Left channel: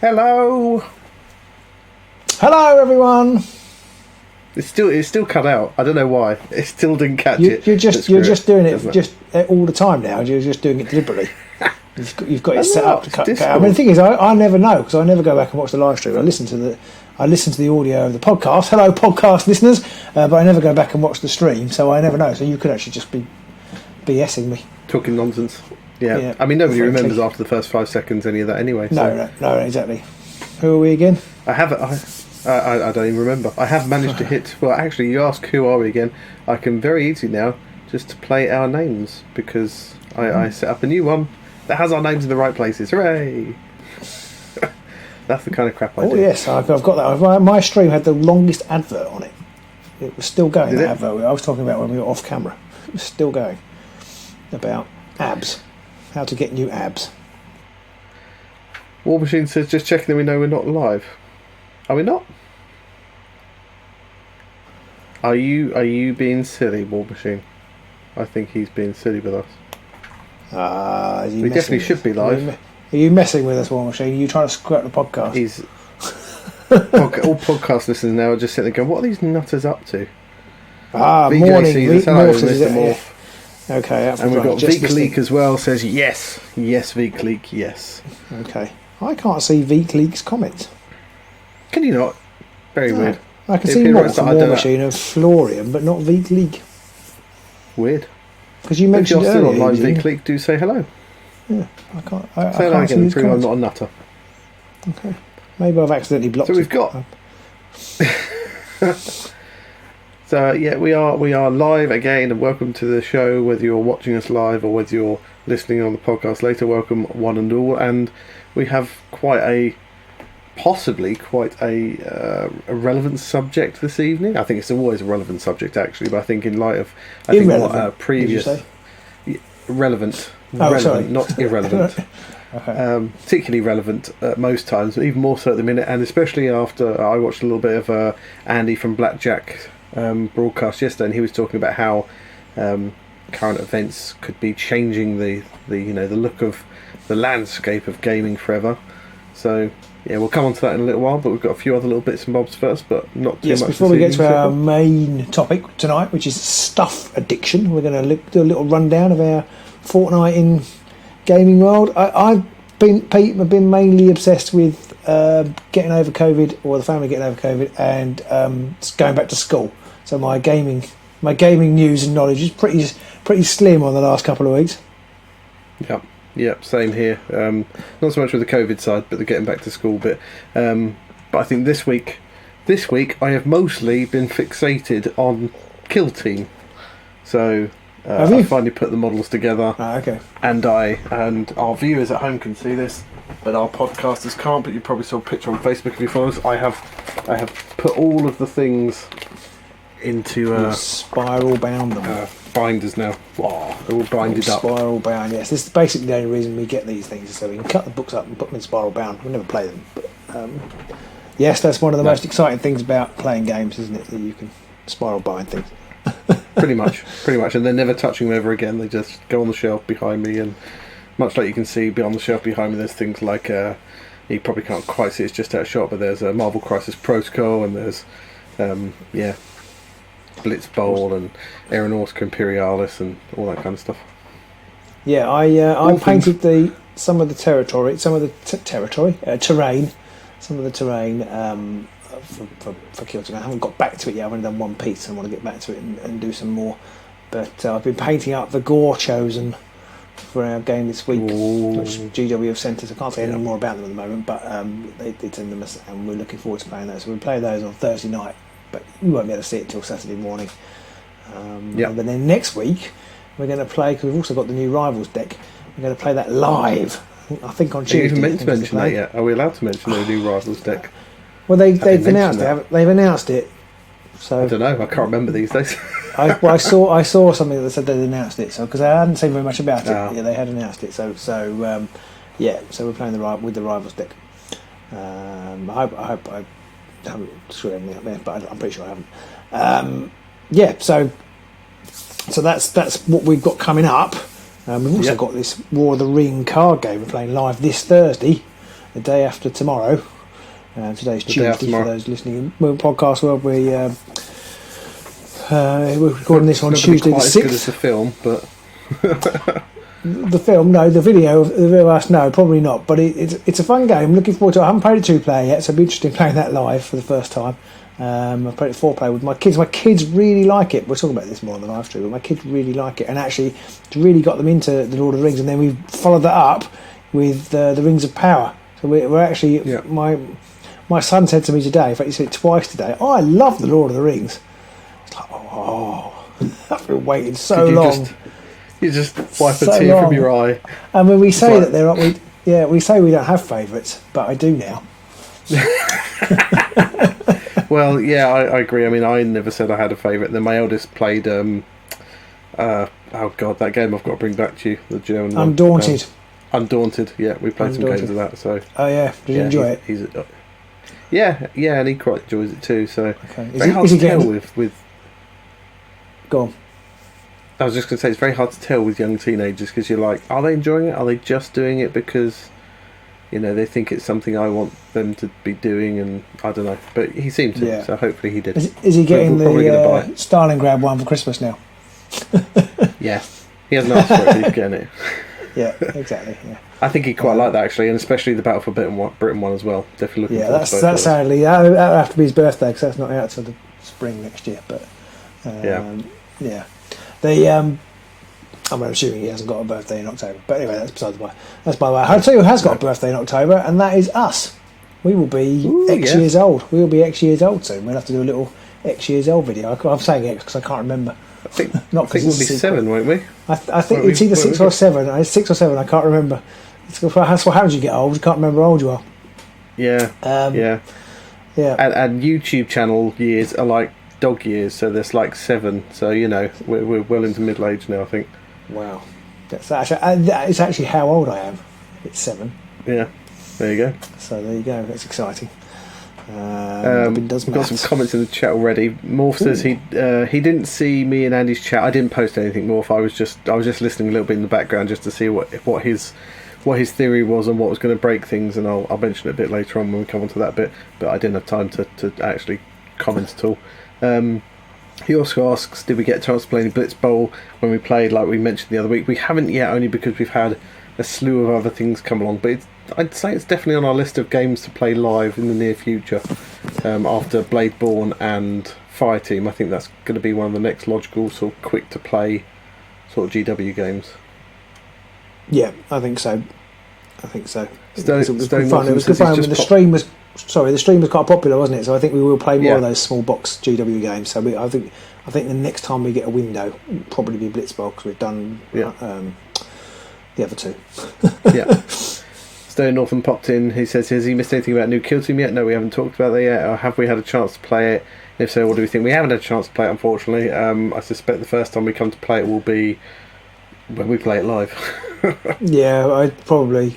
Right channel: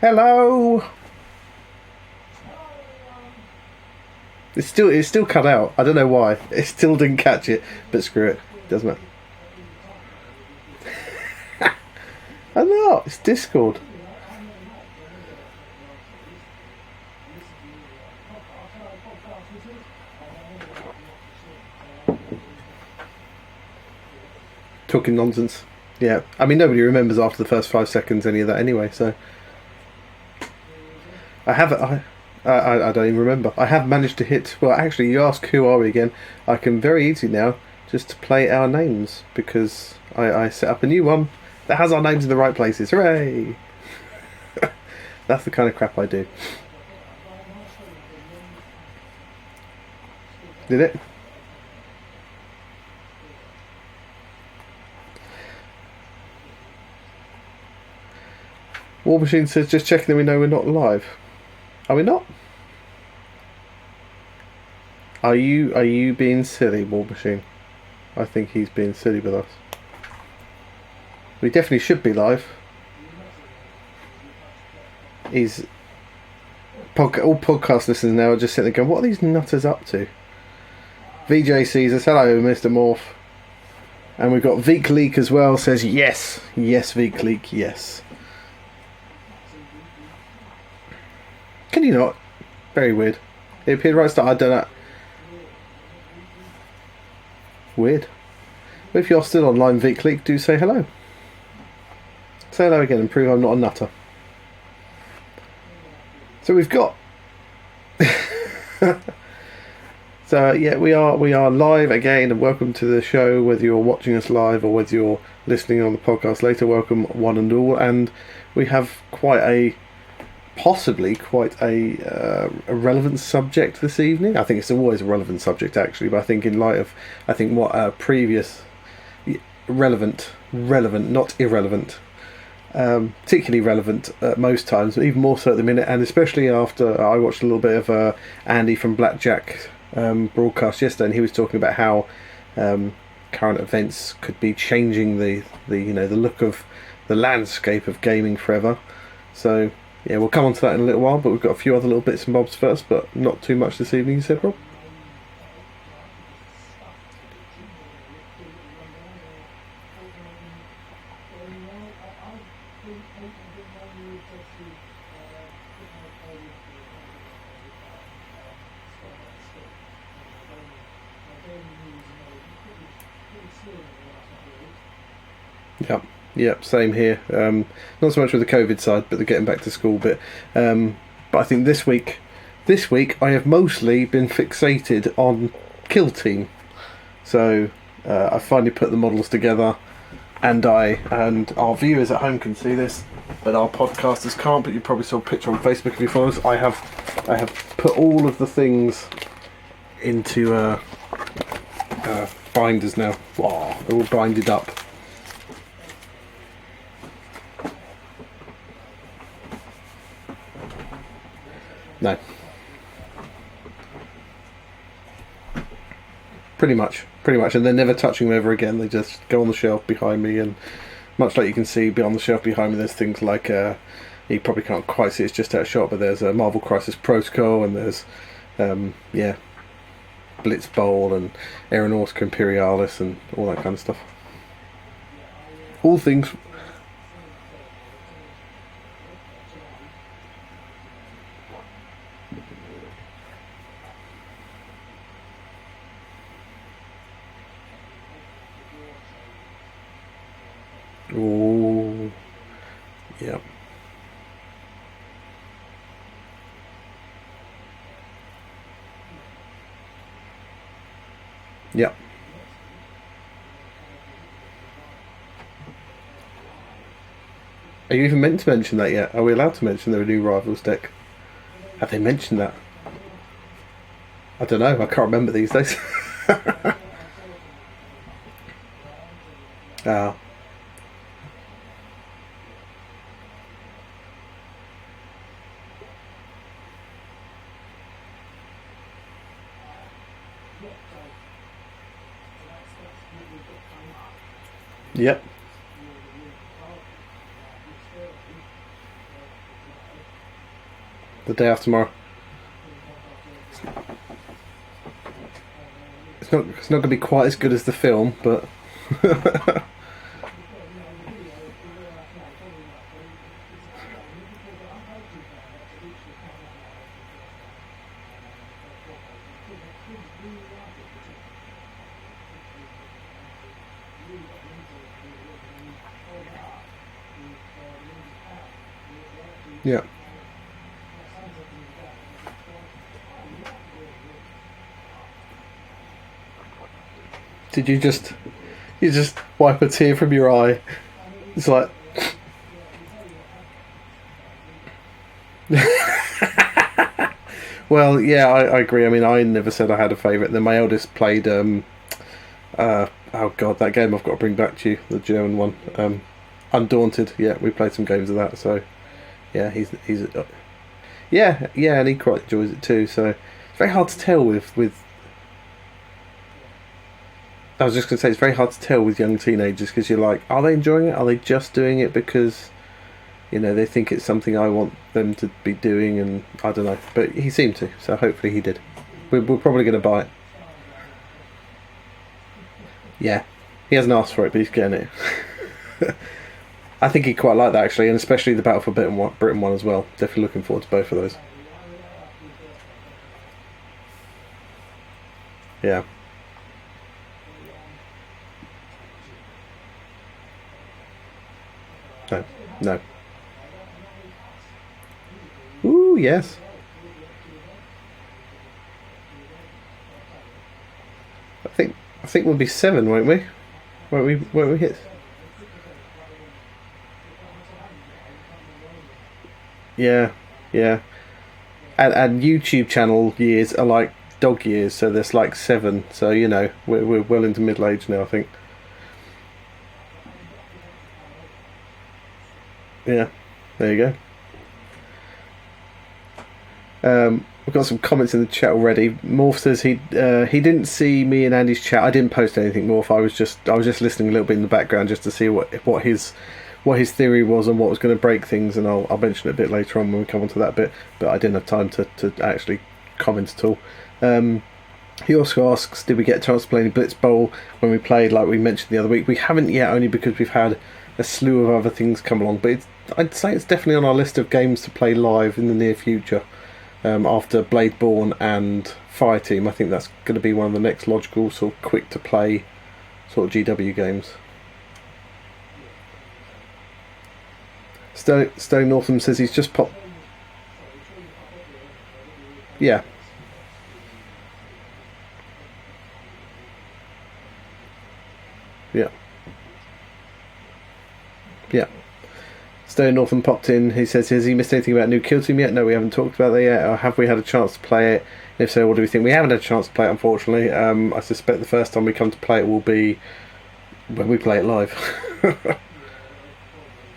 Hello. Hello, everyone. It's still cut out. I don't know why. It still didn't catch it. You're just doing it all the time now. You're just doing it deliberately. You've got it set up to cut out. I mean, the thing is, I never know because I never go back and watch the live stream. I listen to the audio of the podcast. Hello, podcast listeners. But I never go back and watch the stream, so I never know. So you could actually just be BSing me, talking nonsense. Yeah. I mean, nobody remembers after the first 5 seconds any of that anyway. No, exactly. Who are we again? I don't even remember. I have managed to hit... Well, actually, you ask who are we again. I can very easily now just play our names because I set up a new one that has our names in the right places. Hooray! That's the kind of crap I do. Yes, I've got that. My stream had the longest advert on it. It was still going. Did it? Advert I was talking about when we were off camera. It was still going. About abs. How to get new abs. War Machine says, just checking that we know we're not live. Are we not? Are you being silly, War Machine? I think he's being silly with us. We definitely should be live. Are you messing with us, War Machine? Are you trying to screw up the podcast? He's all podcast listeners now are just sitting there going, what are these nutters up to? VJ sees us. Hello, Mr. Morph. Okay. And we've got Veek Leak as well, says yes. Yes, Veek Leak, yes. Okay. I can't see Veek Leak's comments. Can you not? Very weird. I can see War Machine of Florian, but not Veek Leak. Weird. Because you if you're still online, Veek Leak, do say hello. Yeah, say hello again and prove I'm not a nutter. Okay. Maybe I've accidentally blocked. So we've got. So yeah, we are live again, and welcome to the show. Whether you're watching us live or whether you're listening on the podcast later, welcome one and all. And we have possibly quite a relevant subject this evening. I think it's always a relevant subject actually, but I think in light of what previous relevant, not irrelevant. Okay. Particularly relevant at most times, but even more so at the minute, and especially after I watched a little bit of Andy from Blackjack broadcast yesterday, and he was talking about how current events could be changing the look of the landscape of gaming forever. So yeah, we'll come on to that in a little while, but we've got a few other little bits and bobs first, but not too much this evening. Before we get to our main topic tonight, which is stuff addiction, we're going to do a little rundown of our fortnight in gaming world. I've been mainly obsessed with getting over COVID, or the family getting over COVID, and going back to school. So my gaming news and knowledge is pretty slim on the last couple of weeks. Yep, same here. Not so much with the COVID side, but the getting back to school bit. But I think this week I have mostly been fixated on Kill Team. So I finally put the models together. Okay. And our viewers at home can see this, but our podcasters can't. But you probably saw a picture on Facebook if you follow us. I have put all of the things into spiral bound binders now. Wow, they're all binded up. Spiral bound, yes. This is basically the only reason we get these things, so we can cut the books up and put them in spiral bound. We never play them, but yes, that's one of the most exciting things about playing games, isn't it? That you can spiral bind things. pretty much, and they're never touching them ever again. They just go on the shelf behind me, and much like you can see beyond the shelf behind me, there's things like you probably can't quite see, it's just out of shot, but there's a Marvel Crisis Protocol, and there's Blitz Bowl and Aeronautica Imperialis and all that kind of stuff. Yeah, I painted some of the terrain for Kill Team. I haven't got back to it yet. I've only done one piece, and I want to get back to it and do some more. But I've been painting up the gore chosen for our game this week, which GW have sent us. I can't say any more about them at the moment, but they did send them us, and we're looking forward to playing those. So we'll play those on Thursday night, but we won't be able to see it till Saturday morning. But then next week we're going to play, because we've also got the new Rivals deck. We're going to play that live. I think on Tuesday. Are you even meant to mention that yet? Are we allowed to mention the new Rivals deck? Well, they've announced it. So I don't know. I can't remember these days. I saw something that said they'd announced it. So because I hadn't seen very much about it, yeah, they had announced it. So we're playing with the Rivals deck. I hope I haven't screwed anything up there, but I'm pretty sure I haven't. So that's what we've got coming up. We've also got this War of the Ring card game we're playing live this Thursday. the day after tomorrow. Today's the Tuesday day after tomorrow. for those listening in podcast world. We're recording this on Tuesday. It's not going to be quite as good as the film, but the film, no. The video of us, no, probably not. But it's a fun game. Looking forward to it. I haven't played it 2-player yet, so it'll be interesting playing that live for the first time. I've played it 4-player with my kids. My kids really like it. We're talking about this more on the live stream, but my kids really like it, and actually it's really got them into the Lord of the Rings. And then we followed that up with the Rings of Power. So we're actually my son said to me today, in fact he said it twice today, "Oh, I love the Lord of the Rings." I was like, "Oh, I've been waiting so long." You just wipe a tear from your eye. And when we say that they're not, we say we don't have favourites, but I do now. Well, yeah, I agree. I mean, I never said I had a favourite. Then my eldest played, oh God, that game I've got to bring back to you, the German one. Undaunted. Undaunted, yeah, we played some games of that. So. Oh yeah, did you enjoy it? Yeah, and he quite enjoys it too. So very hard to tell with. Go on. I was just going to say it's very hard to tell with young teenagers because you're like, are they enjoying it? Are they just doing it because, they think it's something I want them to be doing? And I don't know, but he seemed to, so hopefully he did. Is he getting we're probably going to buy it. Stalingrad one for Christmas now? Yeah, he hasn't asked for it, but he's getting it. Yeah, exactly. Yeah. I think he'd quite like that actually, and especially the Battle for Britain one as well. Definitely looking forward to both of those. Sadly, that'll have to be his birthday because that's not out till the spring next year. But yeah. I'm assuming he hasn't got a birthday in October. But anyway, that's besides the way. That's by the way. I'll tell you who has got a birthday in October, and that is us. We will be X years old. We will be X years old soon. We'll have to do a little X years old video. I'm saying X because I can't remember. I think we'll be 7, won't we? I think it's either 6 or 7. It's 6 or 7. I can't remember. That's what happens. You get old. You can't remember how old you are. Yeah. Yeah. And YouTube channel years are like dog years, so there's like 7. So we're well into middle age now, I think. Wow. It's actually how old I am. It's 7. Yeah. There you go. So there you go. That's exciting. We've got some comments in the chat already. Morph says he didn't see me and Andy's chat. I didn't post anything, Morph. I was just listening a little bit in the background just to see what his theory was and what was going to break things, and I'll mention it a bit later on when we come on to that bit. But I didn't have time to actually comment at all. He also asks, did we get a chance to play any Blitz Bowl when we played, like we mentioned the other week? We haven't yet, only because we've had a slew of other things come along, but I'd say it's definitely on our list of games to play live in the near future. After Bladeborn and Fireteam, I think that's going to be one of the next logical, sort of quick to play sort of GW games. Yeah, I think so. Stone Norton says he's just the stream was quite popular, wasn't it? So I think we will play more of those small box GW games. So I think the next time we get a window, it'll probably be Blitzball because we've done the other 2. Yeah. Stone Northern popped in. He says, has he missed anything about New Kill Team yet? No, we haven't talked about that yet. Or have we had a chance to play it? If so, what do we think? We haven't had a chance to play it, unfortunately. I suspect the first time we come to play it will be when we play it live. Yeah, I'd probably...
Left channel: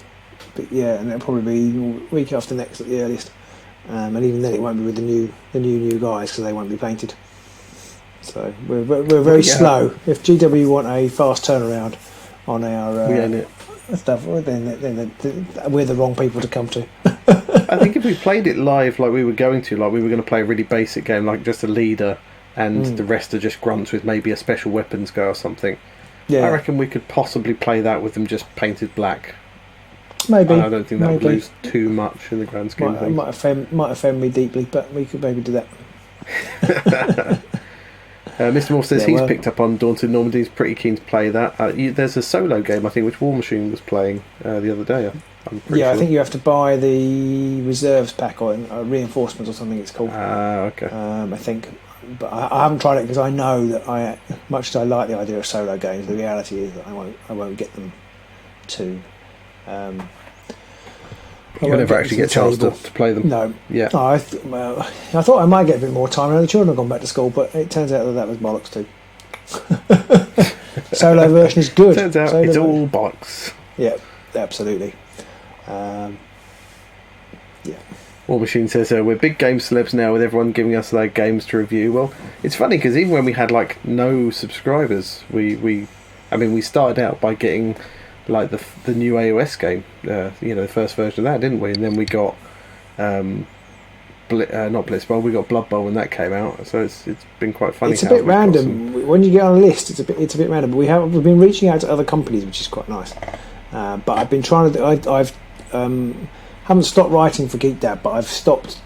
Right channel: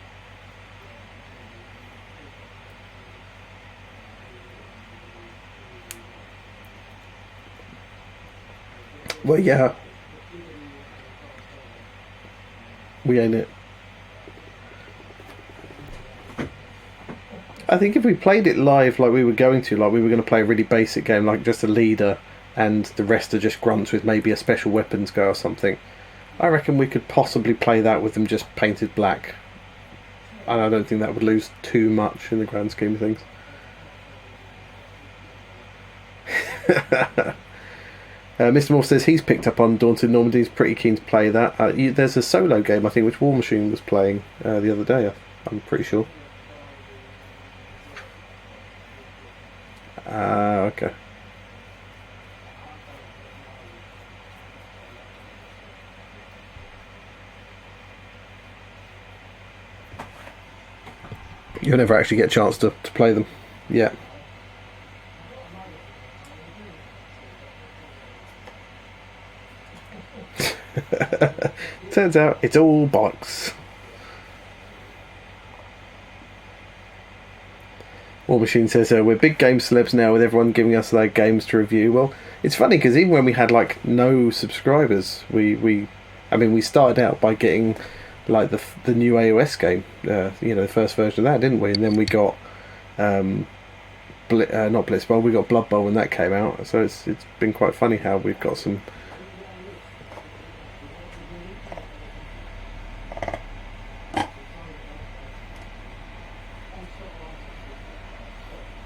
But yeah, and it'll probably be week after next at the earliest. And even then it won't be with the new guys because they won't be painted. So we're very slow. If GW want a fast turnaround on our... we ain't it. Stuff, then we're the wrong people to come to. I think if we played it live like we were going to play a really basic game, like just a leader and the rest are just grunts with maybe a special weapons guy or something. Yeah. I reckon we could possibly play that with them just painted black. Maybe. And I don't think that would lose too much in the grand scheme of things. Might offend me deeply, but we could maybe do that. Mr. Morph says he's picked up on Daunted Normandy. He's pretty keen to play that. There's a solo game, I think, which War Machine was playing the other day. I'm pretty sure. I think you have to buy the reserves pack or reinforcements or something it's called. Okay. I think. But I haven't tried it because I know that much as I like the idea of solo games, the reality is that I won't get them to... You'll never actually get a chance to play them. No. Yeah. No, I thought I might get a bit more time. I know the children have gone back to school, but it turns out that was bollocks too. Solo version is good. Turns out it's all bollocks. Yeah, absolutely. War Machine says we're big game celebs now with everyone giving us their games to review. Well, it's funny because even when we had like no subscribers, we started out by getting like the new AOS game, the first version of that, didn't we? And then we got not Blitzball, we got Blood Bowl when that came out. So it's been quite funny how we've got some. When you get on a list, it's a bit random. We've been reaching out to other companies, which is quite nice. But I've been trying to. I've haven't stopped writing for GeekDad, but I've stopped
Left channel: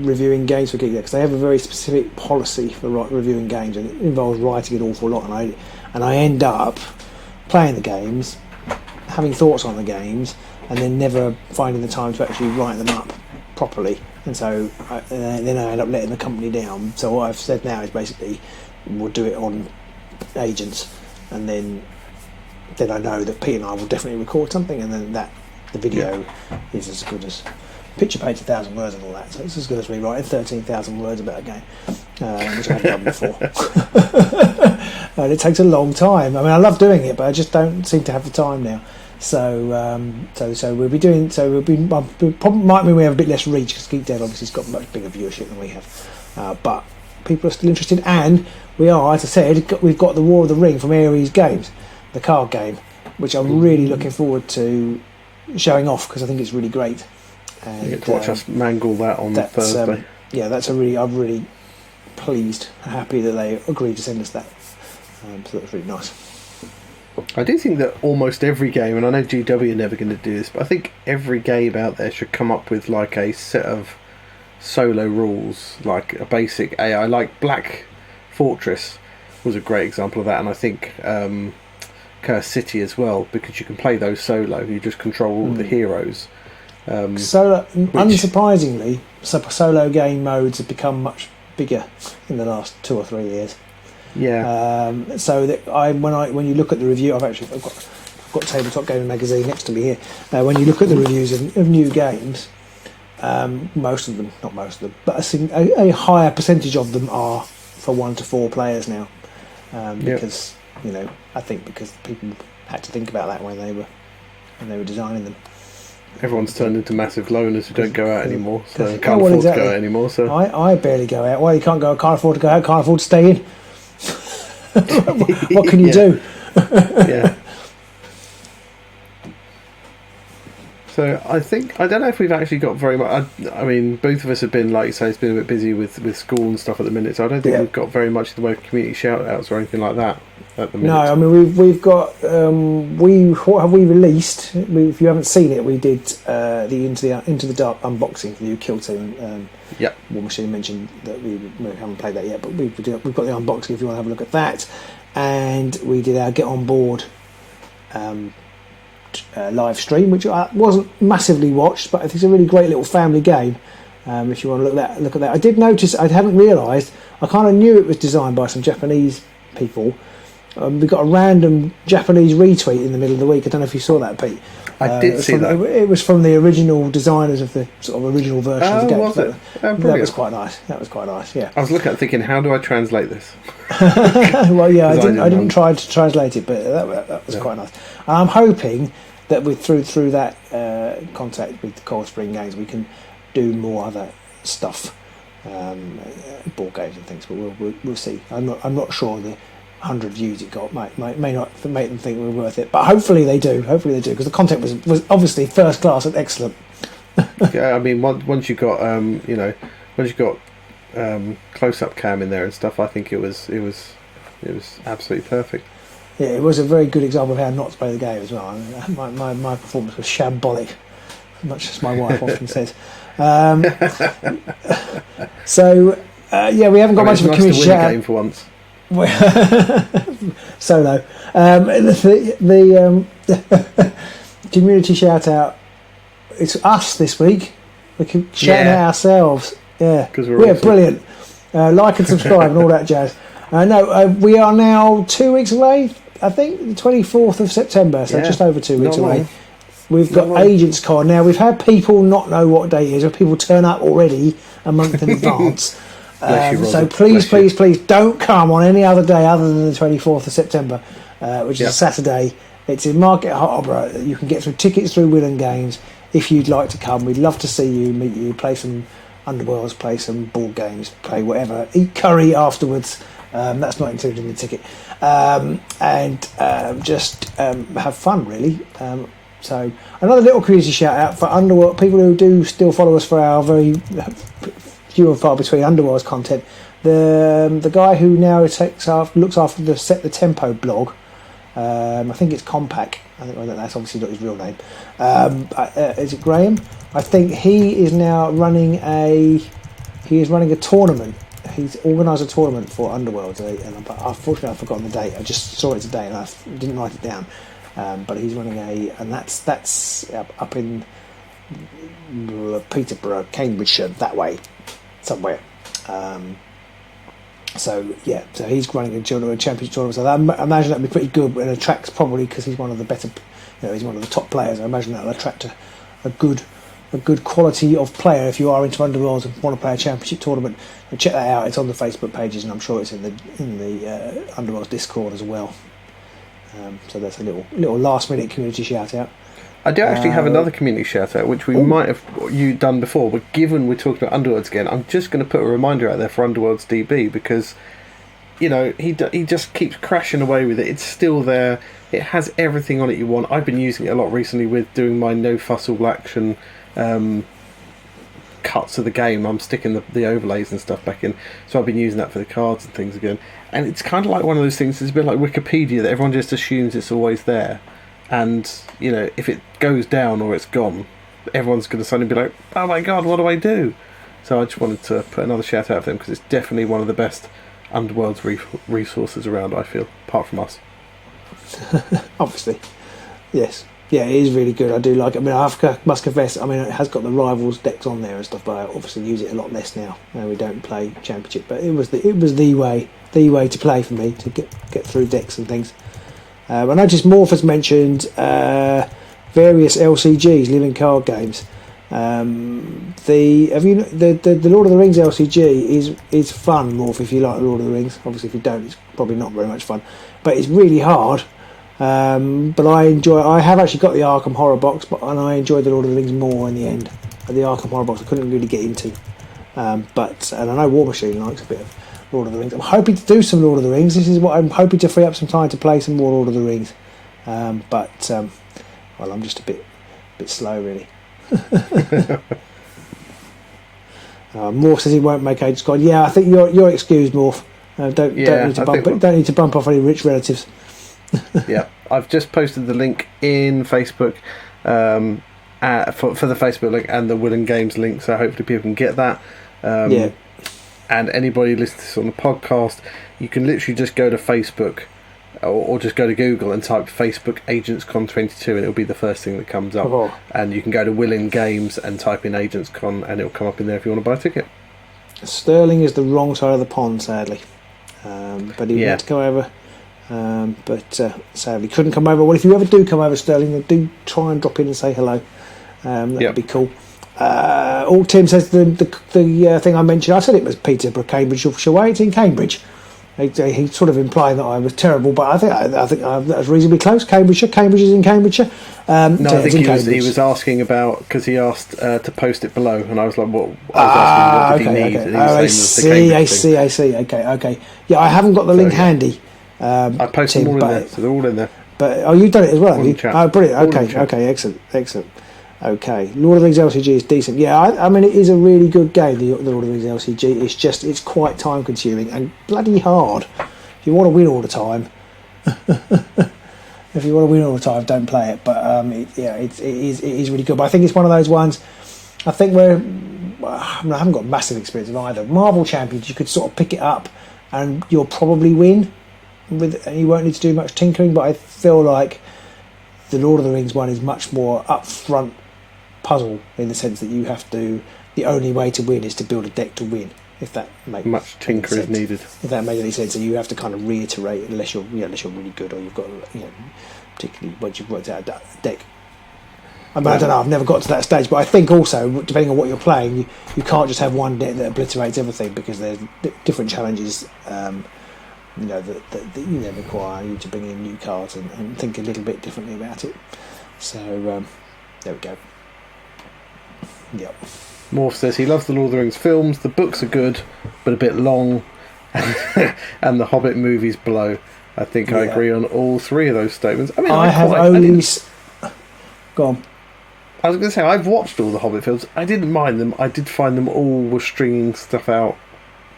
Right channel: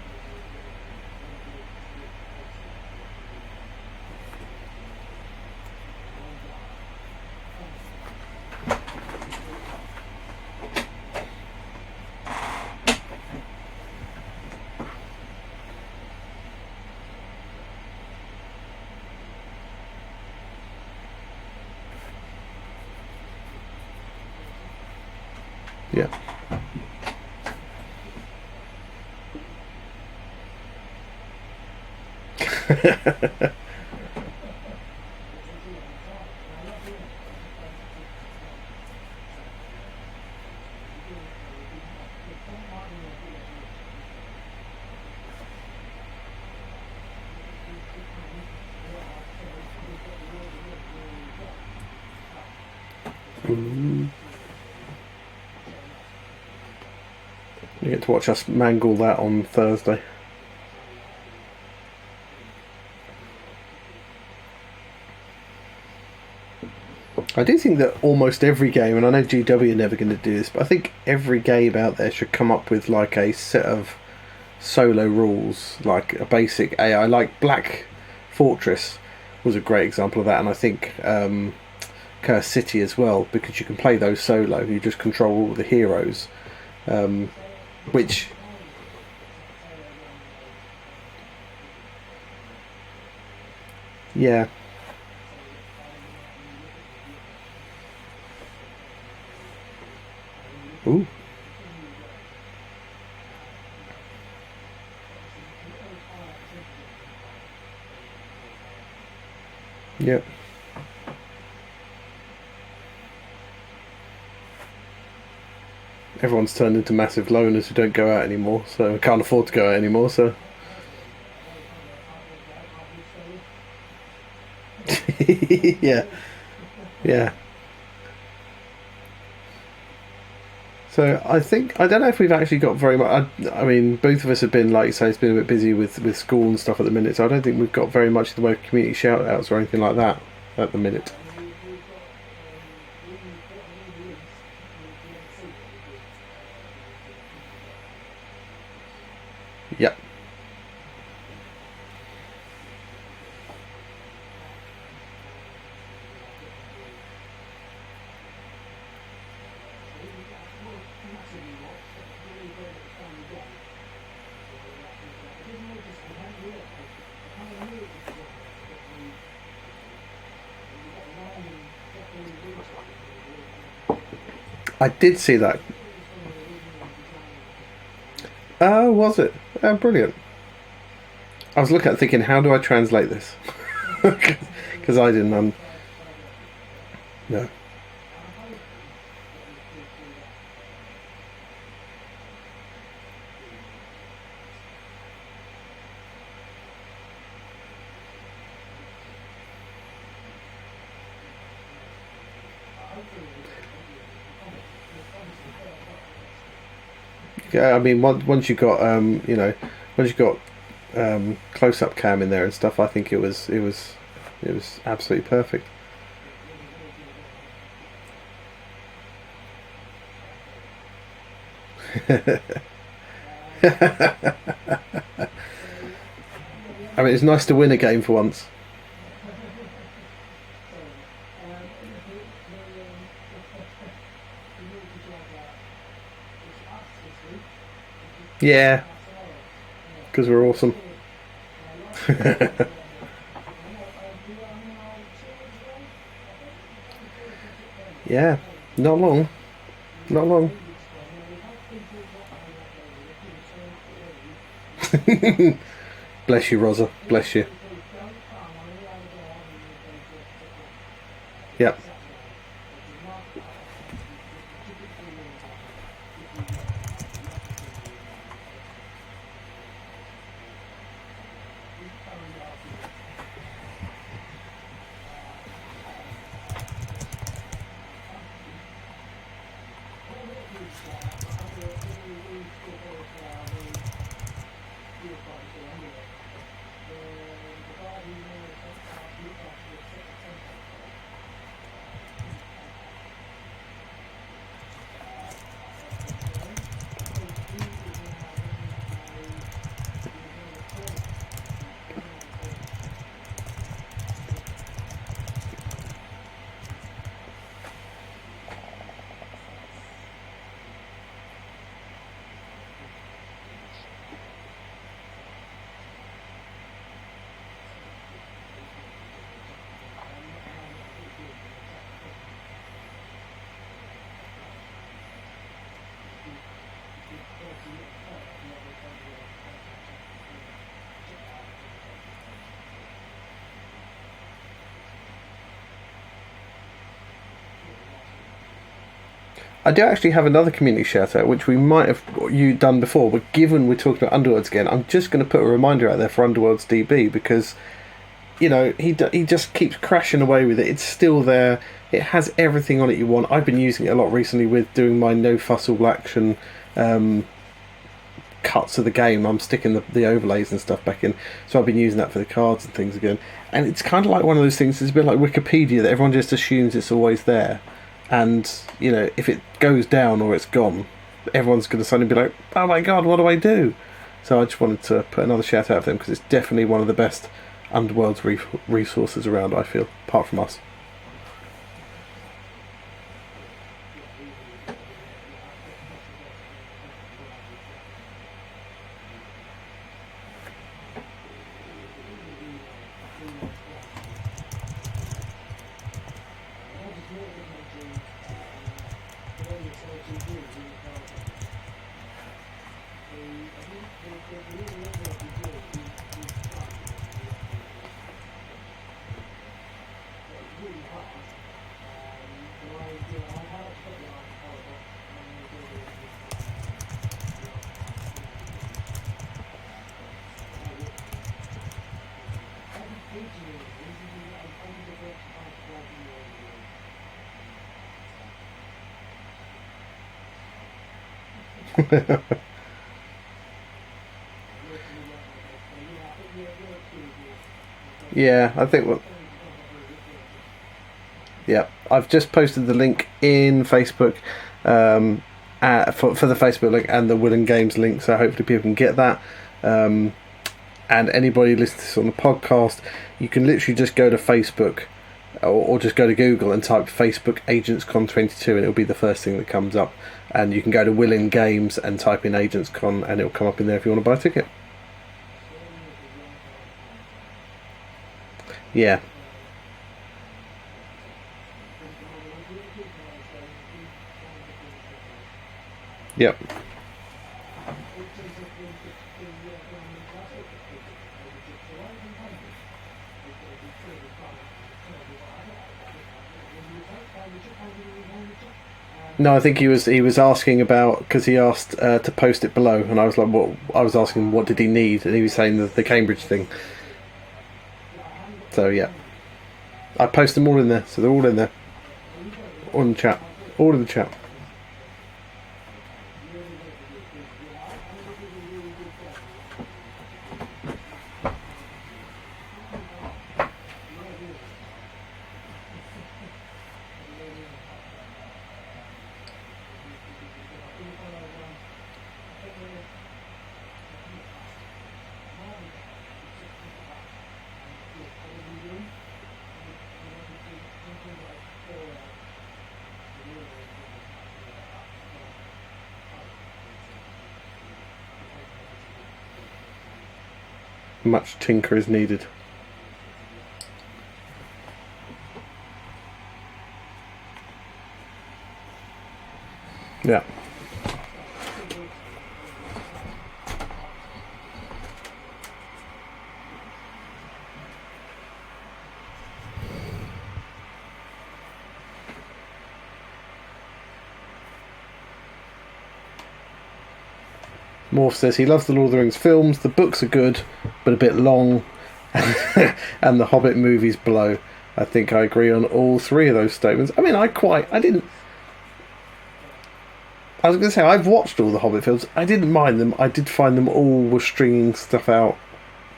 reviewing games for GeekDad because they have a very specific policy for reviewing games, and it involves writing an awful lot. And I end up playing the games, having thoughts on the games, and then never finding the time to actually write them up properly. And so then I end up letting the company down. So what I've said now is basically we'll do it on agents, and then I know that Pete and I will definitely record something, and then the video is as good as picture paints 1,000 words and all that. So it's as good as me writing 13,000 words about a game, which I've done before. And it takes a long time. I mean, I love doing it, but I just don't seem to have the time now. So we'll be doing. So probably might mean we have a bit less reach because GeekDead obviously has got much bigger viewership than we have. But people are still interested, and we are, as I said, we've got the War of the Ring from Ares Games, the card game, which I'm really looking forward to showing off because I think it's really great. And, you get to watch us mangle that on Thursday. I'm really pleased and happy that they agreed to send us that. So that's really nice. I do think that almost every game, and I know GW are never going to do this, but I think every game out there should come up with like a set of solo rules, like a basic AI. Like Black Fortress was a great example of that, and I think Curse City as well, because you can play those solo. You just control all the heroes. Unsurprisingly, solo game modes have become much bigger in the last 2 or 3 years. Yeah. So that when you look at the review, I've got Tabletop Gaming Magazine next to me here. When you look at the reviews of new games, most of them, not most of them, but a higher percentage of them are for 1 to 4 players now. Because I think because people had to think about that when they were designing them. Everyone's turned into massive loners who don't go out anymore, so can't afford to go out anymore. So I barely go out. Why you can't go? Can't afford to go out. Can't afford to stay in. What can you do? Yeah. So I don't know if we've actually got very much. I mean, both of us have been, like you say, it's been a bit busy with school and stuff at the minute. So I don't think we've got very much in the way of community shout-outs or anything like that at the minute. No, I mean we've got what have we released? If you haven't seen it, we did the Into the Dark unboxing for the Kill Team. War Machine mentioned that we haven't played that yet, but we've got the unboxing if you want to have a look at that. And we did our Get On Board live stream, which wasn't massively watched, but it's a really great little family game. If you want to look at that, I did notice, I hadn't realised, I kind of knew it was designed by some Japanese people. We got a random Japanese retweet in the middle of the week. I don't know if you saw that, Pete. I did see that. It was from the original designers of the sort of original version. Oh, of the game. was it? Oh, brilliant. That was quite nice. Yeah. I was looking at thinking, how do I translate this? Well, yeah, I didn't try to translate it, but that was quite nice. And I'm hoping that through that contact with the Cold Spring Games, we can do more other stuff, board games and things. But we'll see. I'm not sure the 100 views it got may not make them think we're worth it, but hopefully they do because the content was obviously first class and excellent. Yeah, I mean once you got close up cam in there and stuff, I think it was absolutely perfect. Yeah, it was a very good example of how not to play the game as well. My performance was shambolic, much as my wife often says. So we haven't got much. It's nice to win a game for once. Solo. The community shout out. It's us this week. We can shout out ourselves. Yeah, because we're awesome. Brilliant. Like and subscribe and all that jazz. We are now 2 weeks away. I think the 24th of September. So just over 2 weeks away. Long. We've got Agents Con now. We've had people not know what day it is, or people turn up already a month in advance. Bless you, Roger. So please don't come on any other day other than the 24th of September, which is a Saturday. It's in Market Harbour. You can get some tickets through Will and Games if you'd like to come. We'd love to see you, meet you, play some Underworlds, play some board games, play whatever. Eat curry afterwards. That's not included in the ticket. and just have fun, really. So another little community shout out for Underworld, people who do still follow us for our very few and far between Underworld's content. The guy who now looks after the Set the Tempo blog, I think it's Compact. I think that's obviously not his real name. Is it Graham? I think he is now running a tournament. He's organised a tournament for Underworld, and unfortunately I've forgotten the date. I just saw it today and I didn't write it down. But he's running and that's up in Peterborough, Cambridgeshire, that way, somewhere. So he's running a championship tournament. So I imagine that'd be pretty good, and attracts, probably because he's one of the better, he's one of the top players. I imagine that'll attract a good quality of player if you are into Underworlds and want to play a championship tournament. And check that out. It's on the Facebook pages, and I'm sure it's in the Underworlds Discord as well. So that's a little last minute community shout out. I do actually have another community shout out, which we might have done before, but given we're talking about Underworlds again, I'm just going to put a reminder out there for Underworlds DB, because he just keeps crashing away with it. It's still there. It has everything on it you want. I've been using it a lot recently with doing my no fuss all action cuts of the game. I'm sticking the overlays and stuff back in, so I've been using that for the cards and things again. And it's kind of like one of those things. It's a bit like Wikipedia, that everyone just assumes it's always there, and if it goes down or it's gone, everyone's going to suddenly be like, oh my god, what do I do? So I just wanted to put another shout out for them, because it's definitely one of the best Underworld's resources around, I feel, apart from us. Obviously, yes. Yeah, it is really good. I do like it. I mean, I must confess, it has got the Rivals decks on there and stuff, but I obviously use it a lot less now. We don't play Championship, but it was the way to play for me to get through decks and things. I noticed Morph has mentioned various LCGs, living card games. The Lord of the Rings LCG is fun, Morph, if you like Lord of the Rings. Obviously, if you don't, it's probably not very much fun. But it's really hard. But I have actually got the Arkham Horror box, and I enjoyed the Lord of the Rings more in the end. The Arkham Horror box I couldn't really get into. And I know War Machine likes a bit of Lord of the Rings. I'm hoping to do some Lord of the Rings. This is what I'm hoping to free up some time to play some more Lord of the Rings. Well, I'm just a bit slow, really. Morph says he won't make Age Squad. Yeah, I think you're excused, Morph. Don't need to bump off any rich relatives. Yeah, I've just posted the link in Facebook for the Facebook link and the Will and Games link, so hopefully people can get that. And anybody listening to this on the podcast, you can literally just go to Facebook or just go to Google and type Facebook AgentsCon 22 and it'll be the first thing that comes up. Oh. And you can go to Will and Games and type in AgentsCon and it'll come up in there if you want to buy a ticket. Sterling is the wrong side of the pond, sadly. But he had to come over. But sadly couldn't come over. Well, if you ever do come over, Sterling, do try and drop in and say hello. That'd be cool. Tim says the thing I mentioned, I said it was Peterborough, Cambridgeshire way. It's in Cambridge. He sort of implied that I was terrible, but I think that was reasonably close. Cambridge is in Cambridgeshire. No, I think he was asking about, because he asked to post it below, and I was like, what? I was asking what did he need, and he was saying the Cambridge thing. I see. Okay. Yeah, I haven't got the link handy. I posted them all in there, so they're all in there. But you've done it as well. All in chat. Oh, brilliant. Okay, excellent. Okay, Lord of the Rings LCG is decent. Yeah, it is a really good game, the Lord of the Rings LCG. It's quite time consuming and bloody hard. If you want to win all the time, don't play it. But it is really good. But I think it's one of those ones. I think I haven't got massive experience in either. Marvel Champions, you could sort of pick it up and you'll probably win. And you won't need to do much tinkering. But I feel like the Lord of the Rings one is much more upfront puzzle, in the sense that you have to. The only way to win is to build a deck to win. If that makes much tinker sense. is needed. If that makes any sense, and you have to kind of reiterate, unless you're really good, or you've got particularly once you've worked out a deck. I don't know. I've never got to that stage, but I think also, depending on what you're playing, you can't just have one deck that obliterates everything, because there's different challenges. That require you to bring in new cards and think a little bit differently about it. So there we go. Yep. Morph says he loves the Lord of the Rings films. The books are good, but a bit long, and the Hobbit movies blow. I think I agree on all three of those statements. I mean, Go on. I was going to say, I've watched all the Hobbit films. I didn't mind them. I did find them all were stringing stuff out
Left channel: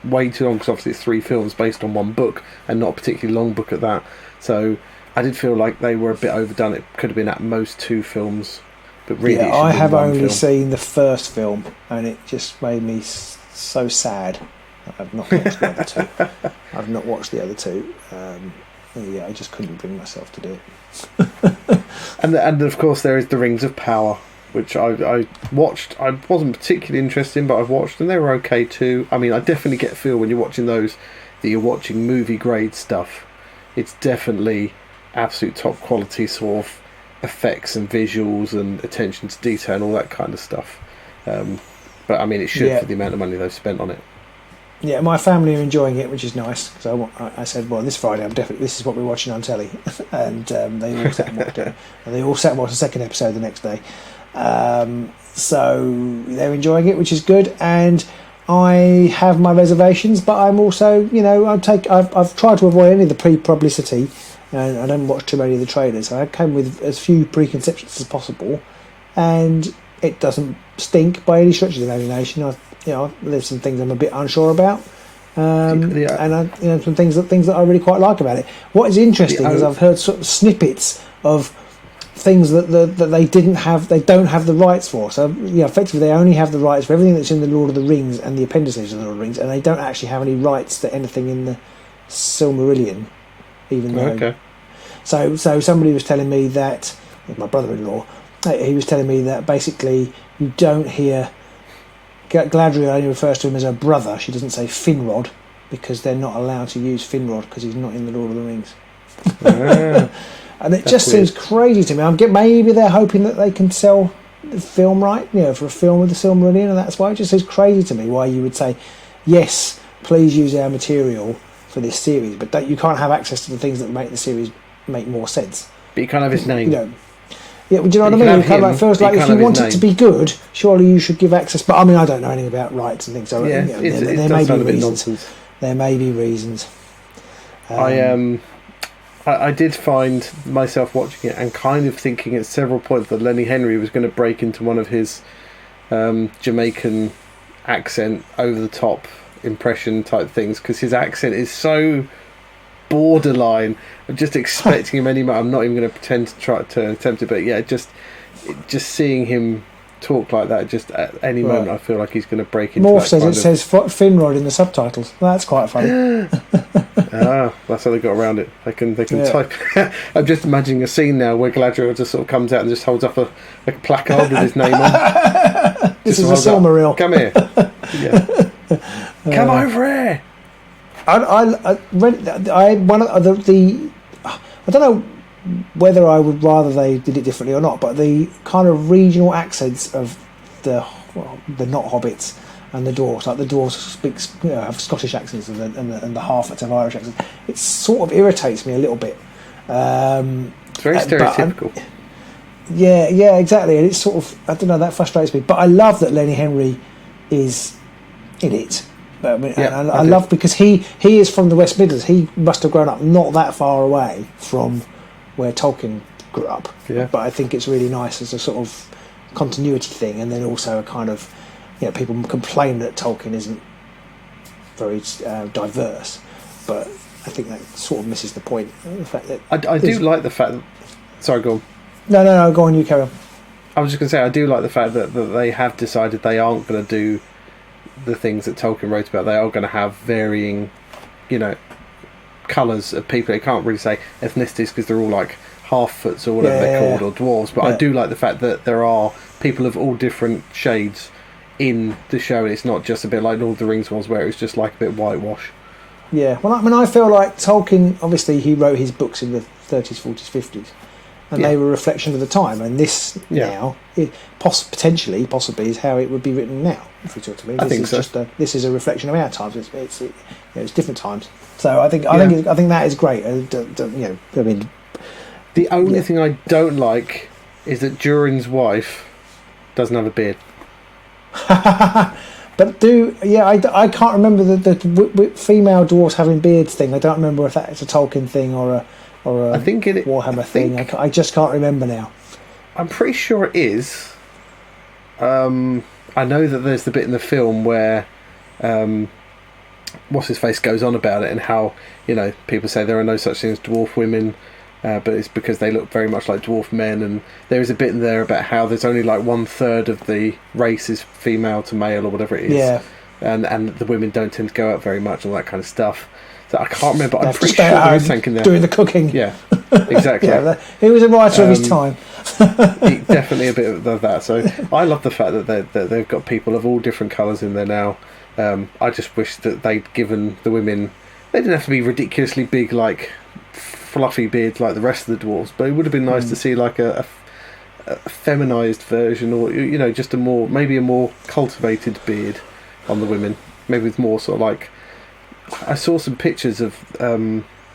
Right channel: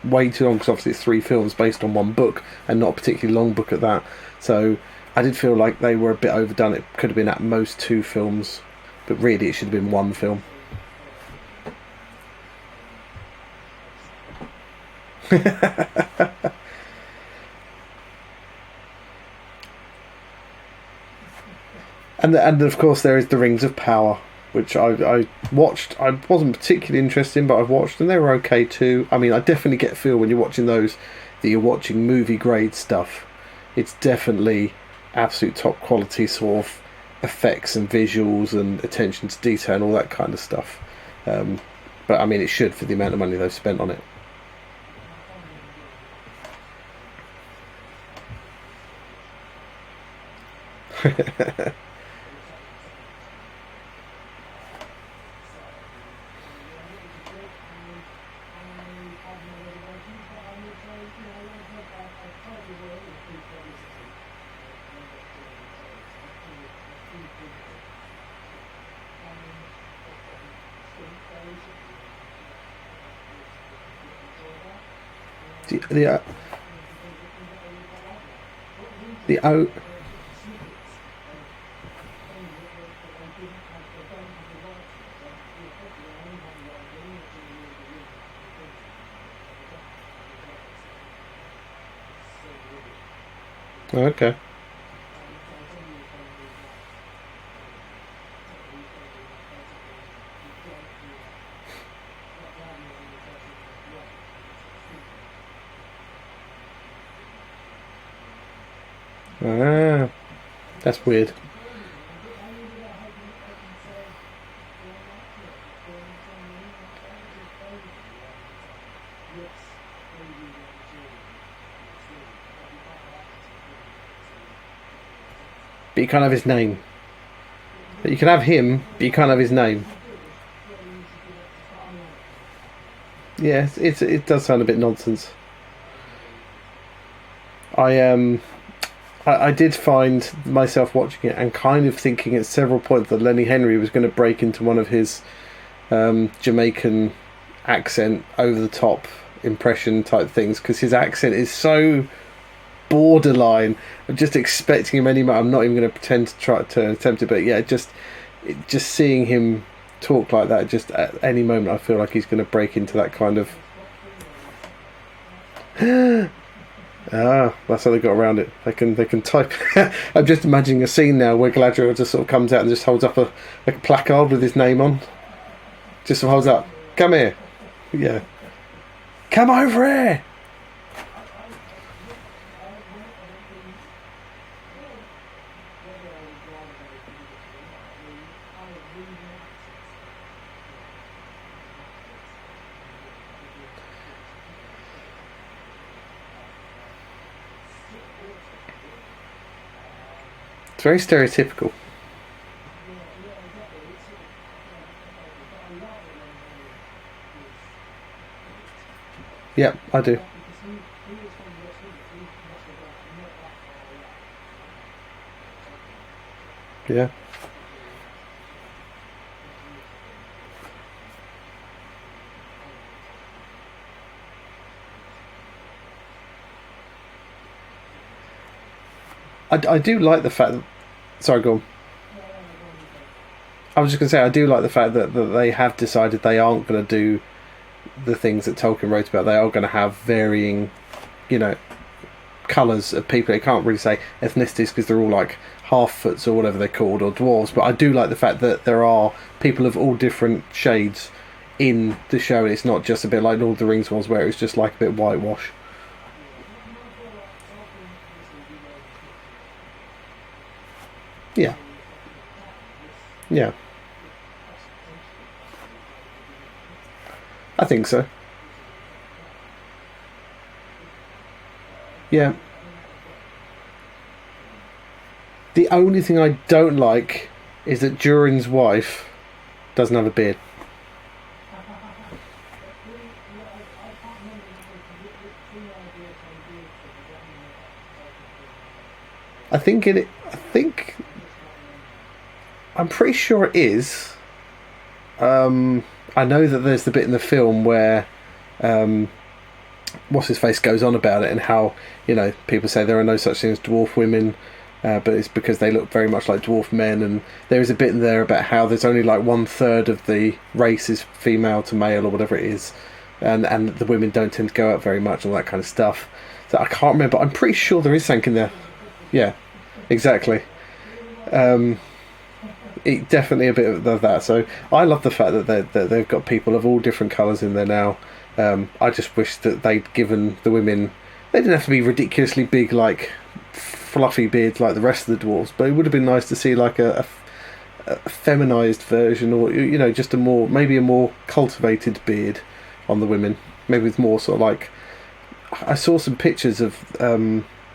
way too long, because obviously it's 3 films based on one book, and not a particularly long book at that. So I did feel like they were a bit overdone. It could have been at most 2 films, but really it should have been 1 film. I have only seen the first film, and it just made me so sad. I've not watched the other 2. I've not watched the other 2. I just couldn't bring myself to do it. and of course there is the Rings of Power, which I watched. I wasn't particularly interested in, but I've watched, and they were okay too. I mean, I definitely get a feel when you're watching those that you're watching movie grade stuff. It's definitely absolute top quality sort of effects and visuals and attention to detail and all that kind of stuff. But I mean, it should for the amount of money they've spent on it. Yeah, my family are enjoying it, which is nice. So I said, well, this Friday, this is what we're watching on telly, and they all sat and watched the second episode the next day. So they're enjoying it, which is good. And I have my reservations, but I'm also, I've tried to avoid any of the pre-publicity, and I don't watch too many of the trailers. I came with as few preconceptions as possible, and it doesn't stink by any stretch of the imagination. There's some things I'm a bit unsure about, and some things that I really quite like about it. What is interesting is I've heard sort of snippets of things that they don't have the rights for. So effectively they only have the rights for everything that's in the Lord of the Rings and the appendices of the Lord of the Rings, and they don't actually have any rights to anything in the Silmarillion. Even though. Okay. So somebody was telling me that, my brother-in-law, he was telling me that basically you don't hear. Galadriel only refers to him as her brother. She doesn't say Finrod, because they're not allowed to use Finrod because he's not in the Lord of the Rings. And it just seems crazy to me. Maybe they're hoping that they can sell the film right, for a film with the Silmarillion, and that's why it just seems crazy to me why you would say, yes, please use our material for this series, but you can't have access to the things that make the series make more sense. But you can't have his name. Yeah, do you know what I mean? You can have him, it feels like if you want it to be good, surely you should give access. But I mean, I don't know anything about rights and things. So it does sound a bit nonsense. There may be reasons. I did find myself watching it and kind of thinking at several points that Lenny Henry was going to break into one of his Jamaican accent, over the top impression type things, because his accent is so borderline. I'm just expecting him any. I'm not even going to pretend to try to attempt it, but just seeing him talk like that, just at any moment, I feel like he's going to break into Morph that says kind it says Finrod in the subtitles. That's quite funny. That's how they got around it. They can type. I'm just imagining a scene now where Galadriel just sort of comes out and just holds up a placard with his name on. Just holds up. Come here. Yeah. Come over here. I read one of the I don't know whether I would rather they did it differently or not, but the kind of regional accents of the not hobbits and the dwarves, like the dwarves have Scottish accents and the half-wits have Irish accents. It sort of irritates me a little bit. It's very stereotypical. Yeah, exactly. And it's sort of, I don't know, that frustrates me. But I love that Lenny Henry is in it. I mean, I love, because he is from the West Midlands. He must have grown up not that far away from where Tolkien grew up. Yeah. But I think it's really nice as a sort of continuity thing, and then also a kind of, people complain that Tolkien isn't very diverse, but I think that sort of misses the point. In fact, that I do like the fact that... Sorry, go on. No, go on, you carry on. I was just going to say, I do like the fact that they have decided they aren't going to do the things that Tolkien wrote about. They are going to have varying, colours of people. They can't really say ethnicities because they're all like half-foots or whatever they're called, or dwarves. But I do like the fact that there are people of all different shades in the show, and it's not just a bit like Lord of the Rings was, where it was just like a bit whitewash. Yeah, well, I mean, I feel like Tolkien, obviously, he wrote his books in the 30s, 40s, 50s, and they were a reflection of the time. And this now, possibly, is how it would be written now. If you talk to me, I think so. This is a reflection of our times. It's different times. So I think that is great. I mean, the only thing I don't like is that Durin's wife doesn't have a beard. But I can't remember the female dwarves having beards thing. I don't remember if that's a Tolkien thing or a I think it. Warhammer thing. I just can't remember now. I'm pretty sure it is. I know that there's the bit in the film where what's his face goes on about it and how people say there are no such thing as dwarf women. But it's because they look very much like dwarf men, and there is a bit in there about how there's only like 1/3 of the race is female to male or whatever it is, and the women don't tend to go out very much, all that kind of stuff. So I can't remember. I'm pretty sure there is something in there doing the cooking. Yeah, exactly. He was a writer of his time. Definitely a bit of that. So I love the fact that they've got people of all different colours in there now. I just wish that they'd given the women. They didn't have to be ridiculously big like fluffy beards like the rest of the dwarves, but it would have been nice to see like a feminized version, or just a more cultivated beard on the women, maybe with more sort of like. I saw some pictures of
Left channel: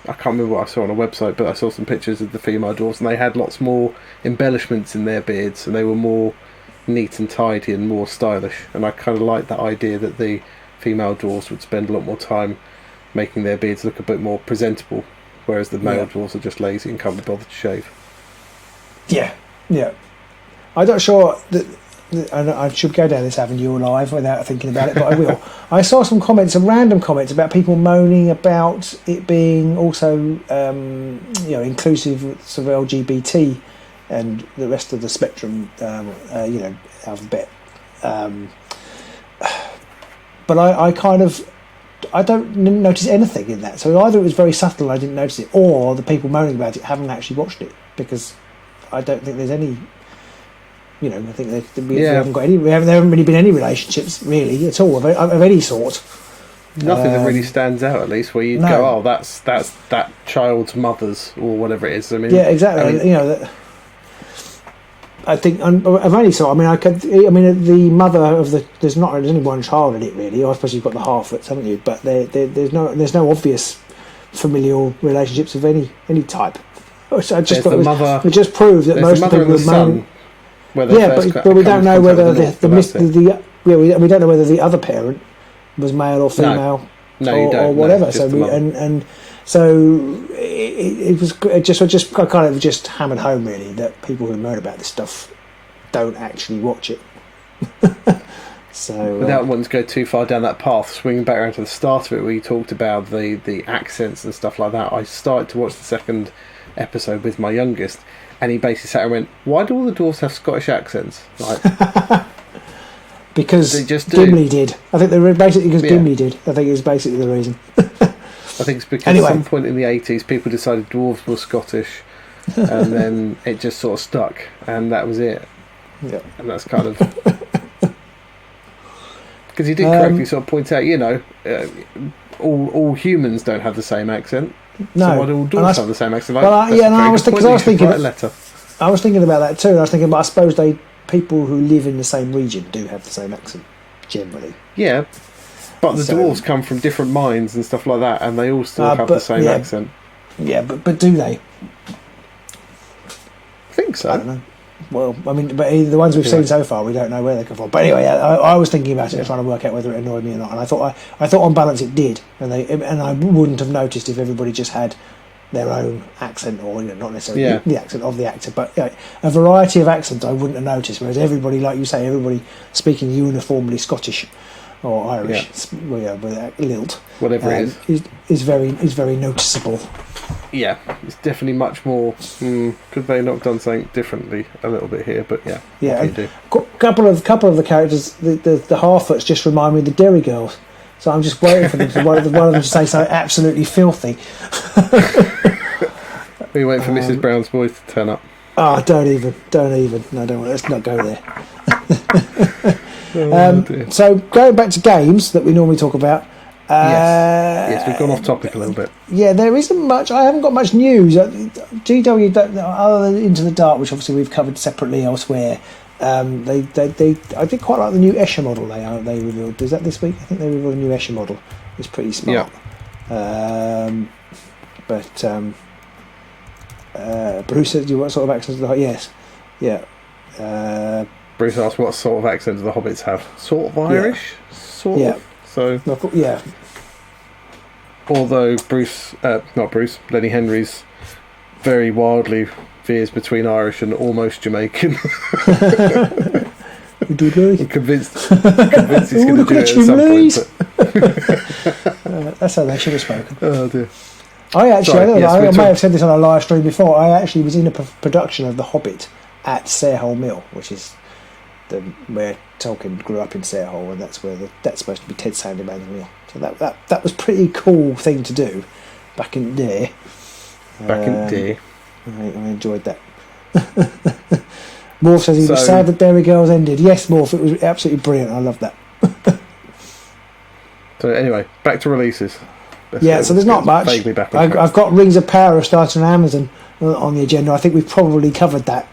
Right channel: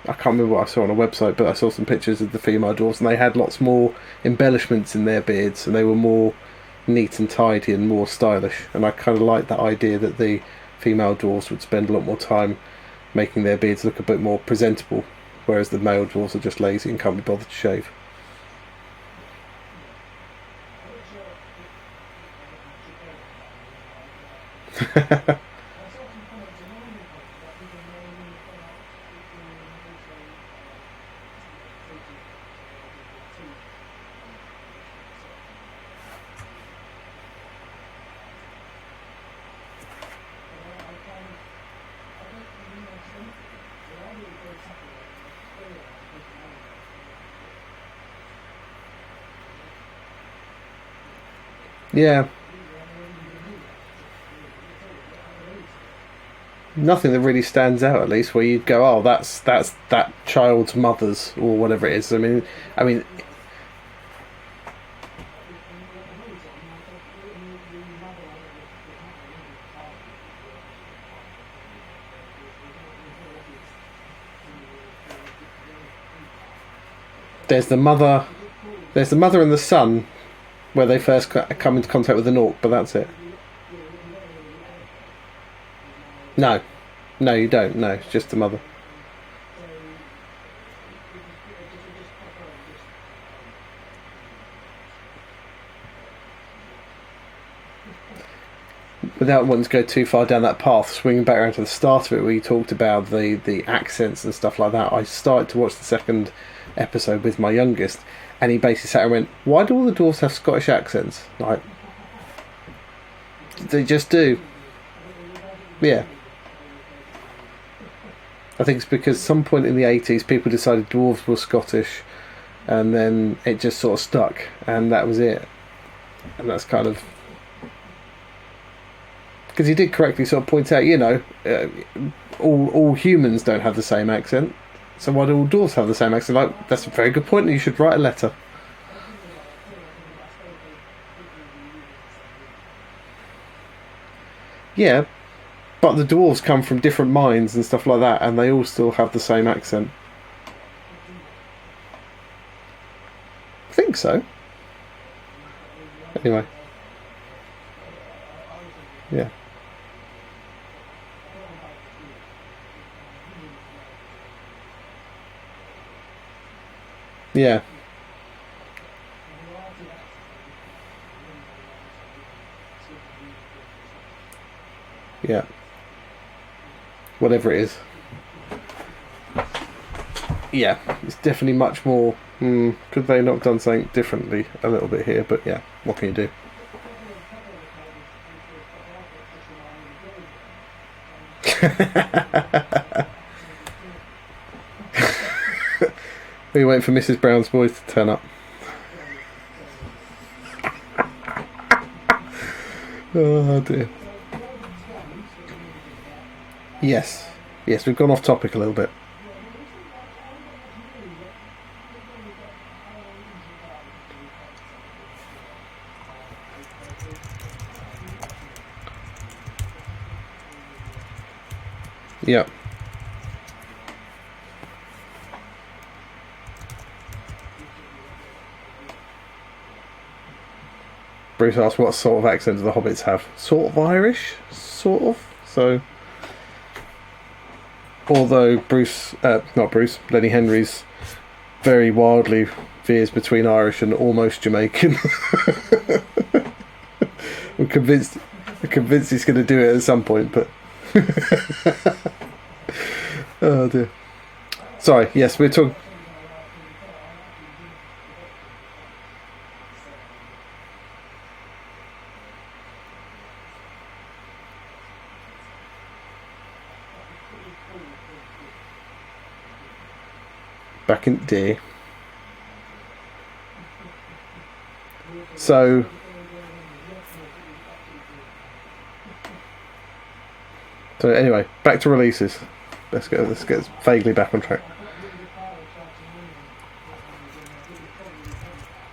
I can't remember what I saw on a website, but I saw some pictures of the female dwarves, and they had lots more embellishments in their beards, and they were more neat and tidy and more stylish, and I kind of like that idea that the female dwarves would spend a lot more time making their beards look a bit more presentable, whereas the male dwarves are just lazy and can't be bothered to shave. Yeah. I'm not sure that I should go down this avenue live without thinking about it, but I will. I saw some random comments about people moaning about it being also, inclusive of LGBT and the rest of the spectrum, alphabet. But I don't notice anything in that. So either it was very subtle and I didn't notice it, or the people moaning about it haven't actually watched it, because I don't think there's any. I think we haven't got any. There haven't really been any relationships really at all of any sort. Nothing that really stands out, at least, where you'd go, "Oh, that's that child's mother's," or whatever it is. I mean, yeah, exactly. I think I've only saw. The mother of the. There's only one child in it really. I suppose you've got the half-lets, haven't you? But there's no obvious familial relationships of any type. There's the mother. It just proves that there's the mother and the son. Where they first come into contact with the North, but that's it. We don't know whether the other parent was male or female. No, you don't. Or whatever. Just the mother. And so it just kind of just hammered home really that people who know about this stuff don't actually watch it. So without wanting to go too far down that path, swinging back around to the start of it, where you talked about the accents and stuff like that, I started to watch the second episode with my youngest. And he basically sat and went, "Why do all the dwarves have Scottish accents?" Like, because they just do. Gimli did. I think they were basically because Gimli did. I think it was basically the reason. I think it's because at some point in the 80s, people decided dwarves were Scottish, and then it just sort of stuck, and that was it. Yeah. And that's kind of because he did correctly sort of point out, all humans don't have the same accent. No. So why do all dwarves have the same accent? That's a very good point. You should write a letter. I was thinking about that too. And I was thinking, but I suppose people who live in the same region do have the same accent, generally. Yeah, but the dwarves come from different mines and stuff like that, and they all still have the same accent. Yeah, but do they? I think so. I don't know. Well, I mean, but the ones we've seen so far, we don't know where they come from. But anyway, I was thinking about it and trying to work out whether it annoyed me or not. And I thought on balance it did, and I wouldn't have noticed if everybody just had their own accent, or not necessarily the accent of the actor, but a variety of accents I wouldn't have noticed. Whereas everybody, like you say, everybody speaking uniformly Scottish or Irish, with lilt, whatever it is very noticeable. Yeah, it's definitely much more. Could they not have done something differently a little bit here? But what can you do? Couple of the characters, the Harfoots just remind me of the Derry Girls. So I'm just waiting for them to one of them to say something absolutely filthy. Are you waiting for Mrs. Brown's boys to turn up? Oh, don't even. No, don't. Let's not go there. So going back to games that we normally talk about. Yes, we've gone off topic a little bit. Yeah, there isn't much. I haven't got much news. GW, other than Into the Dark, which obviously we've covered separately elsewhere. I did quite like the new Escher model they revealed. Was that this week? I think they revealed the new Escher model. It's pretty smart. Yeah. Bruce said, "Do you what sort of accents?" Like, yes. Yeah. Bruce asked what sort of accent do the hobbits have? Sort of Irish? Sort of. So, yeah. Although Lenny Henry's very wildly veers between Irish and almost Jamaican. I'm convinced he's going to do it at some point. But that's how they should have spoken. Oh dear. I may have said this on a live stream before. I actually was in a production of The Hobbit at Sarehole Mill, which is where Tolkien grew up in Sarehole, and that's where that's supposed to be Ted Sanderman's mill. So that was a pretty cool thing to do back in the day. I enjoyed that. Morph says he was sad that Dairy Girls ended. Yes, Morph, it was absolutely brilliant. I love that. So anyway, back to releases. So there's not much. Vaguely back on track. I've got Rings of Power starting on Amazon on the agenda. I think we've probably covered that.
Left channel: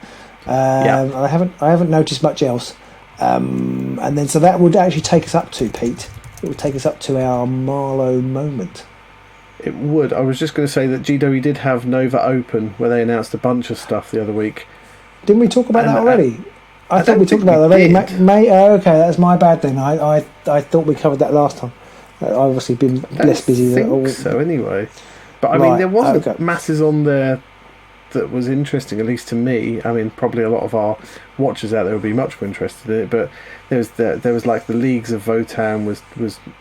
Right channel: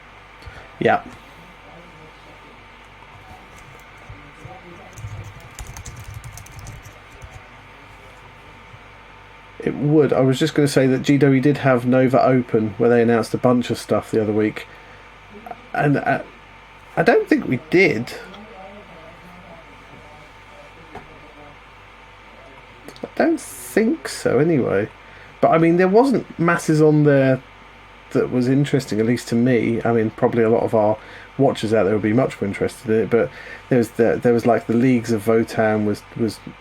I haven't noticed much else. And then so that would actually take us up to Pete. It would take us up to our Marlowe moment. It would. I was just going to say that GW did have Nova Open, where they announced a bunch of stuff the other week. Didn't we talk about that already? I don't think we did. Okay, that's my bad then. I thought we covered that last time. I've obviously been less busy. I think so anyway. But I mean, there wasn't masses on there that was interesting, at least to me. I mean, probably a lot of our watchers out there would be much more interested in it. But there was like the Leagues of Votan was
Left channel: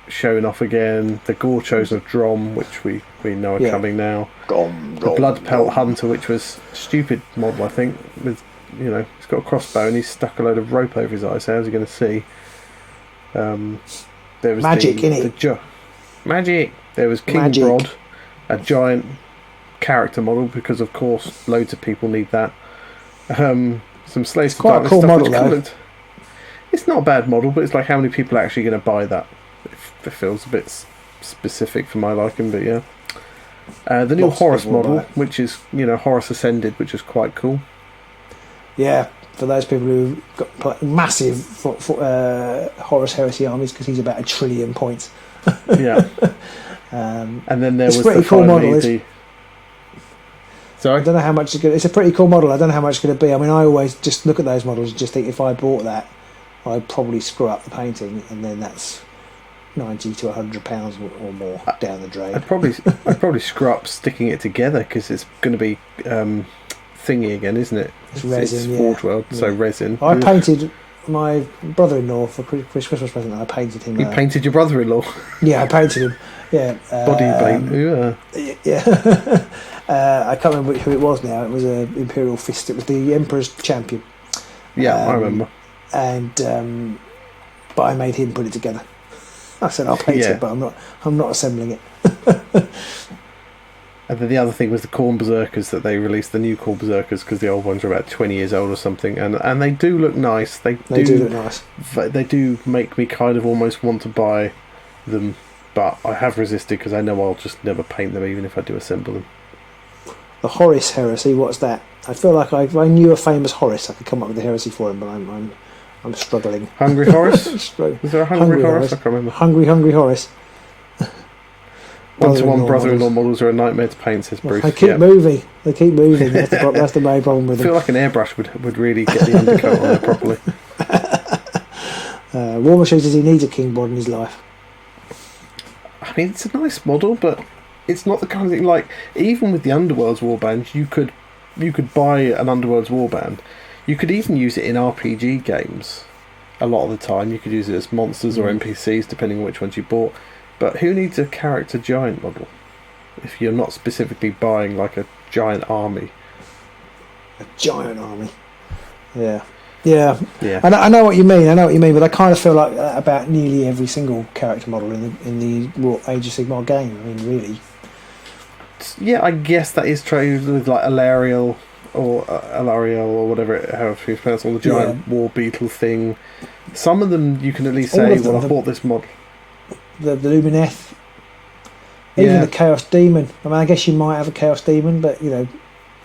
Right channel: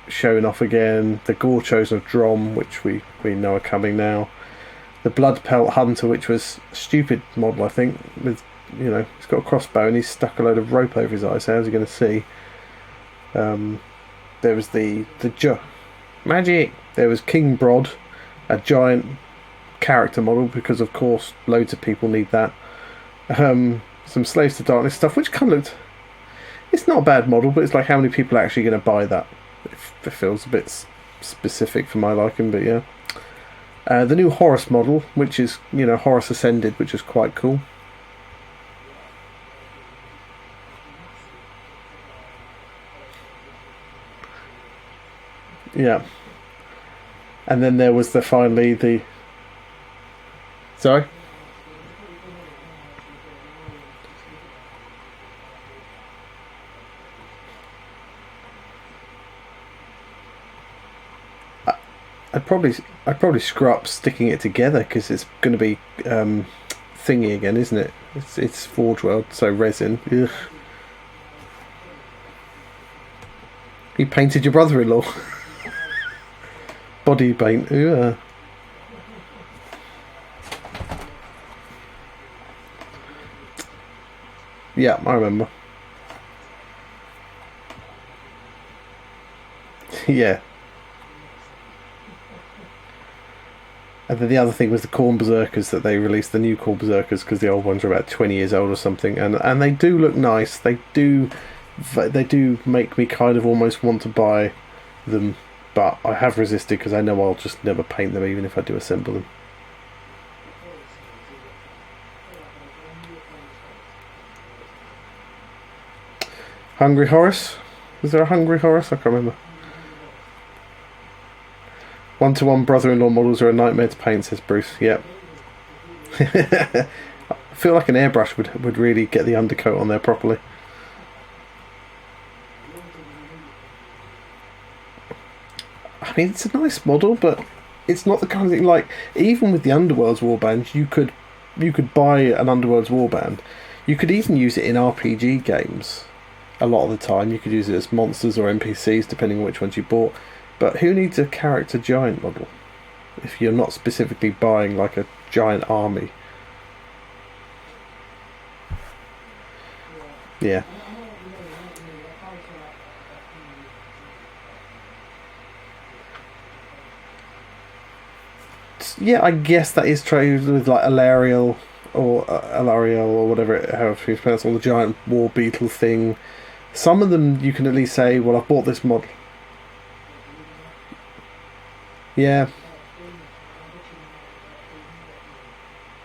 showing off again. The Gore Chosen of Drom, which we know are coming now. The Blood Pelt Hunter, which was a stupid model, I think. With he's got a crossbow and he's stuck a load of rope over his eyes. So how's he going to see? There was Magic. There was King Brod, a giant character model, because of course loads of people need that. Some Slaves to Darkness stuff, which kind of looked. It's not a bad model, but it's like, how many people are actually going to buy that? It feels a bit specific for my liking, but yeah. The new Horus model, which is Horus Ascended, which is quite cool. Yeah, for those people who got massive Horus Heresy armies, because he's about 1 trillion points. Yeah. And then there was the Sorry? I don't know how much it's going to... It's a pretty cool model. I don't know how much it's going to be. I mean, I always just look at those models and just think if I bought that, I'd probably screw up the painting, and then that's £90 to £100 or more down the drain. I'd probably screw up sticking it together, because it's going to be thingy again, isn't it? It's Forge World, so resin. I painted my brother-in-law for Christmas present. I painted him. You painted your brother-in-law? Yeah, I painted him. Yeah. Body paint. Yeah. I can't remember who it was now. It was an Imperial Fist. It was the Emperor's Champion. Yeah, I remember. And but I made him put it together. I said I'll paint it, but I'm not assembling it. And then the other thing was the Khorne Berserkers, that they released the new Khorne Berserkers, because the old ones are about 20 years old or something, and they do look nice. They do look nice. They do make me kind of almost want to buy them, but I have resisted because I know I'll just never paint them, even if I do assemble them. The Horus Heresy, what's that? I feel like if I knew a famous Horus, I could come up with a heresy for him, but I'm struggling. Hungry Horus? Was there a Hungry Horus? I can't remember. Hungry Horus. One-to-one brother-in-law models are a nightmare to paint, says Bruce. They keep moving. That's the main problem with them. I feel like an airbrush would really get the undercoat on there properly. Warmer says he needs a King Bod in his life. I mean, it's a nice model, but it's not the kind of thing, like, even with the Underworld's warband, you could buy an Underworld's warband. You could even use it in RPG games. A lot of the time, you could use it as monsters or NPCs, depending on which ones you bought. But who needs a character giant model if you're not specifically buying like a giant army? A giant army. Yeah. I know what you mean. But I kind of feel like that about nearly every single character model in the Age of Sigmar game. I mean, really. Yeah, I guess that is true with like Alariel or whatever, however you pronounce, or the giant war beetle thing. Some of them you can at least say, well, I've bought this model. The Lumineth, even the Chaos Demon. I mean, I guess you might have a Chaos Demon, but even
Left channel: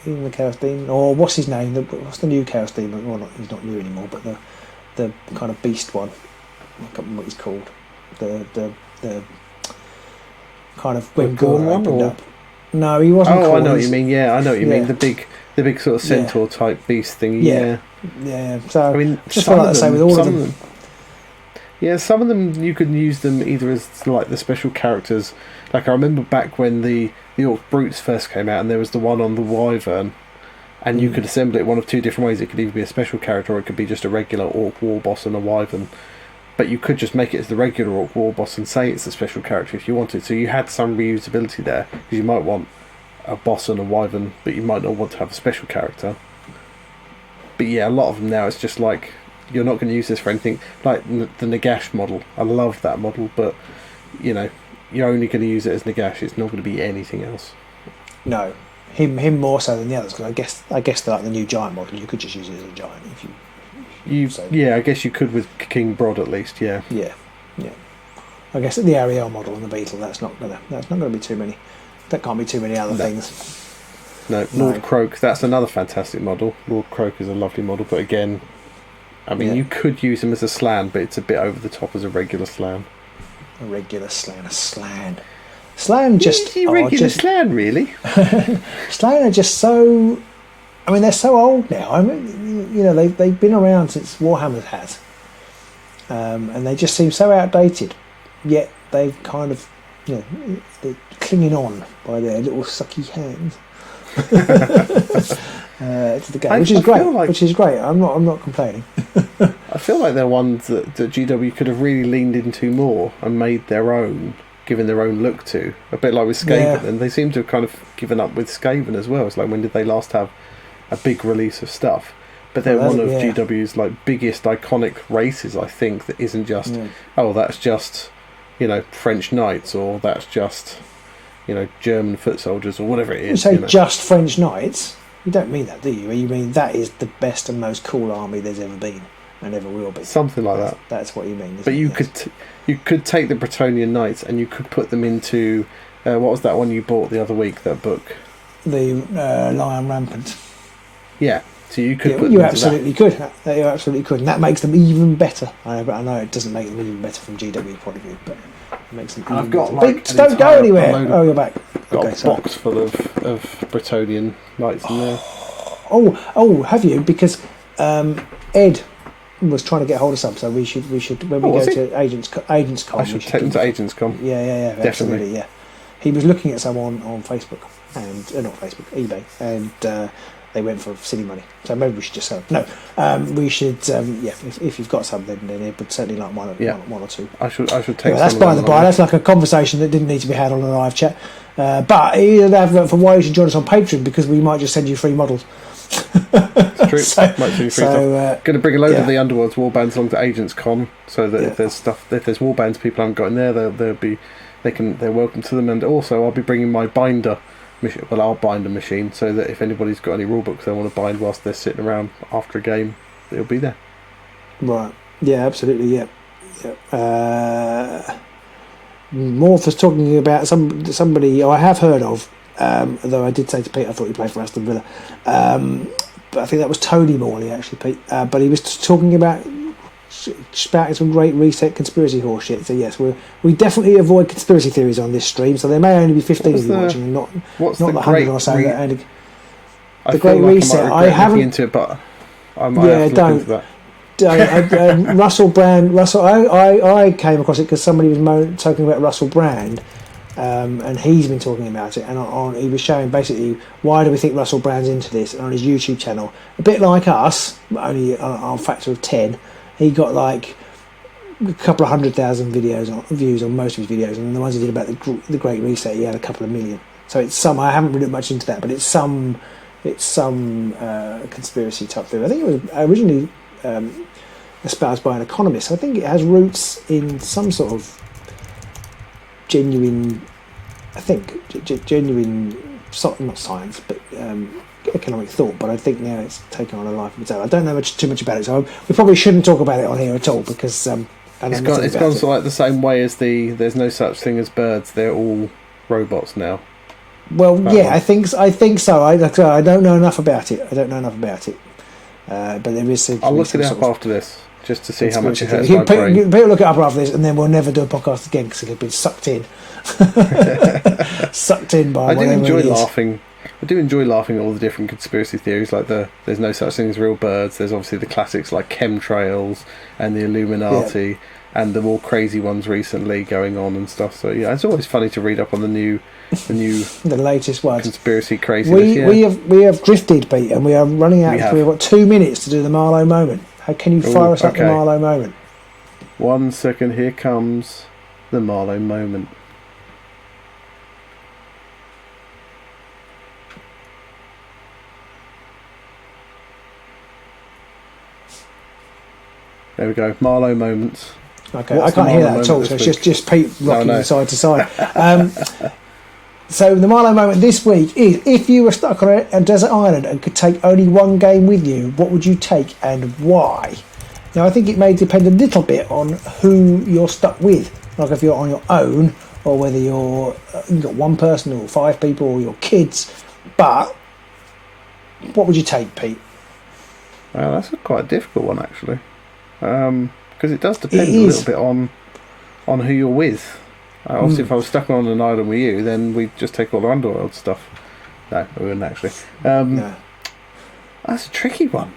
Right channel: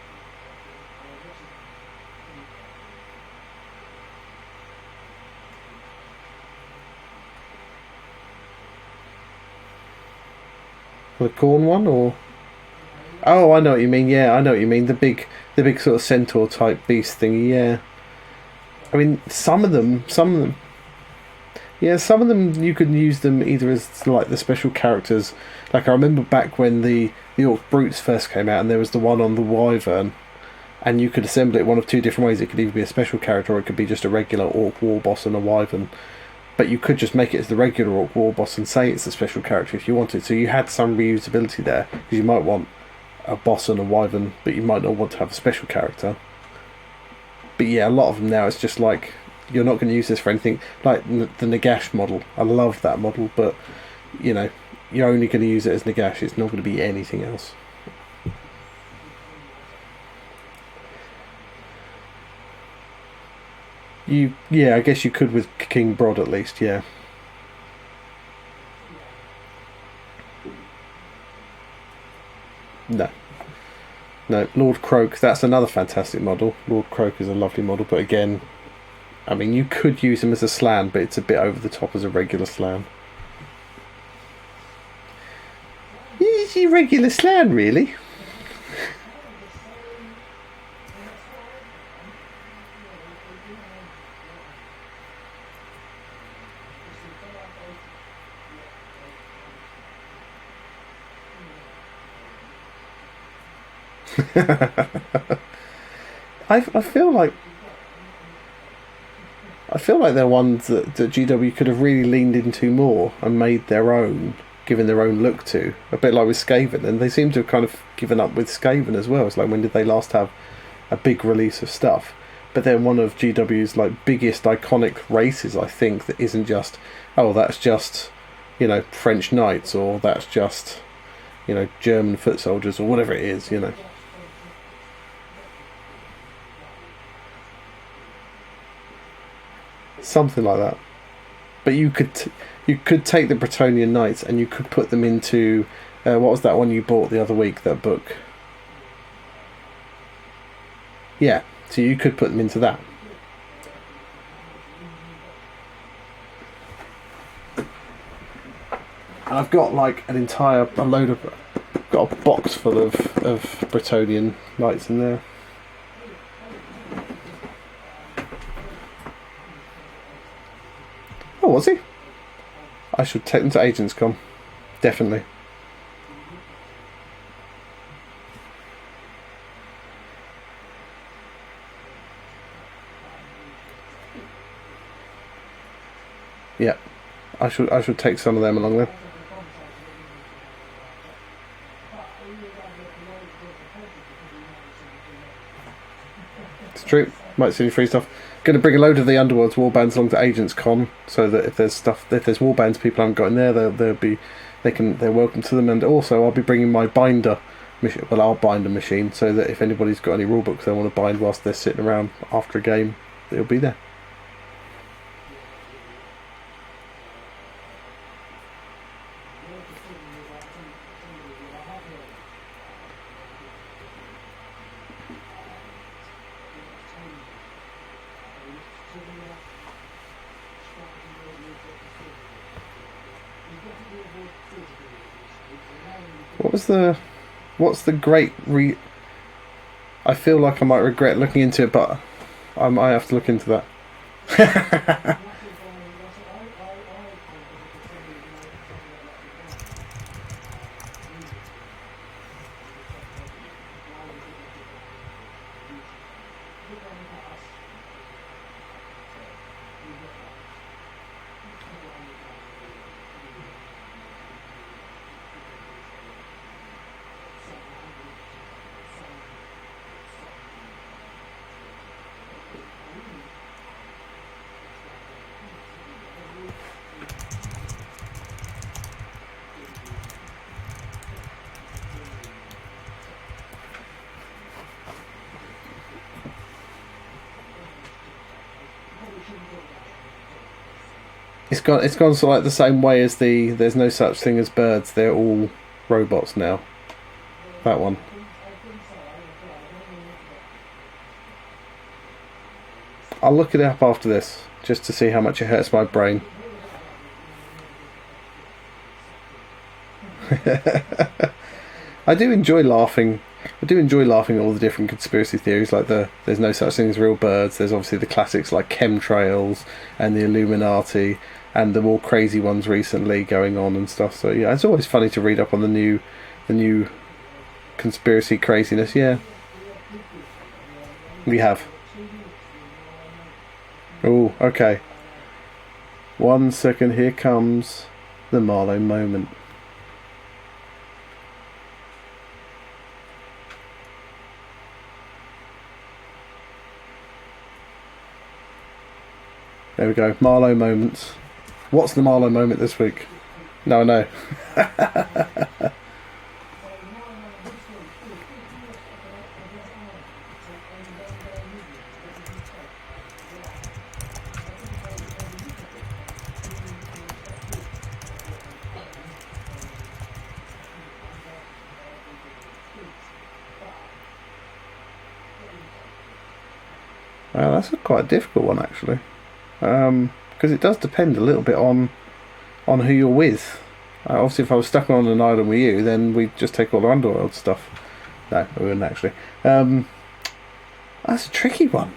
the Chaos Demon, or what's his name? What's the new Chaos Demon? Well, he's not new anymore, but the kind of beast one. I can't remember what he's called. The kind of the Gorn one, or No, he wasn't. Oh, I know what you mean. Yeah, I know what you mean. The big sort of centaur type beast thing. Yeah. So I mean, some of them. Yeah, some of them you could use them either as like the special characters. Like I remember back when the Orc Brutes first came out, and there was the one on the Wyvern, and you could assemble it one of two different ways. It could either be a special character, or it could be just a regular Orc war boss and a Wyvern. But you could just make it as the regular Orc war boss and say it's a special character if you wanted. So you had some reusability there, because you might want a boss and a Wyvern, but you might not want to have a special character. But yeah, a lot of them now it's just like, you're not going to use this for anything. Like the Nagash model, I love that model, but you know, you're only going to use it as Nagash. It's not going to be anything else. No, him more so than the others. Because I guess like the new giant model, you could just use it as a giant. Yeah, I guess you could with King Brod at least. Yeah. I guess the Ariel model and the Beetle. That's not going to be too many. That can't be too many other things. No, Lord Croak. That's another fantastic model. Lord Croak is a lovely model, but again, I mean, you could use him as a Slan, but it's a bit over the top as a regular Slan. A regular Slan, a Slan. Slan just... Is he regular Slan, really? Slan are just so... I mean, they're so old now. I mean, you know, they've been around since Warhammer has. And they just seem so outdated. Yet they've kind of, you know, they're clinging on by their little sucky hands. To the game, which is great. I'm not complaining. I feel like they're ones that GW could have really leaned into more and made their own, given their own look to. A bit like with Skaven, and they seem to have kind of given up with Skaven as well. It's like, when did they last have a big release of stuff? But they're one of GW's like biggest iconic races, I think, that isn't just that's just, you know, French knights, or that's just, you know, German foot soldiers, or whatever it is. You say just French knights? You don't mean that, do you? You mean that is the best and most cool army there's ever been and ever will be. Something like that. That's what you mean. But you could take the Bretonnian Knights and you could put them into what was that one you bought the other week? That book. The Lion Rampant. Yeah. So you could put them into that. You absolutely could, and that makes them even better. I know it doesn't make them even better from GW point of view, but it makes them. And I've got like an entire load of got a box full of Bretonnian Knights in there. Oh, have you? Because Ed was trying to get hold of some, so we should when we go to Agents Con. I should take them to Agents Con. Yeah, definitely. Yeah, he was looking at some on Facebook and not Facebook, eBay, and. They went for silly money, so maybe we should just say no. We should, if you've got some, then it would certainly like one or two. I should take some. That's by the by. That's like a conversation that didn't need to be had on a live chat. But you have for why you should join us on Patreon, because we might just send you free models. It's true. Might send you free stuff. Going to bring a load of the Underworld's warbands along to Agents Con, so that if there's warbands people haven't got in there, they're welcome to them. And also, I'll be bringing my binder. Our binder machine, so that if anybody's got any rule books they want to bind whilst they're sitting around after a game, it'll be there. Right. Yeah, absolutely. Morph was talking about somebody I have heard of, though I did say to Pete I thought he played for Aston Villa, but I think that was Tony Morley actually, Pete. But he was talking about spouting some great reset conspiracy horseshit. So yes, we definitely avoid conspiracy theories on this stream. So there may only be 15 of you watching. What's the great? I feel like I might regret looking into it, but I might have to look into that. Russell Brand. I came across it because somebody was talking about Russell Brand, and he's been talking about it. And he was showing basically why do we think Russell Brand's into this, and on his YouTube channel, a bit like us, only on a factor of 10. He got like a couple of 100,000 views on most of his videos, and the ones he did about the Great Reset, he had a couple of million. So it's some. I haven't really looked much into that, but it's some conspiracy type thing. I think it was originally espoused by an economist. I think it has roots in some sort of genuine, not science, but economic thought. But I think now it's taken on a life of its own. I don't know too much about it, so we probably shouldn't talk about it on here at all, because it's gone sort of like the same way as there's no such thing as birds. They're all robots now. Well, I think so. I don't know enough about it. But there is. I'll look it up after this, just to see how much it hurts my brain. People look it up after this, and then we'll never do a podcast again because it'll be sucked in. Sucked in by. I do enjoy laughing. I do enjoy laughing at all the different conspiracy theories, like there's no such thing as real birds. There's obviously the classics like chemtrails and the Illuminati, and the more crazy ones recently going on and stuff. So yeah, it's always funny to read up on the latest ones. Conspiracy craziness. We have drifted, Pete, and we are running out. We've got 2 minutes to do the Marlowe moment. How can you fire us up the Marlowe moment? 1 second, here comes the Marlowe moment. There we go, Marlowe moments. Okay, What's the Marlowe moment this week? It's just Pete rocking side to side. So the Marlowe moment this week is: if you were stuck on a desert island and could take only one game with you, what would you take and why? Now I think it may depend a little bit on who you're stuck with, like if you're on your own or whether you've got one person or 5 people or your kids. But what would you take, Pete? Well, that's a quite difficult one actually. Because it does depend a little bit on who you're with. Obviously, if I was stuck on an island with you, then we'd just take all the underworld stuff. No, we wouldn't actually. That's a tricky one.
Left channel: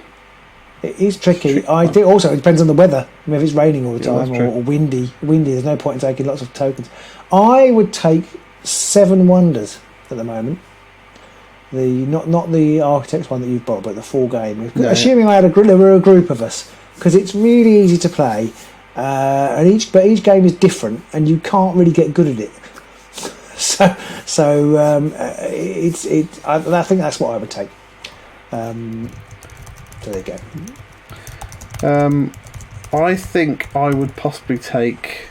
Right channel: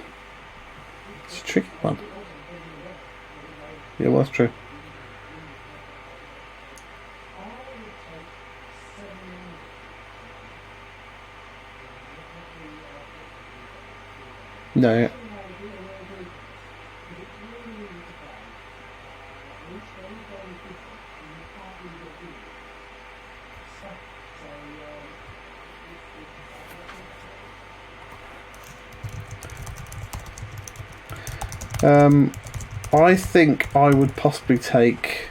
It is tricky. I think also it depends on the weather. I mean, if it's raining all the time or windy, there's no point in taking lots of tokens. I would take 7 Wonders at the moment. The not the Architects one that you've bought, but the full game. Assuming there were a group of us. Because it's really easy to play, and each game is different, and you can't really get good at it. I think that's what I would take. There you go. I think I would possibly take.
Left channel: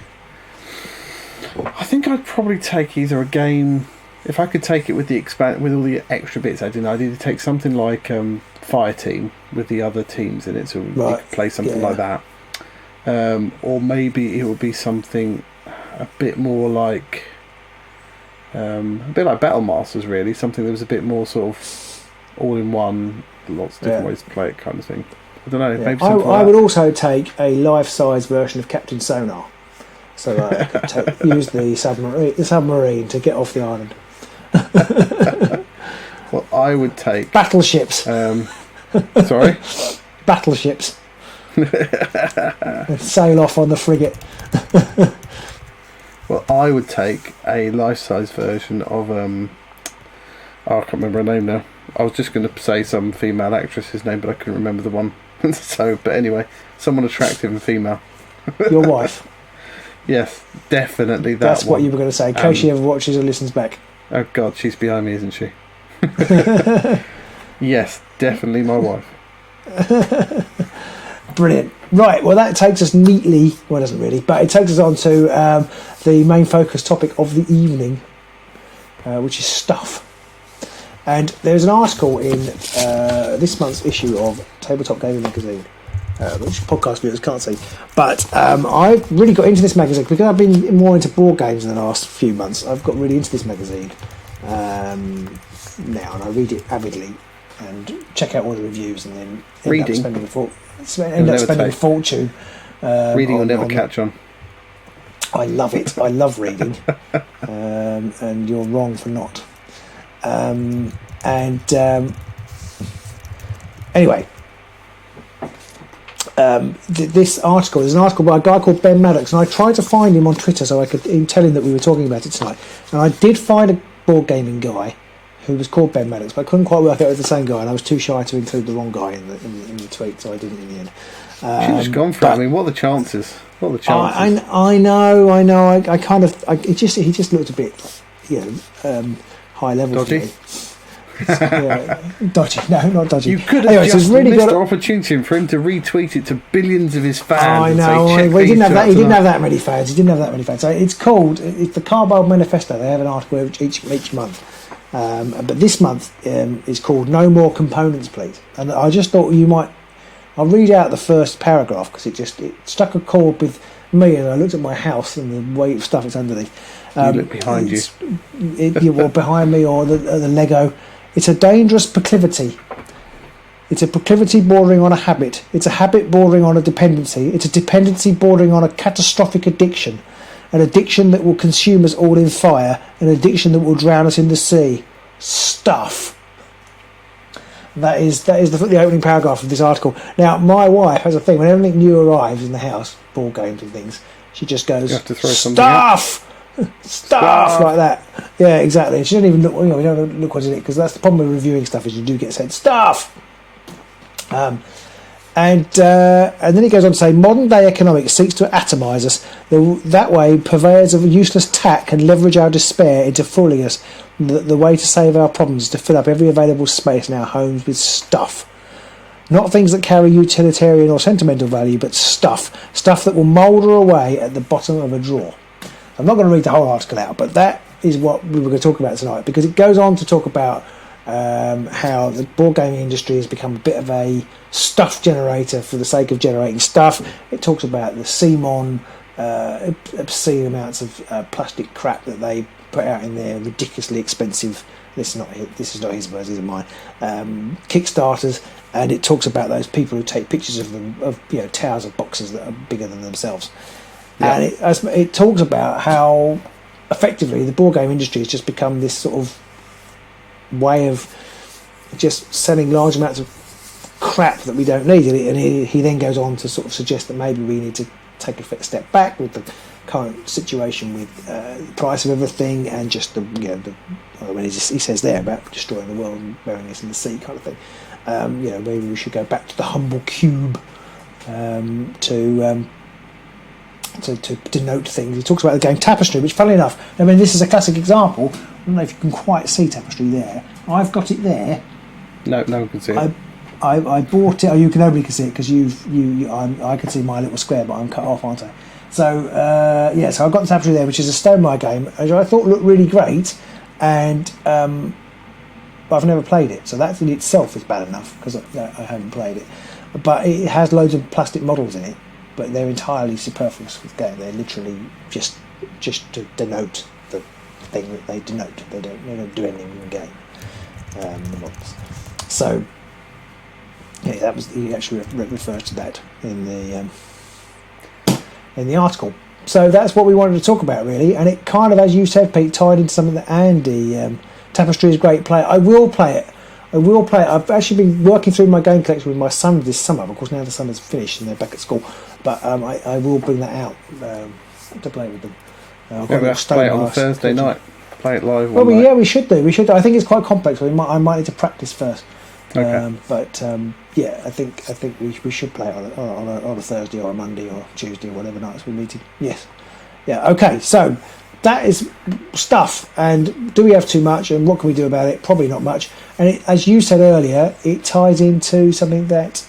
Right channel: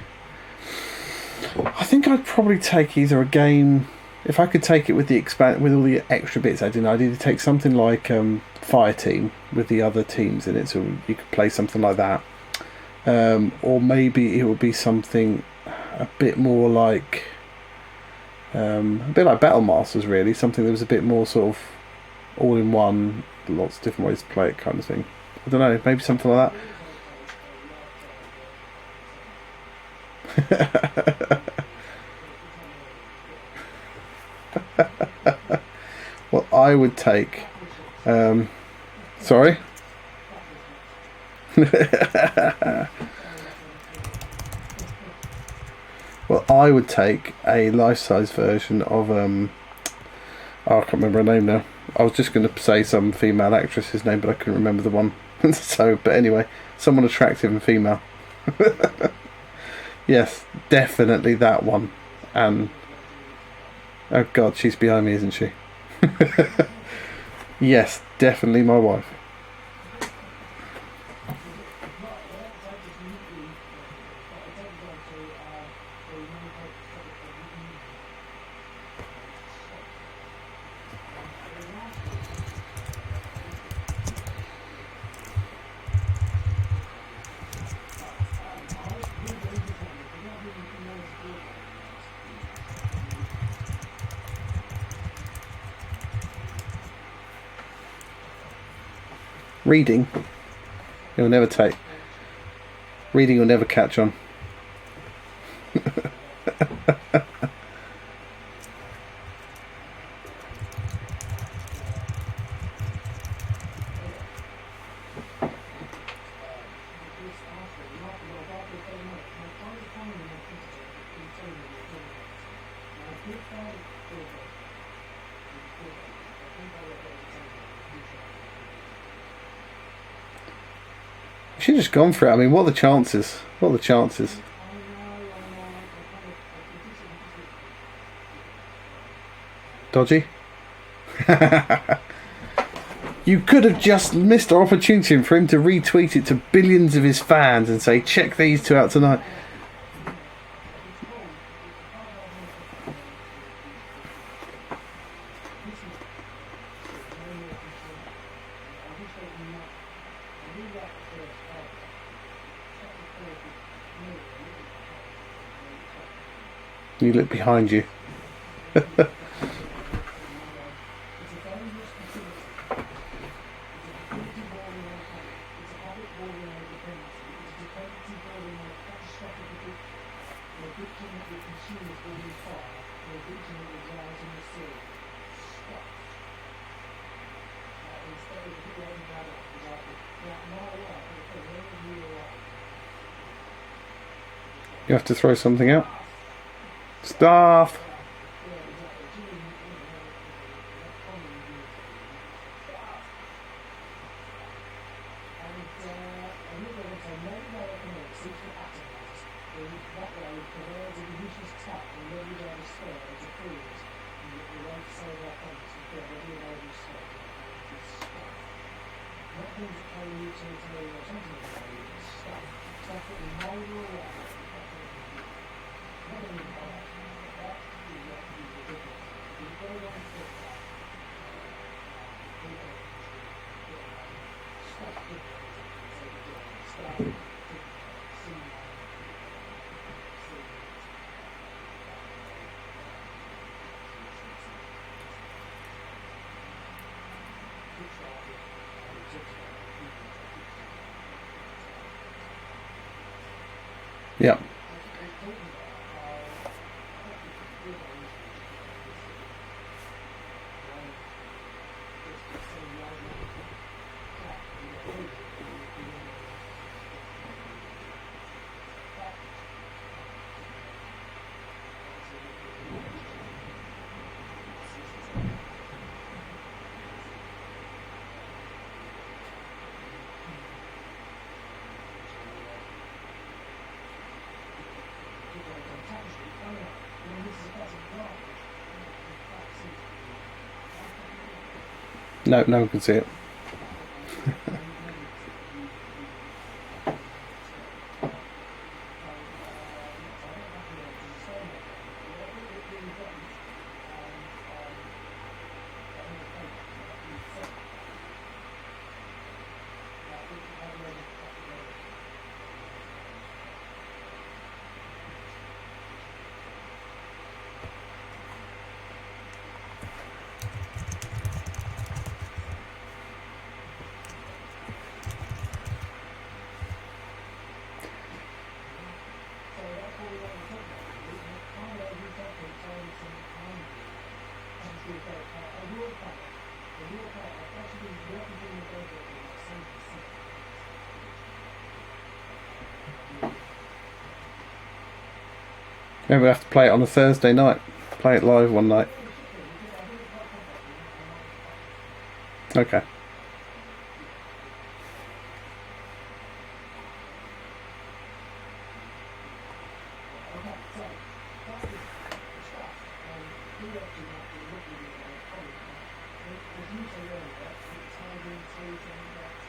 I think I'd probably take either a game. If I could take it with with all the extra bits I'd either take something like Fire Team with the other teams in it, so you could play something like that, or maybe it would be something a bit more like Battle Masters, really, something that was a bit more sort of all in one, lots of different ways to play it, kind of thing. I don't know, maybe something like that. I would also take a life-size version of Captain Sonar, so I could use the submarine to get off the island. Well, I would take battleships. Sorry? Battleships. Sail off on the frigate. Well, I would take a life-size version of I can't remember her name now. I was just going to say some female actress's name, but I couldn't remember the one. But anyway, someone attractive and female. Your wife? Yes, definitely That's one. What you were going to say. In case she ever watches or listens back. Oh God, she's behind me, isn't she? Yes, definitely my wife. Brilliant. Right, well that takes us neatly, well it doesn't really, but it takes us on to the main focus topic of the evening, which is stuff. And there's an article in this month's issue of Tabletop Gaming Magazine, which podcast viewers can't see, but I've really got into this magazine because I've been more into board games in the last few months. I've got really into this magazine now, and I read it avidly and check out all the reviews, and then reading spending a fortune. Reading will never catch on. I love it. I love reading, and you're wrong for not. Anyway, this article is an article by a guy called Ben Maddox, and I tried to find him on Twitter so I could tell him that we were talking about it tonight. And I did find a board gaming guy who was called Ben Maddox, but I couldn't quite work out it was the same guy, and I was too shy to include the wrong guy in the tweet, so I didn't in the end. You should have just gone for it. I mean, what are the chances? What are the chances? I know. He just looked a bit, high level. Dodgy? Dodgy. No, not dodgy. You could have just really missed the opportunity for him to retweet it to billions of his fans and say, check these two out tonight. He didn't have that many fans. So it's the Cardboard Manifesto. They have an article each month. But this month is called No More Components, Please. And I just thought I'll read out the first paragraph because it struck a chord with me, and I looked at my house and the weight of stuff that's underneath. You look behind you. Or behind me, or the Lego. It's a dangerous proclivity. It's a proclivity bordering on a habit. It's a habit bordering on a dependency. It's a dependency bordering on a catastrophic addiction. An addiction that will consume us all in fire. An addiction that will drown us in the sea. Stuff. That is the opening paragraph of this article. Now, my wife has a thing. When anything new arrives in the house, board games and things, she just goes, you have to throw something out. Stuff like that. Yeah, exactly. She doesn't even look. We don't look what's in it, because that's the problem with reviewing stuff, is you do get said stuff. And then he goes on to say, modern day economics seeks to atomise us. That way, purveyors of useless tack can leverage our despair into fooling us. The way to save our problems is to fill up every available space in our homes with stuff. Not things that carry utilitarian or sentimental value, but stuff. Stuff that will moulder away at the bottom of a drawer. I'm not going to read the whole article out, but that is what we were going to talk about tonight, because it goes on to talk about how the board gaming industry has become a bit of a stuff generator for the sake of generating stuff. It talks about the CMON, obscene amounts of plastic crap that they put out in their ridiculously expensive, this is not his words, these are mine, Kickstarters, and it talks about those people who take pictures of them, of towers of boxes that are bigger than themselves. Yeah. And it talks about how effectively the board game industry has just become this sort of way of just selling large amounts of crap that we don't need. And he then goes on to sort of suggest that maybe we need to take a step back with the current situation with the price of everything, and just he says there about destroying the world and burying us in the sea kind of thing. Maybe we should go back to the humble cube to denote things. He talks about the game Tapestry, which, funnily enough, I mean, this is a classic example. I don't know if you can quite see Tapestry there. I've got it there. No one can see it. I bought it. You can nobody can see it because I can see my little square, but I'm cut off, aren't I? So so I've got the Tapestry there, which is a Stonemaier game, which I thought looked really great, and but I've never played it. So that in itself is bad enough because I haven't played it. But it has loads of plastic models in it, but they're entirely superfluous with game. They're literally just to denote the thing that they denote. They don't do anything in the game. So that was, he actually referred to that in the article. So that's what we wanted to talk about, really, and it kind of, as you said, Pete, tied into something that Andy. Tapestry is a great play. I will play it. I've actually been working through my game collection with my son this summer. Of course, now the summer's finished and they're back at school. But I will bring that out to play with them. Maybe we have to play it on a Thursday night. Play it live one night. Yeah, we should do. I think it's quite complex. I might need to practice first. Okay. I think we should play it on a Thursday or a Monday or Tuesday, whatever nights we meet. Yes. Yeah. Okay. So that is stuff. And do we have too much? And what can we do about it? Probably not much. And as you said earlier, it ties into something that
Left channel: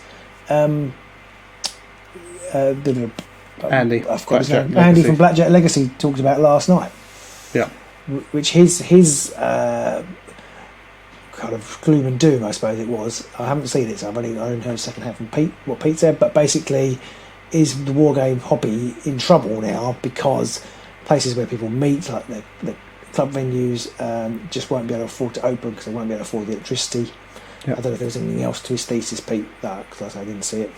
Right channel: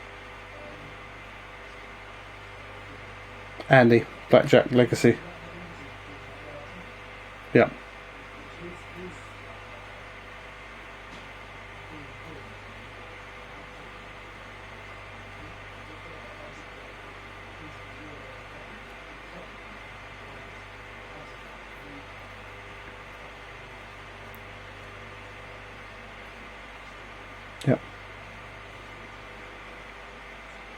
Andy from Blackjack Legacy talked about last night. Yeah. Which his kind of gloom and doom, I suppose it was. I haven't seen it, so I've only heard second hand from Pete, what Pete said, but basically is the wargame hobby in trouble now because places where people meet, like the club venues, just won't be able to afford to open because they won't be able to afford the electricity. Yep. I don't know if there was anything else to his thesis, Pete, because I didn't see it.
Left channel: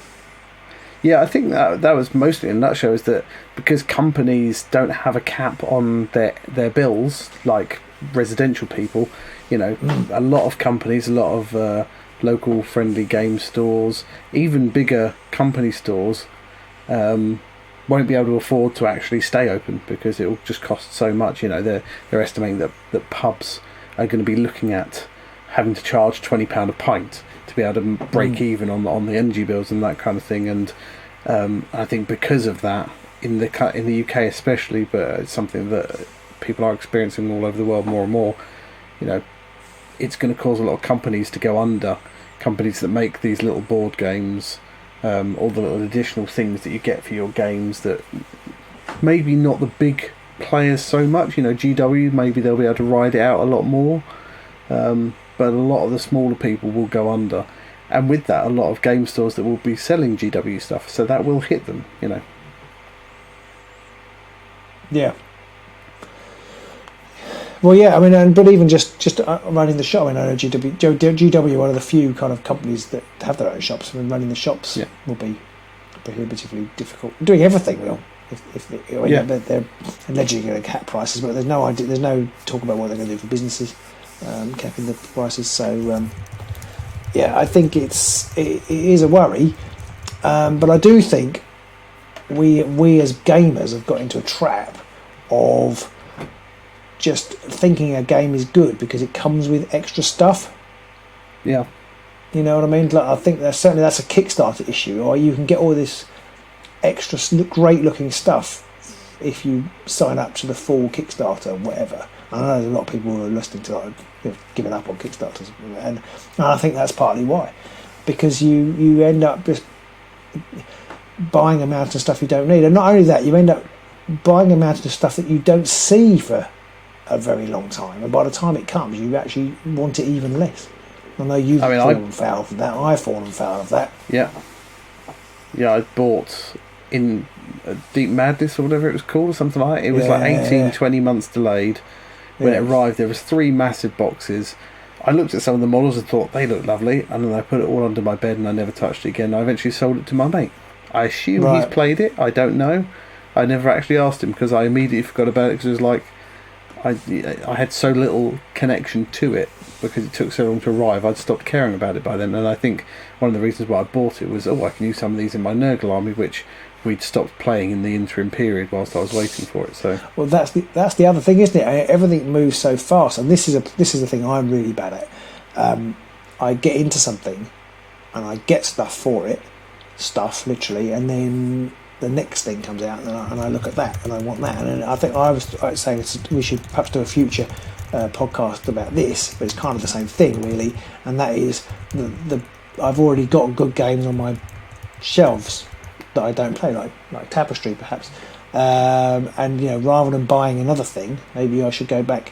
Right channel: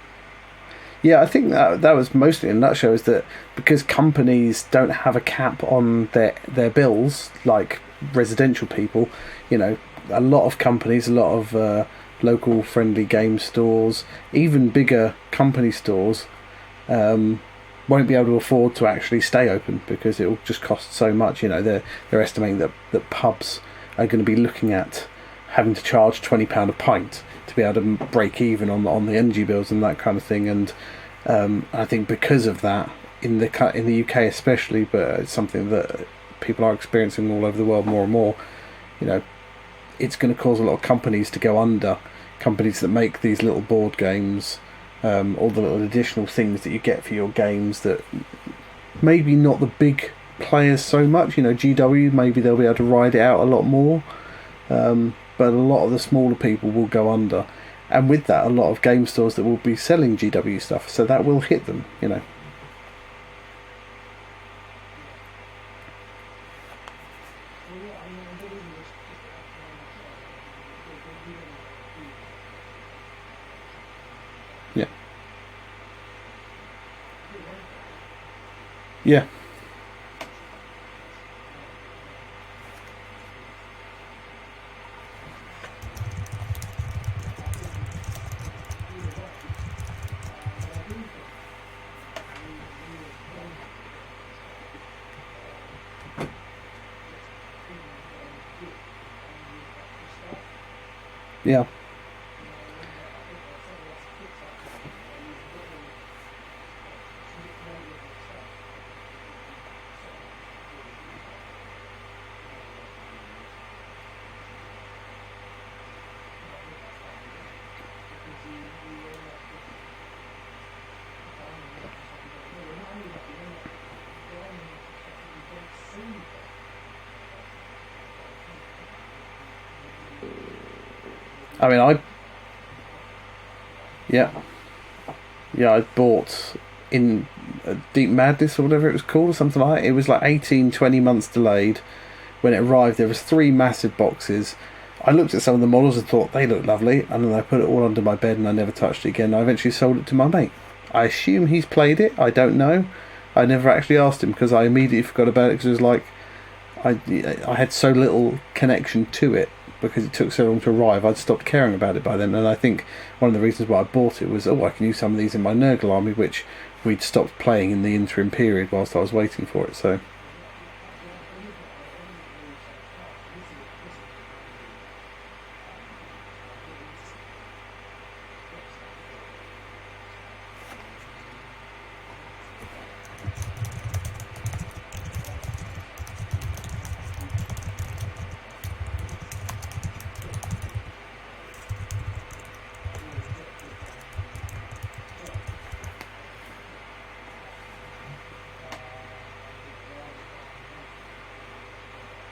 Yeah, I think that was mostly in a nutshell, is that because companies don't have a cap on their bills, like residential people, a lot of companies, a lot of local friendly game stores, even bigger company stores, won't be able to afford to actually stay open because it will just cost so much. They're estimating that pubs are going to be looking at having to charge £20 a pint to be able to break even on the energy bills and that kind of thing. And I think because of that, in the UK especially, but it's something that people are experiencing all over the world more and more, it's going to cause a lot of companies to go under. Companies that make these little board games, all the little additional things that you get for your games that maybe not the big players so much. GW, maybe they'll be able to ride it out a lot more. But a lot of the smaller people will go under. And with that, a lot of game stores that will be selling GW stuff. So that will hit them, Yeah. Well, yeah, I mean, but even just running the shop, I know GW, one of the few kind of companies that have their own shops. I mean, running the shops will be prohibitively difficult. Doing everything will. They're allegedly going to cap prices, but there's no idea. There's no talk about what they're going to do for businesses, capping the prices. So, I think it is a worry, but I do think we as gamers have got into a trap of just thinking a game is good because it comes with extra stuff. Yeah. You know what I mean? Like, I think that's a Kickstarter issue, or you can get all this extra great looking stuff if you sign up to the full Kickstarter, whatever. I know there's a lot of people who are listening to giving up on Kickstarters, and I think that's partly why, because you end up just buying a mountain of stuff you don't need, and not only that, you end up buying a mountain of stuff that you don't see for a very long time, and by the time it comes, you actually want it even less. I know you've fallen foul of that. I've fallen foul of that. Yeah, I bought in Deep Madness or whatever it was called, or something like that. It was 20 months delayed. When it arrived, there was 3 massive boxes. I looked at some of the models and thought they looked lovely, and then I put it all under my bed and I never touched it again. I eventually sold it to my mate. I assume he's played it. I don't know. I never actually asked him because I immediately forgot about it, because it was like I had so little connection to it because it took so long to arrive. I'd stopped caring about it by then, and I think one of the reasons why I bought it was, I can use some of these in my Nurgle army, which we'd stopped playing in the interim period whilst I was waiting for it. So that's the other thing, isn't it? I mean, everything moves so fast, and this is the thing I'm really bad at. I get into something and I get stuff literally, and then the next thing comes out and I look at that and I want that, and I think I was saying we should perhaps do a future podcast about this, but it's kind of the same thing really, and that is I've already got good games on my shelves that I don't play, like Tapestry perhaps, and rather than buying another thing, maybe I should go back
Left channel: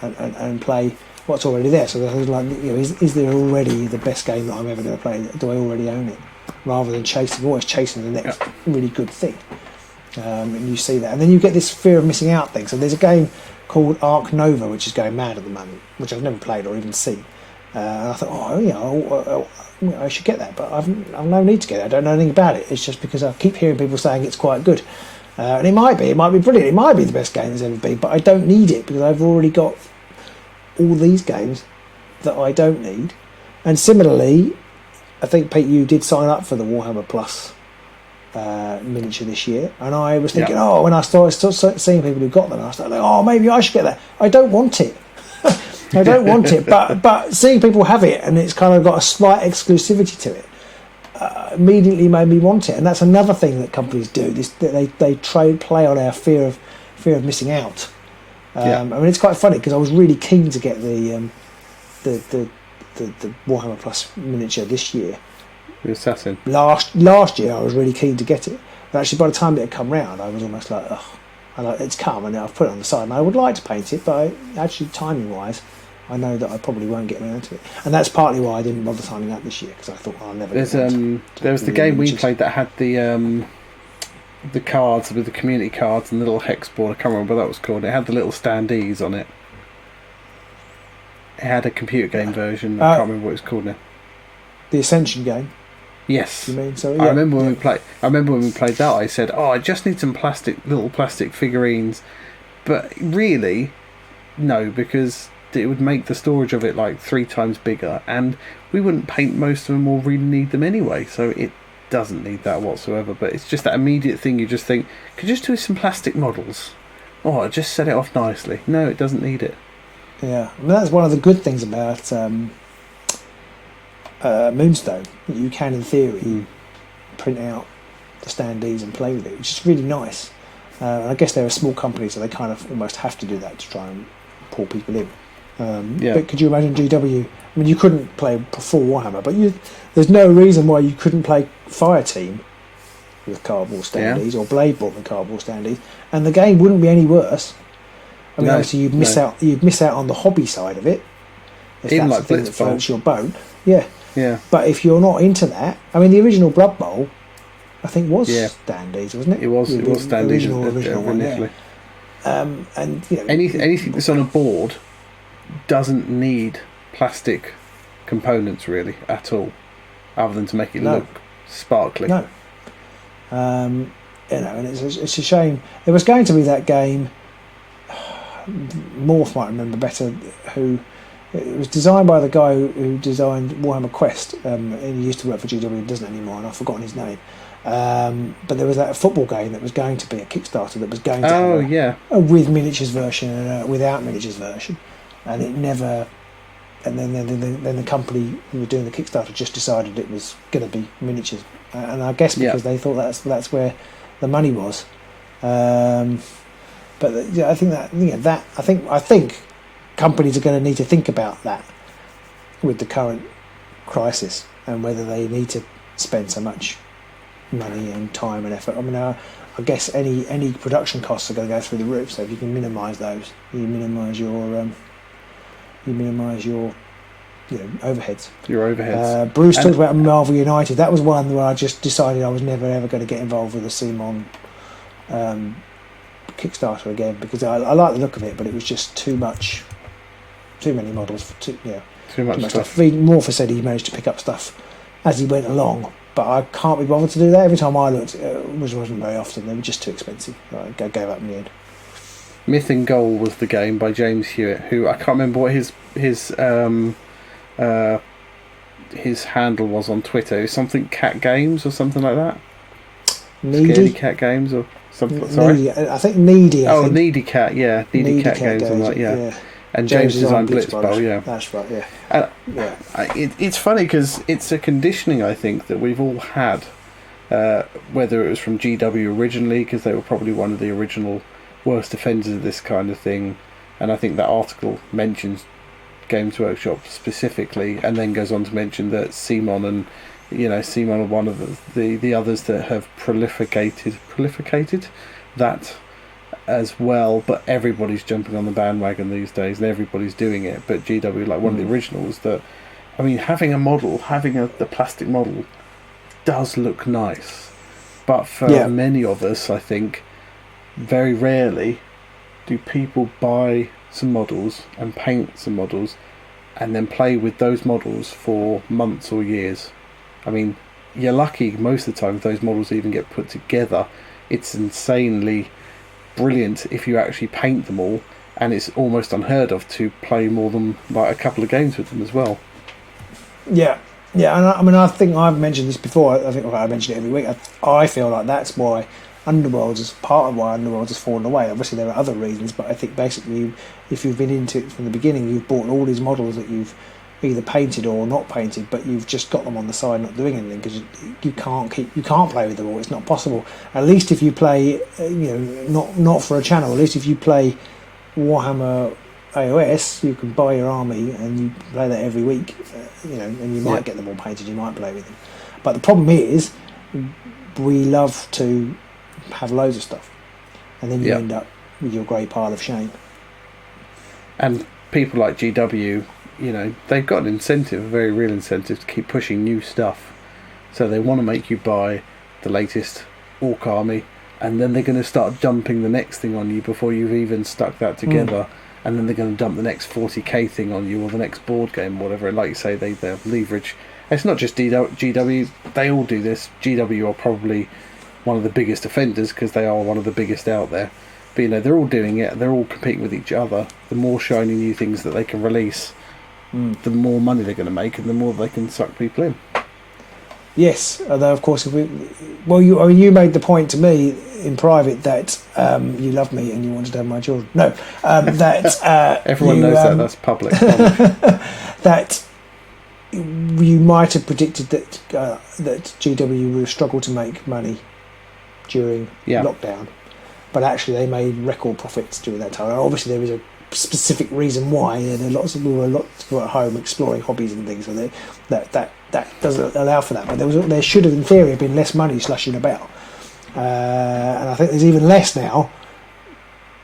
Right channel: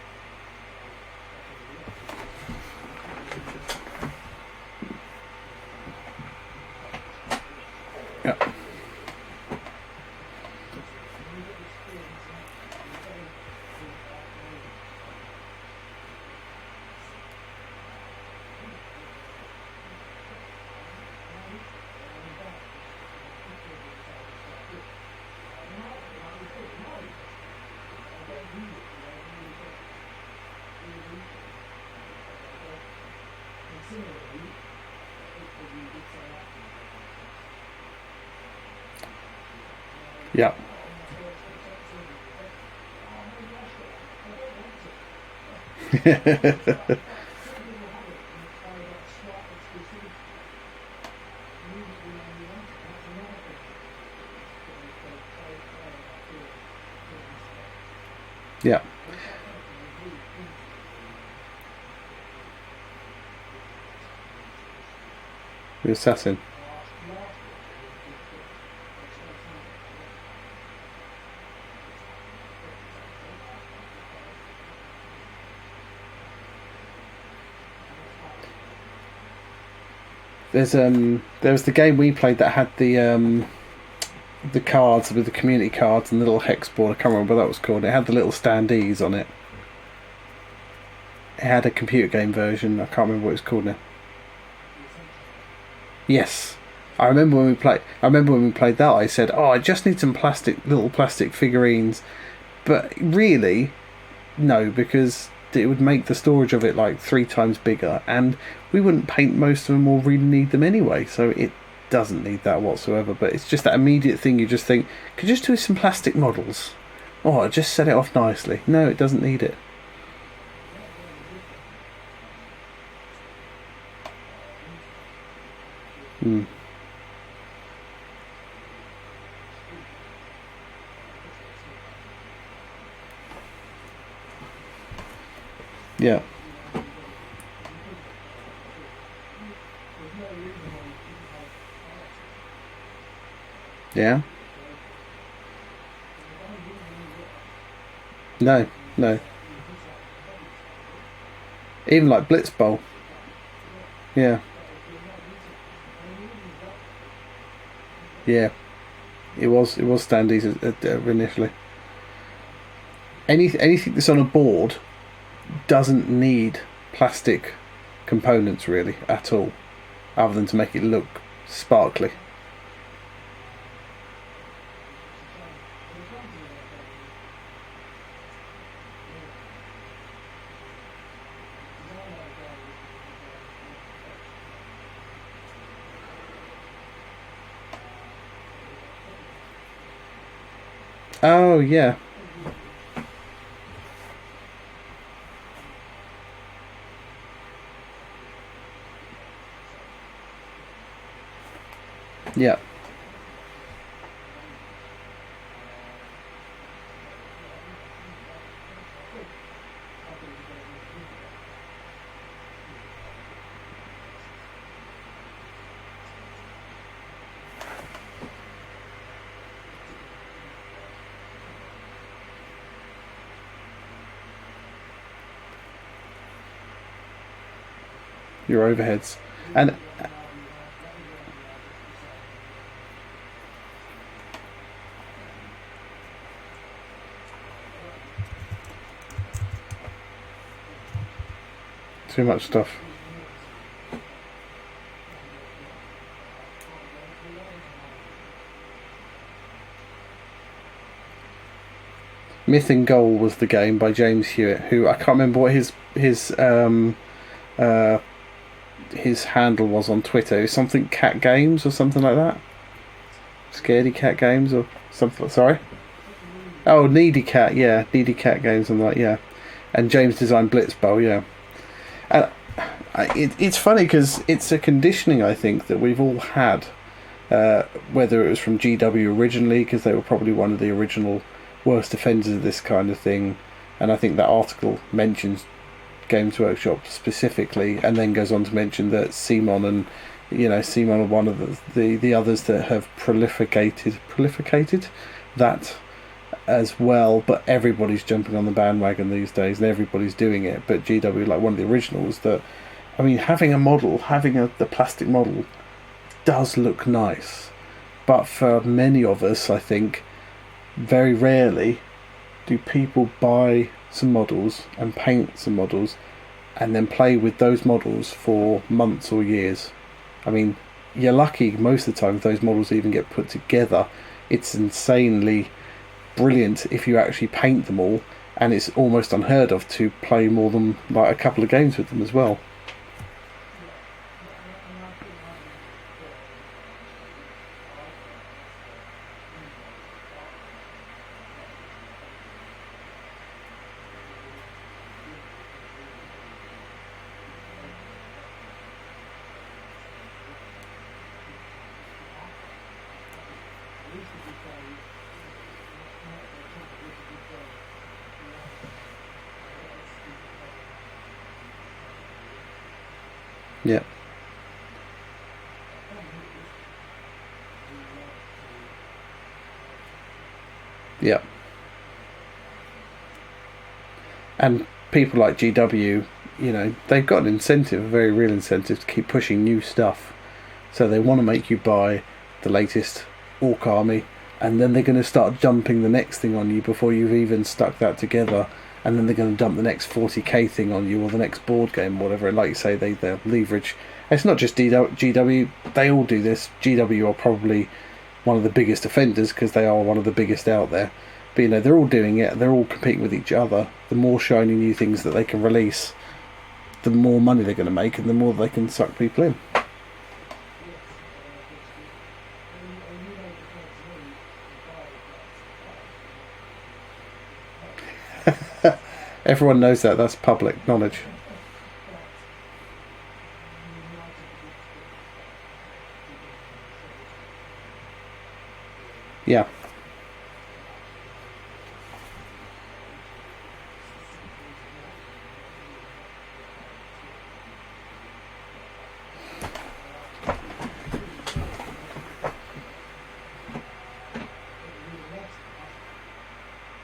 and play what's already there. So is there already the best game that I'm ever going to play? Do I already own it? Rather than always chasing the next really good thing. And you see that, and then you get this fear of missing out thing. So there's a game called Arc Nova which is going mad at the moment, which I've never played or even seen. And I thought, I should get that, but I've no need to get it. I don't know anything about it. It's just because I keep hearing people saying it's quite good, and it might be brilliant. It might be the best game there's ever been, but I don't need it because I've already got all these games that I don't need. And similarly, I think, Pete, you did sign up for the Warhammer Plus miniature this year, and I was thinking, when I started seeing people who got them, I was like, maybe I should get that. I don't want it. I don't want it, but seeing people have it and it's kind of got a slight exclusivity to it immediately made me want it. And that's another thing that companies do. They play on our fear of missing out. I mean, it's quite funny because I was really keen to get the Warhammer Plus miniature this year. The Assassin. Last year I was really keen to get it, but actually by the time it had come round, I was almost like, it's come and I've put it on the side, and I would like to paint it, but actually timing wise, I know that I probably won't get around to it, and that's partly why I didn't bother signing up this year, because I thought I'll never. There was the game we played that had the cards with the community cards and the little hex board. I can't remember what that was called. It had the little standees on it. It had a computer game version. I can't remember what it was called now. The Ascension game. Yes. You mean, so, I remember when we played that. I said, I just need some little plastic figurines, but really, no, because it would make the storage of it like 3 times bigger, and we wouldn't paint most of them or really need them anyway. So it doesn't need that whatsoever. But it's just that immediate thing. You just think, could you just do some plastic models? Just set it off nicely. No, it doesn't need it. Yeah, and that's one of the good things about Moonstone, that you can, in theory, print out the standees and play with it, which is really nice. I guess they're a small company, so they kind of almost have to do that to try and pull people in. But could you imagine GW? I mean, you couldn't play full Warhammer, but there's no reason why you couldn't play Fireteam with cardboard standees, or Bladeboard with cardboard standees, and the game wouldn't be any worse. I mean, obviously you'd miss out on the hobby side of it. Even like Blitzbolt. Your boat. Yeah. But if you're not into that, I mean, the original Blood Bowl, I think, was standees, wasn't it? It was standees initially. And anything that's on a board doesn't need plastic components really at all, other than to make it look sparkly. No. And it's a shame. There was going to be that game. Morph might remember better. It was designed by the guy who designed Warhammer Quest. He used to work for GW, doesn't anymore, and I've forgotten his name. But there was that football game that was going to be a Kickstarter that was going to be with miniatures version and without miniatures version, and it never. And then the company who were doing the Kickstarter just decided it was going to be miniatures, and I guess because they thought that's where the money was. But I think I think companies are going to need to think about that with the current crisis and whether they need to spend so much money and time and effort. I mean, I guess any production costs are going to go through the roof. So if you can minimise those, you minimise your overheads. Your overheads. Bruce talked about Marvel United. That was one where I just decided I was never ever going to get involved with the CMON Kickstarter again, because I like the look of it, but it was just too many models. Too much stuff. Morpher said he managed to pick up stuff as he went along, but I can't be bothered to do that. Every time I looked, which wasn't very often, they were just too expensive. I gave up in the end. Myth and Goal was the game by James Hewitt, who I can't remember what his handle was on Twitter. It was something Cat Games or something like that. Scaredy Cat Games or something. Sorry, I think Needy. Needy Cat. Yeah, Needy Cat Games. I'm like, yeah. And James designed Blitzbowl. Yeah, that's right. Yeah. It's funny because it's a conditioning I think that we've all had, whether it was from GW originally, because they were probably one of the original worst offenders of this kind of thing, and I think that article mentions Games Workshop specifically, and then goes on to mention that CMON and CMON are one of the others that have prolificated that as well. But everybody's jumping on the bandwagon these days, and everybody's doing it. But GW, like one of the originals, that having the plastic model does look nice, but for many of us, I think, very rarely do people buy some models and paint some models and then play with those models for months or years. I mean, you're lucky most of the time if those models even get put together. It's insanely brilliant if you actually paint them all, and it's almost unheard of to play more than like a couple of games with them as well. Yeah, and I think I've mentioned this before. I think I mention it every week. I feel like that's why Underworlds is part of why Underworlds has fallen away. Obviously there are other reasons, but I think basically if you've been into it from the beginning, you've bought all these models that you've either painted or not painted, but you've just got them on the side not doing anything because you can't play with them all. It's not possible. At least if you play, not for a channel. At least if you play Warhammer AOS, you can buy your army and you play that every week. And you might get them all painted. You might play with them. But the problem is, we love to have loads of stuff, and then you end up with your great pile of shame. And people like GW, they've got an incentive, a very real incentive, to keep pushing new stuff. So they want to make you buy the latest Orc army, and then they're going to start dumping the next thing on you before you've even stuck that together. And then they're going to dump the next 40k thing on you, or the next board game, or whatever. And like you say, they leverage. It's not just GW, they all do this. GW are probably one of the biggest offenders because they are one of the biggest out there. But they're all doing it. They're all competing with each other. The more shiny new things that they can release, the more money they're going to make, and the more they can suck people in. Yes, although of course, you made the point to me in private that you love me and you wanted to have my children. No, that everyone knows that. That's public knowledge. That you might have predicted that GW will struggle to make money during lockdown, but actually they made record profits during that time. Obviously, there was a specific reason why. Lots of people were at home exploring hobbies and things, and that doesn't allow for that. But there should have, in theory, have been less money slushing about, and I think there's even less now.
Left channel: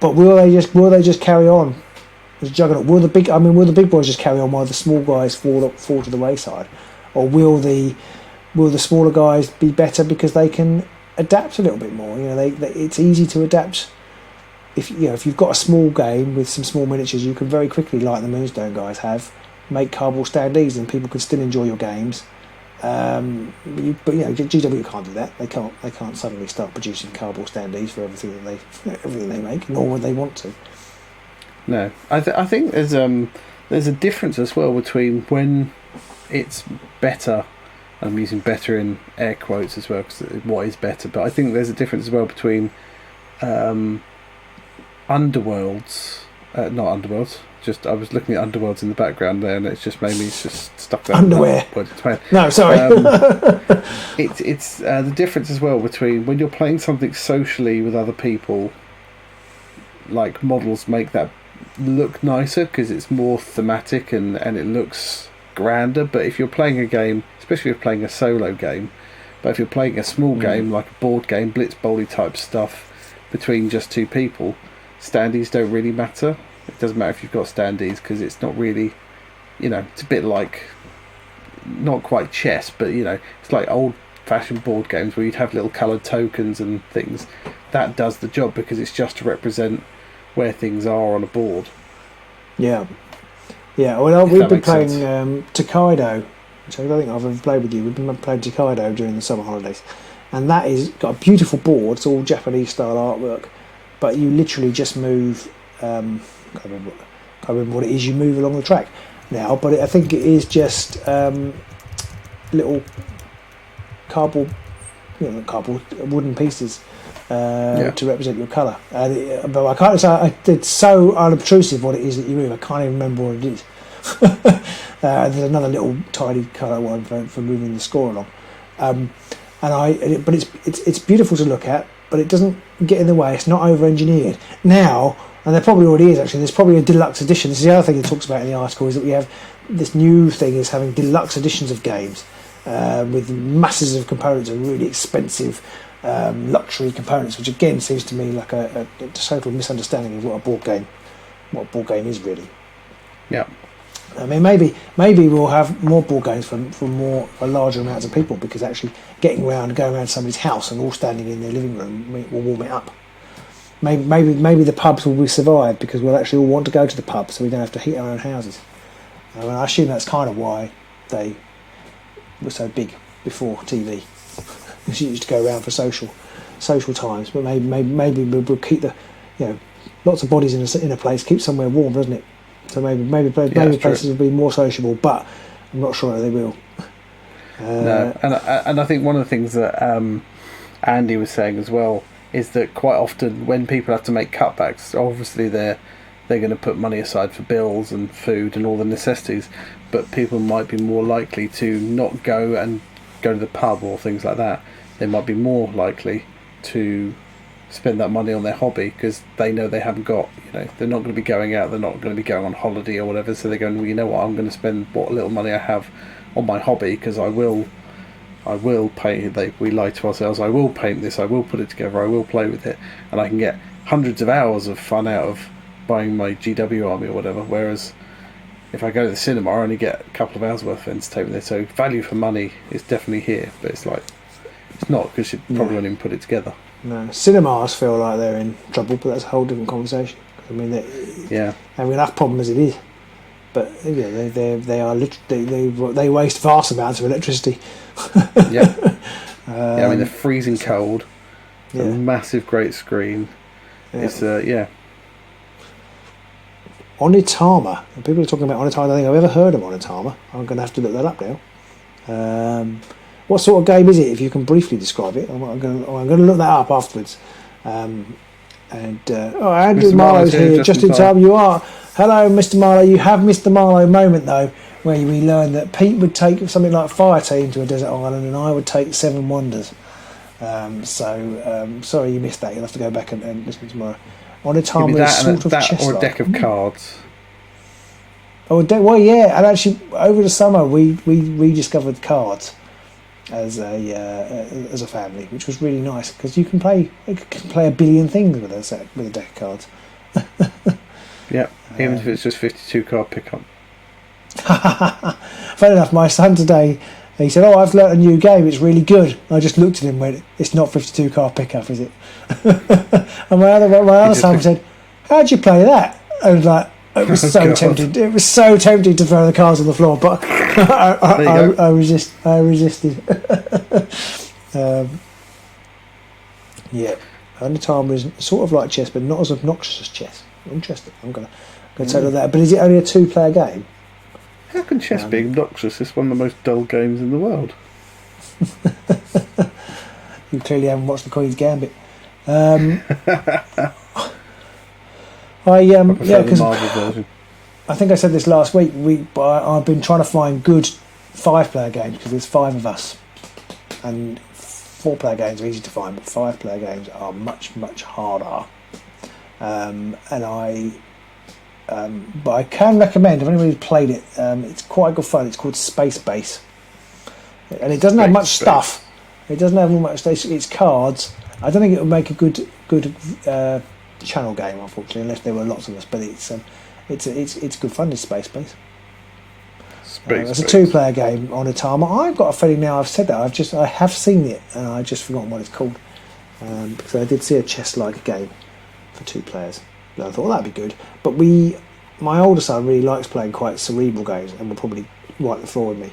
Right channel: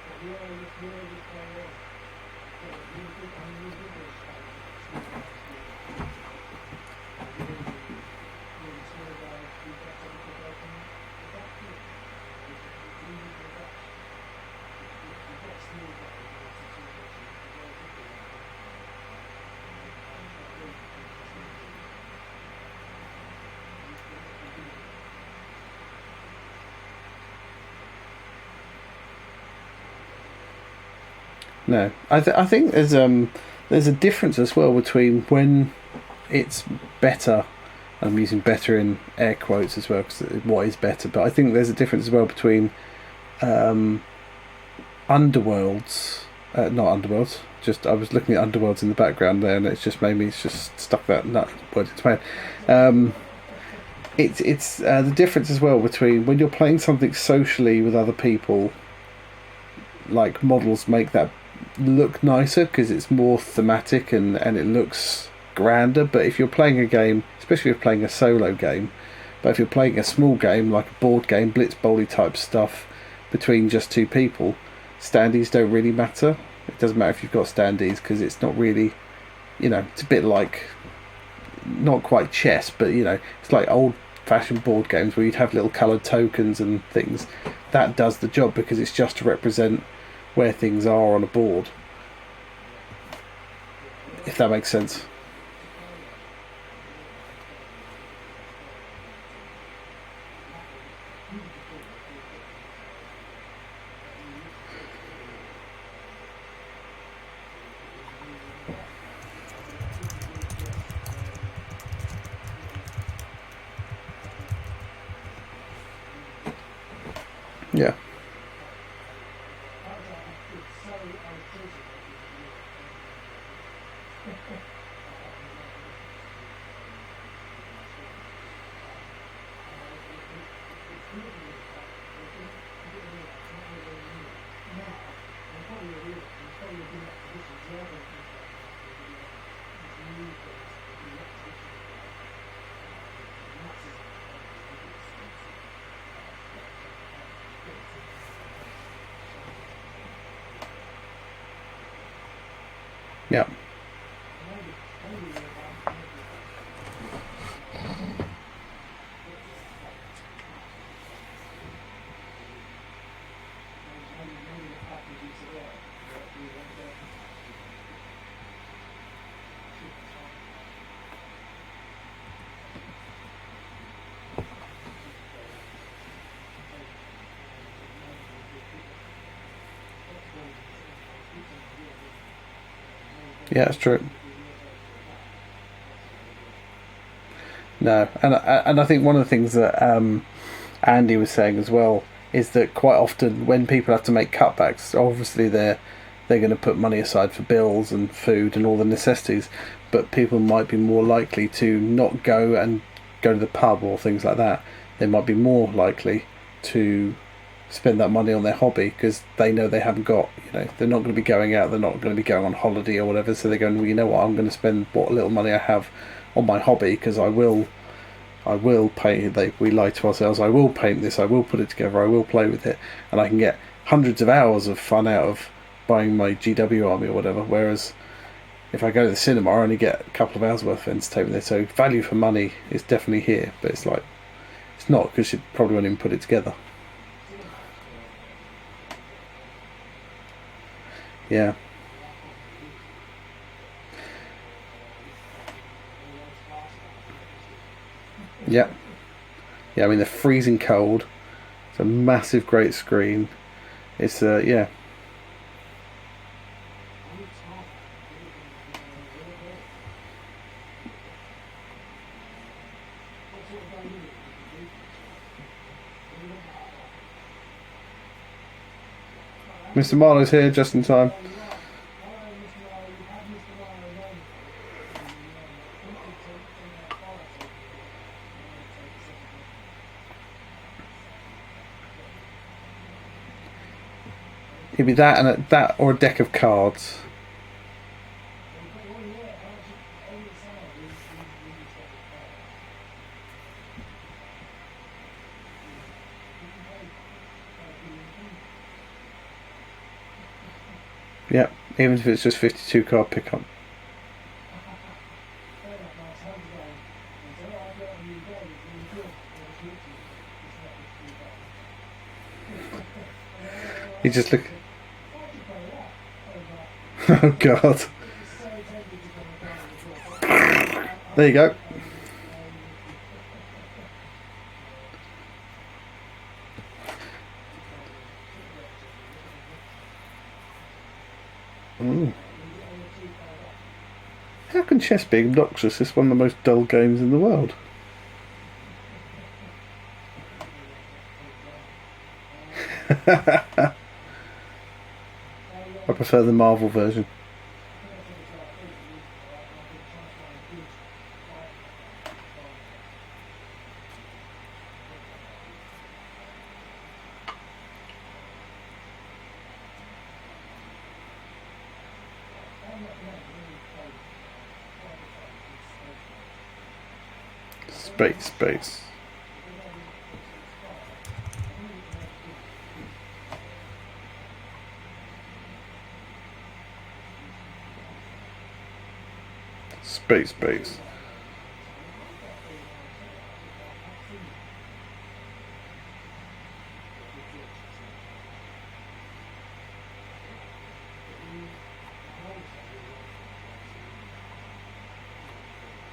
But will they just carry on as a juggernaut? Will the big boys just carry on while the small guys fall to the wayside, or will the smaller guys be better because they can adapt a little bit more? It's easy to adapt if you've got a small game with some small miniatures, you can very quickly, like the Moonstone guys have, make cardboard standees, and people can still enjoy your games. But GW can't do that. They can't suddenly start producing cardboard standees for everything they make, nor would they want to. No, I think there's a difference as well between when it's better. I'm using better in air quotes as well, because what is better? But I think there's a difference as well between Underworlds, not Underworlds. Just I was looking at Underworlds in the background there, and it's just made me just stuck that underwear. No, sorry. It's the difference as well between when you're playing something socially with other people. Like models make that look nicer because it's more thematic and it looks grander. But if you're playing a game, especially if you're playing a solo game, but if you're playing a small game like a board game, blitz bowly type stuff between just two people, standees don't really matter. It doesn't matter if you've got standees because it's not really, it's a bit like, not quite chess, but it's like old fashioned board games where you'd have little coloured tokens and things. That does the job because it's just to represent where things are on a board. Yeah. Well, we've been playing Tokaido, which I don't think I've ever played with you. We've been playing Tokaido during the summer holidays, and that is got a beautiful board. It's all Japanese style artwork, but you literally just move. I can't remember what it is you move along the track now, but I think it is just little cardboard wooden pieces to represent your colour. But I can't say it's so unobtrusive what it is that you move. I can't even remember what it is. There's another little tiny colour one for moving the score along. But it's beautiful to look at, but it doesn't get in the way. It's not over-engineered now. And there probably already is, actually. There's probably a deluxe edition. This is the other thing it talks about in the article, is that we have this new thing is having deluxe editions of games with masses of components and really expensive luxury components, which again seems to me like a total misunderstanding of what a board game is really. Yeah. I mean, maybe we'll have more board games for larger amounts of people, because actually getting around and going around somebody's house and all standing in their living room will warm it up. Maybe the pubs will be survived because we'll actually all want to go to the pub, so we don't have to heat our own houses. I assume that's kind of why they were so big before TV, because you used to go around for social times. But maybe we'll keep the lots of bodies in a place, keep somewhere warm, doesn't it? So maybe places will be more sociable, but I'm not sure they will. No, and I think one of the things that Andy was saying as well is that quite often when people have to make cutbacks, obviously they're going to put money aside for bills and food and all the necessities, but people might be more likely to not go to the pub or things like that. They might be more likely to spend that money on their hobby because they know they haven't got, they're not going to be going out, they're not going to be going on holiday or whatever, so they're going, well, you know what, I'm going to spend what little money I have on my hobby because I will paint. We lie to ourselves. I will paint this. I will put it together. I will play with it, and I can get hundreds of hours of fun out of buying my GW army or whatever. Whereas if I go to the cinema, I only get a couple of hours worth of entertainment there. So value for money is definitely here, but it's not because you probably won't even put it together. No, cinemas feel like they're in trouble, but that's a whole different conversation. I mean, enough problem as it is. But they waste vast amounts of electricity. Yeah. I mean, they're freezing cold. It's a massive, great screen. Yeah. It's Onitama. People are talking about Onitama. I don't think I've ever heard of Onitama. I'm going to have to look that up now. What sort of game is it? If you can briefly describe it, I'm going to look that up afterwards. Andrew Marlowe's here, just in time. You are. Hello, Mr. Marlowe. You have Mr. Marlowe moment though, where we learned that Pete would take something like Fire Team to a desert island, and I would take Seven Wonders. Sorry you missed that. You'll have to go back and listen tomorrow. Give me that or a deck of cards. Well, yeah, and actually over the summer we rediscovered cards as a family, which was really nice because you can play a billion things with a deck of cards. Yeah, even if it's just 52 card pickup. Fair enough. My son today he said, "Oh, I've learnt a new game. It's really good." And I just looked at him and went, "It's not 52 car pickup, is it?" And my other son said, "How'd you play that?" I was like, it was so tempting. It was so tempting to throw the cards on the floor, but I resisted. Yeah, only time was sort of like chess, but not as obnoxious as chess. Interesting. I'm gonna tell you that. But is it only a 2-player game? How can chess be obnoxious? It's one of the most dull games in the world. You clearly haven't watched the Queen's Gambit. I prefer the Marvel version. I think I said this last week. I've been trying to find good 5-player games because there's 5 of us, and 4-player games are easy to find, but 5-player games are much, much harder. But I can recommend, if anybody's played it, it's quite good fun. It's called Space Base, and it doesn't have much stuff. It doesn't have much. It's cards. I don't think it would make a good channel game, unfortunately, unless there were lots of us. But it's good fun. It's Space Base. It's a 2-player game on a timer. I've got a feeling now I've said that I have seen it and I've just forgotten what it's called, because I did see a chess-like game for 2 players. And I thought, well, that'd be good. But my older son really likes playing quite cerebral games and will probably wipe the floor with me.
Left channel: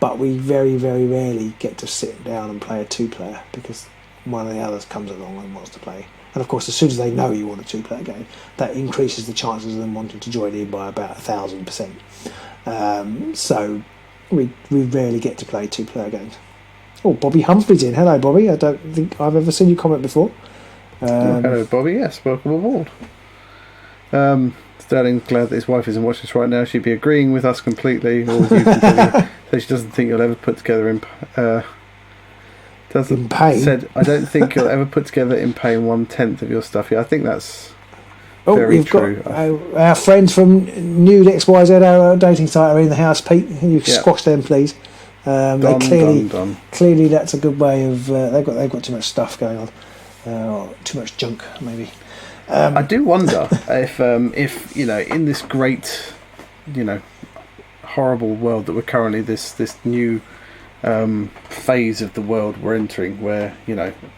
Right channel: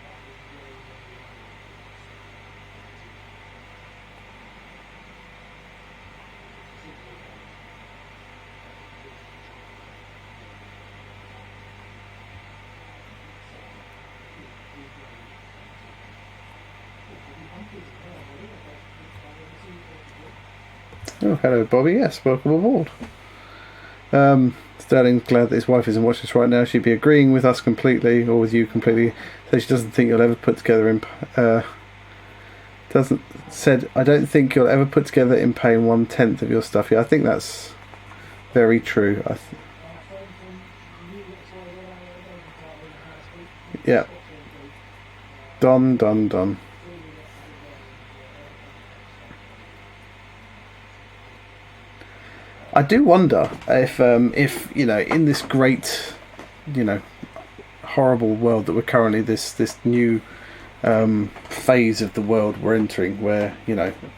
But we very, very rarely get to sit down and play a 2-player because one of the others comes along and wants to play. And of course, as soon as they know you want a 2-player game, that increases the chances of them wanting to join in by about 1,000%. So we rarely get to play 2-player games. Oh, Bobby Humphrey's in. Hello, Bobby. I don't think I've ever seen you comment before. Hello, Bobby. Yes, welcome aboard. Sterling's glad that his wife isn't watching this right now. She'd be agreeing with us completely, or with you completely. So she doesn't think you'll ever put together said, "I don't think you'll ever put together in paying 1/10 of your stuff." Yeah, I think that's very true. Our friends from Nude XYZ, our dating site, are in the house. Pete, you squash them, please. Done. Clearly, that's a good way of. They've got too much stuff going on, too much junk, maybe. I do wonder if in this great, horrible world that we're currently this new phase of the world we're entering, where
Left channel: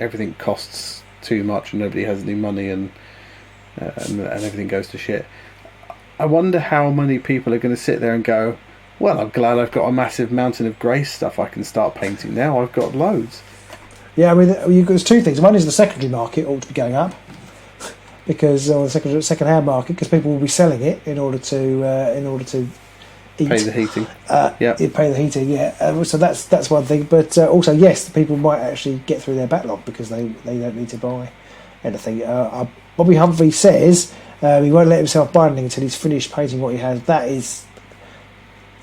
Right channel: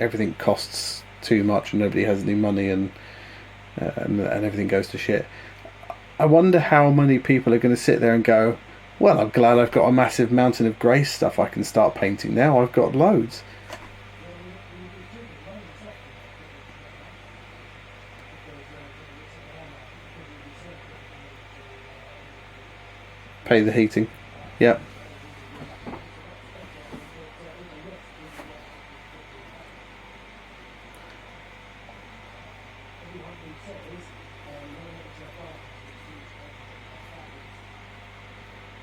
everything costs too much and nobody has any money and everything goes to shit. I wonder how many people are going to sit there and go, "Well, I'm glad I've got a massive mountain of grey stuff I can start painting now. I've got loads." Yeah, I mean, there's 2 things. One is the secondary market ought to be going up, because on the second-hand market, because people will be selling it in order to eat. Pay the heating. Pay the heating. Yeah. So that's one thing. But also, yes, people might actually get through their backlog because they don't need to buy anything. Bobby Humphrey says he won't let himself buy anything until he's finished painting what he has. That is,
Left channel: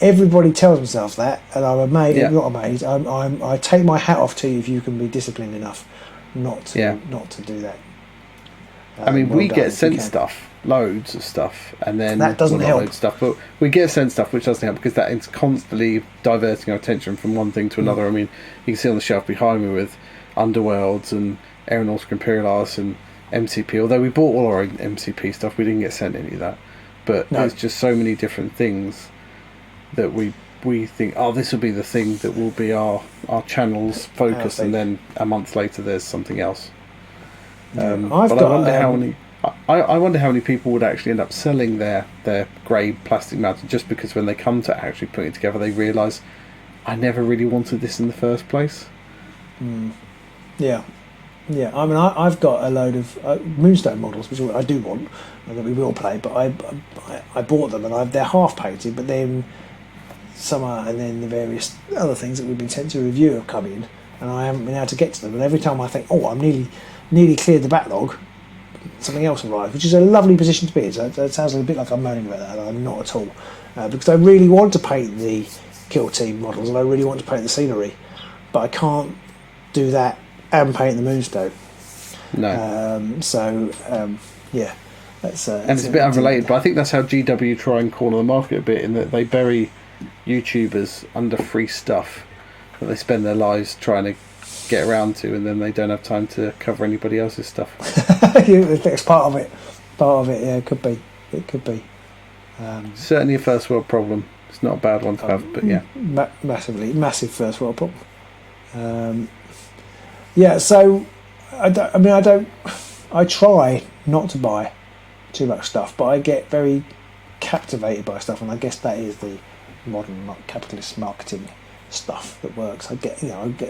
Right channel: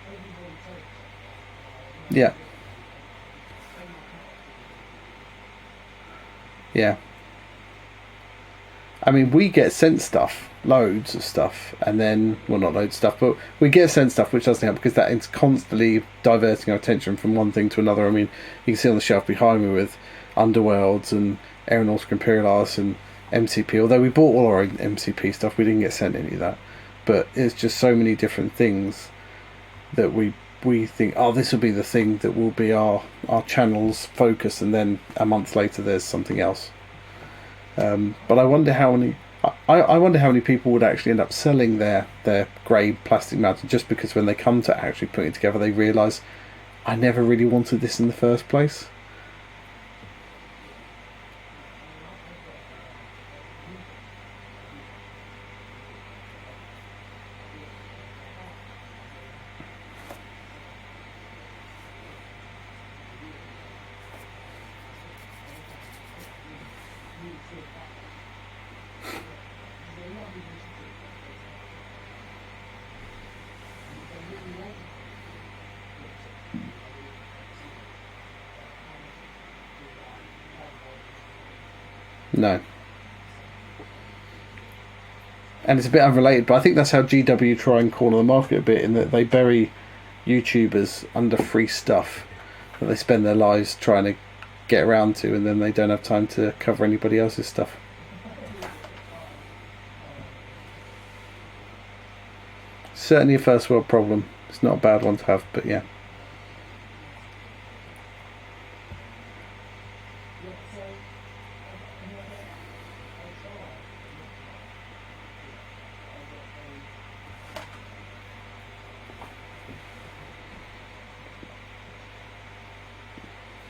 everybody tells himself that, and I'm amazed. Yeah. Not amazed. I take my hat off to you if you can be disciplined enough not to do that. I mean, we get sent stuff, loads of stuff, and then loads of stuff, but we get sent stuff which doesn't help because that is constantly diverting our attention from one thing to another. I mean, you can see on the shelf behind me with Underworlds and Aeronautic Imperialis and MCP. Although we bought all our own MCP stuff, we didn't get sent any of that. But there's just so many different things that we think, this will be the thing that will be our channel's focus, and then a month later there's something else. I wonder how many people would actually end up selling their grey plastic mountain just because when they come to actually putting it together, they realise, I never really wanted this in the first place. Yeah. I mean, I've got a load of Moonstone models, which I do want, and that we will play. But I bought them, and they're half painted. But then and then the various other things that we've been sent to review have come in, and I haven't been able to get to them. And every time I think, I'm nearly cleared the backlog, something else arrives, which is a lovely position to be in. So it sounds a bit like I'm moaning about that, and I'm not at all, because I really want to paint the Kill Team models, and I really want to paint the scenery, but I can't do that and paint the Moonstone. No. Yeah. That's, and it's a bit unrelated, but I think that's how GW try and corner the market a bit, in that they bury YouTubers under free stuff that they spend their lives trying to get around to, and then they don't have time to cover anybody else's stuff. It's part of it. Yeah, it could be. Certainly a first world problem. It's not a bad one to have, but yeah. Massive first world problem. So I try not to buy too much stuff, but I get very captivated by stuff, and I guess that is the modern capitalist marketing stuff that works. I get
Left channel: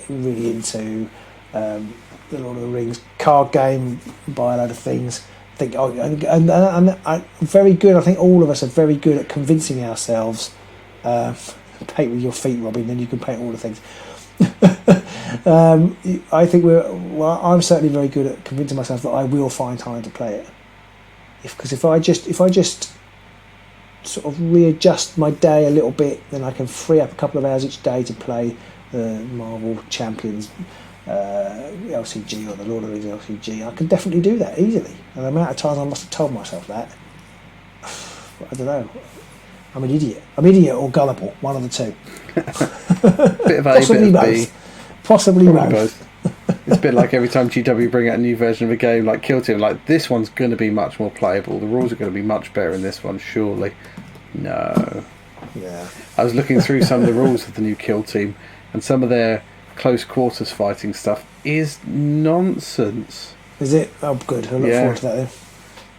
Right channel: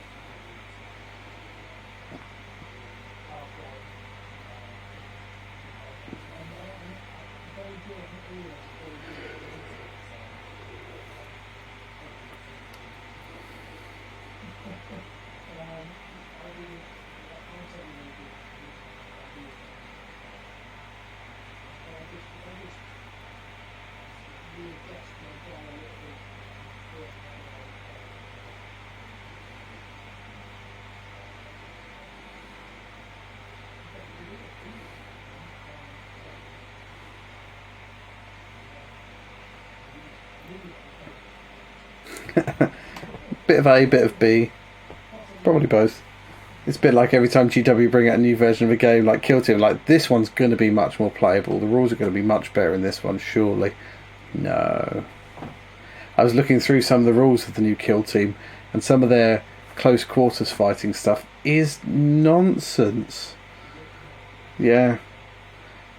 really into the Lord of the Rings card game, buy a load of things. And very good. I think all of us are very good at convincing ourselves. Paint with your feet, Robin, then you can paint all the things. I think I'm certainly very good at convincing myself that I will find time to play it. Because if I just sort of readjust my day a little bit, then I can free up a couple of hours each day to play the Marvel Champions LCG or the Lord of the Rings LCG. I can definitely do that easily. And the amount of times I must have told myself that, I don't know. I'm an idiot or gullible, one of the two. Bit of A, bit of B. Possibly probably both. It's a bit like every time GW bring out a new version of a game like Kill Team, like this one's going to be much more playable. The rules are going to be much better in this one, surely. No. Yeah. I was looking through some of the rules of the new Kill Team, and some of their close quarters fighting stuff is nonsense. Is it? Oh, good. I look forward to that then.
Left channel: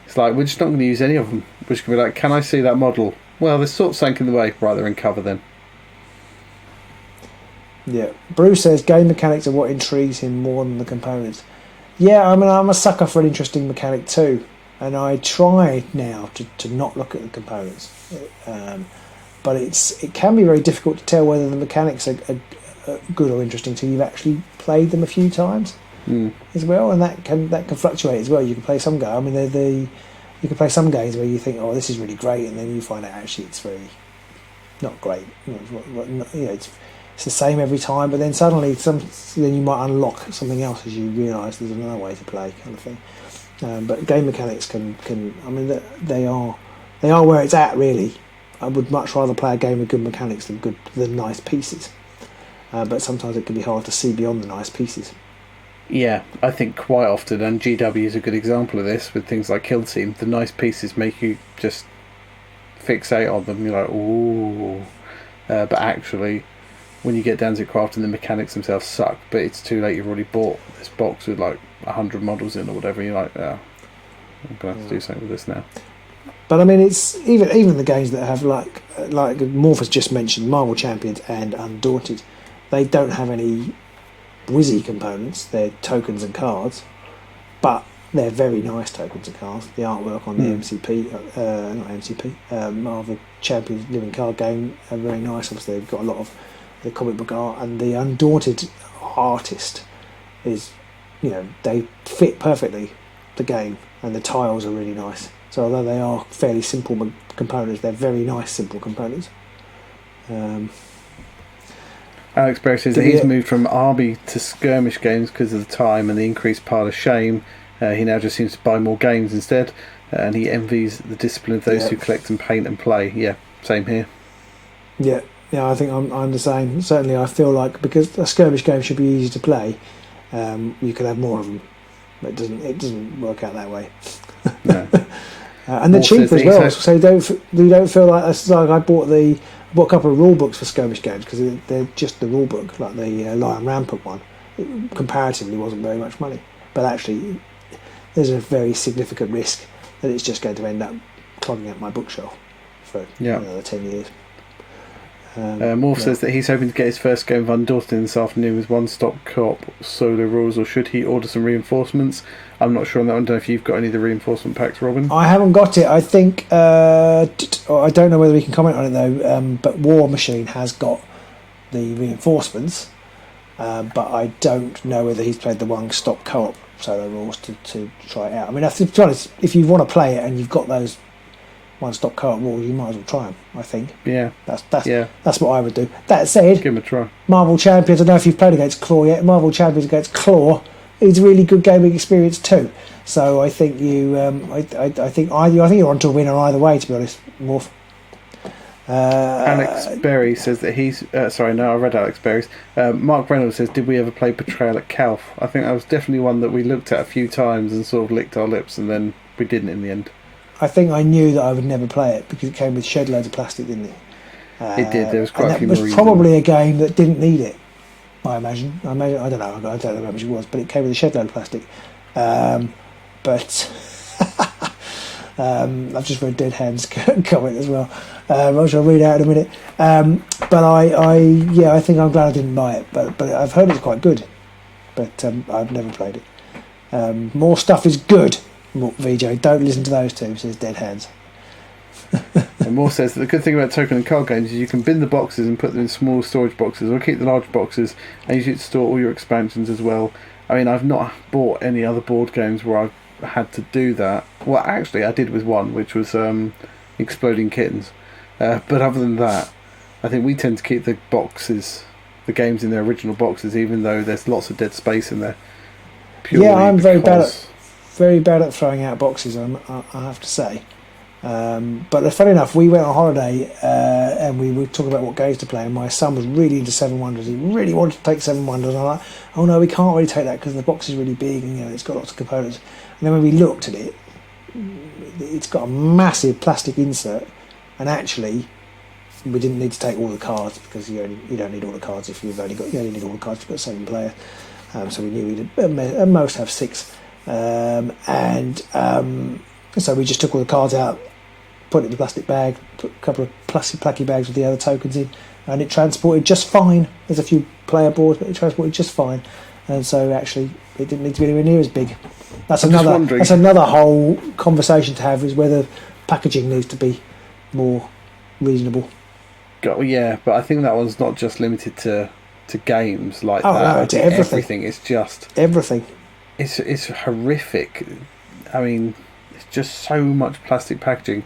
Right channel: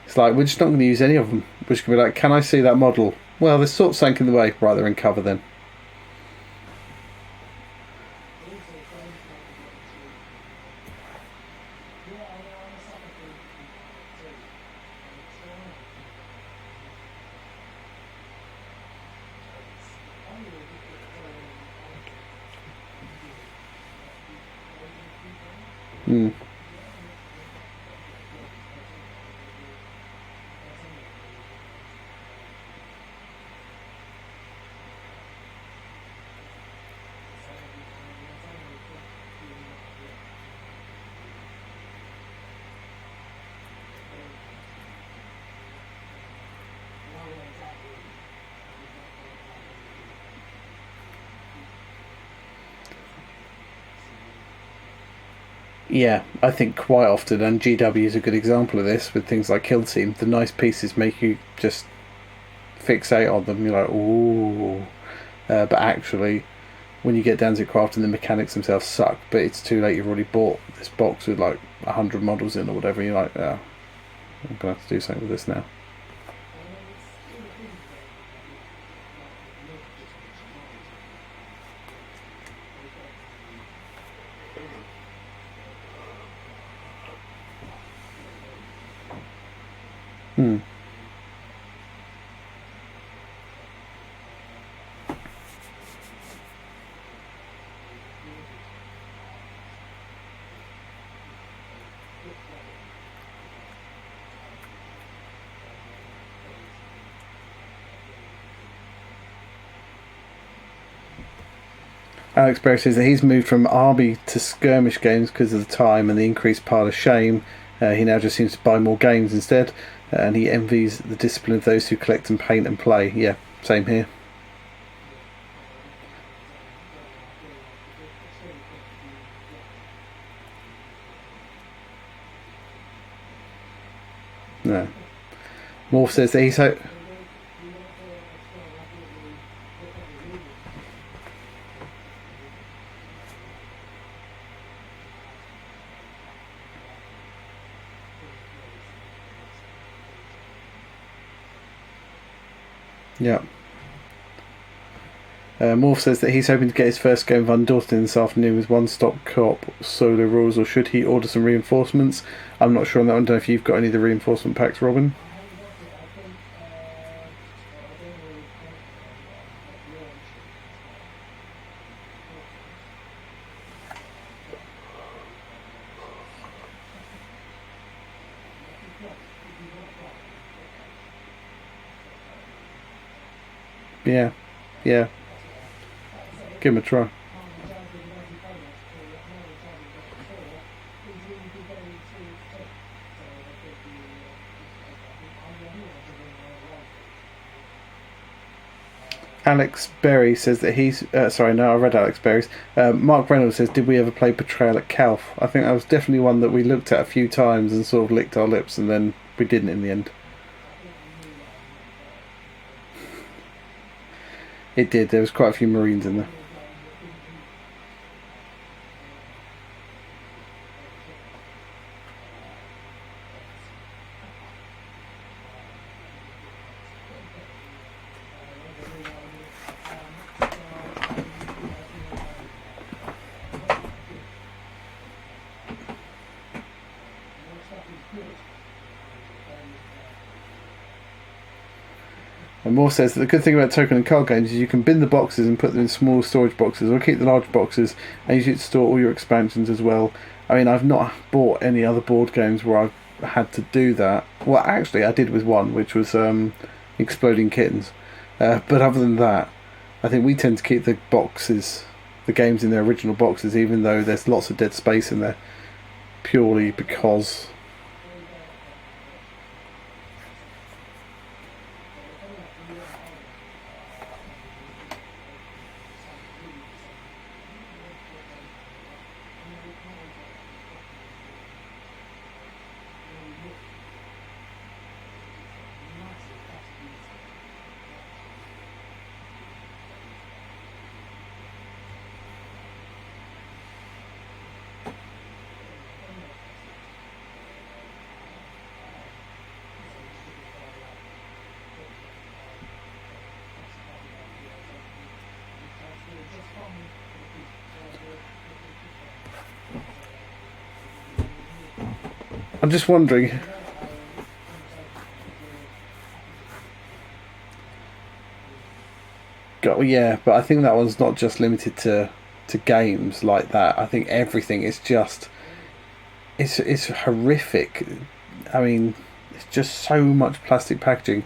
It's like, we're just not going to use any of them. We're just going to be like, can I see that model? Well, there's sort of sank in the way. Right, they're in cover then. Yeah. Bruce says game mechanics are what intrigues him more than the components. Yeah, I mean, I'm a sucker for an interesting mechanic too, and I try now to not look at the components. But it can be very difficult to tell whether the mechanics are good or interesting until you've actually played them a few times as well, and that can fluctuate as well. You can play some games. I mean, you can play some games where you think, oh, this is really great, and then you find out actually it's very not great. It's the same every time, but then suddenly then you might unlock something else as you realise there's another way to play, kind of thing. But game mechanics can I mean, they are where it's at, really. I would much rather play a game with good mechanics than nice pieces. But sometimes it can be hard to see beyond the nice pieces. Yeah, I think quite often, and GW is a good example of this with things like Kill Team, the nice pieces make you just fixate on them. You're like, ooh. But actually, when you get down to crafting, the mechanics themselves suck, but it's too late. You've already bought this box with like 100 models in or whatever. You're like, I'm going to have to do something with this now. But I mean, it's even the games that have like Morph has just mentioned, Marvel Champions and Undaunted, they don't have any whizzy components. They're tokens and cards, but they're very nice tokens and cards. The artwork on the Marvel Champions living card game are very nice. Obviously, they've got a lot of the comic book art, and the Undaunted artist is, they fit perfectly the game, and the tiles are really nice. So although they are fairly simple components, they're very nice simple components. Alex Berry says that he's moved from army to skirmish games because of the time and the increased pile of shame. He now just seems to buy more games instead, and he envies the discipline of those who collect and paint and play. Yeah, same here. Yeah, I think I'm the same. Certainly, I feel like because a skirmish game should be easy to play, you could have more of them. But it doesn't work out that way. No. And they're cheap as well, so you don't feel like that's like I bought a couple of rule books for skirmish games because they're just the rule book, like the Lion Rampant one. It comparatively wasn't very much money, but actually there's a very significant risk that it's just going to end up clogging up my bookshelf for another 10 years. Morph says that he's hoping to get his first game of Undaunted this afternoon with one-stop co-op solo rules, or should he order some reinforcements? I'm not sure on that one. I don't know if you've got any of the reinforcement packs, Robin. I haven't got it. I think I don't know whether we can comment on it though, but War Machine has got the reinforcements, but I don't know whether he's played the one-stop co-op solo rules to try it out. I mean, to be honest, if you want to play it and you've got those one-stop co-op rules, you might as well try them, I think. Yeah. That's what I would do. That said, give them a try. Marvel Champions, I don't know if you've played against Claw yet. Marvel Champions against Claw is a really good gaming experience too. So I think I think you're on to a winner either way, to be honest, Morph. Alex Berry says that he's I read Alex Berry's. Mark Reynolds says, did we ever play Betrayal at Calf? I think that was definitely one that we looked at a few times and sort of licked our lips, and then we didn't in the end. I think I knew that I would never play it because it came with shed loads of plastic, didn't it? It did. There was quite a few marines. It was probably a game that didn't need it, I imagine. I don't know. I don't know how much it was, but it came with a shed load of plastic. But I've just read Dead Hands comment as well. Which I'll read out in a minute. But I think I'm glad I didn't buy it. But I've heard it's quite good. But I've never played it. More stuff is good. VJ, don't listen to those two. Says Dead Hands. And Moore says that the good thing about token and card games is you can bin the boxes and put them in small storage boxes, or keep the large boxes and use it to store all your expansions as well. I mean, I've not bought any other board games where I've had to do that. Well, actually, I did with one, which was Exploding Kittens. But other than that, I think we tend to keep the boxes, the games in their original boxes, even though there's lots of dead space in there. Purely I'm because... very bad at throwing out boxes, I have to say. But funny enough, we went on holiday and we were talking about what games to play, and my son was really into Seven Wonders. He really wanted to take Seven Wonders, and I'm like, oh no, we can't really take that because the box is really big and it's got lots of components. And then when we looked at it, it's got a massive plastic insert, and actually we didn't need to take all the cards because you don't need all the cards if you only need all the cards if you've got 7 player. So we knew we'd at most have 6, so we just took all the cards out, put it in the plastic bag, put a couple of plastic placky bags with the other tokens in, and it transported just fine. There's a few player boards, but it transported just fine. And so actually, it didn't need to be anywhere near as big. That's another whole conversation to have, is whether packaging needs to be more reasonable. Yeah, but I think that one's not just limited to games like that. I think everything is just... Everything. It's horrific. I mean... just so much plastic packaging,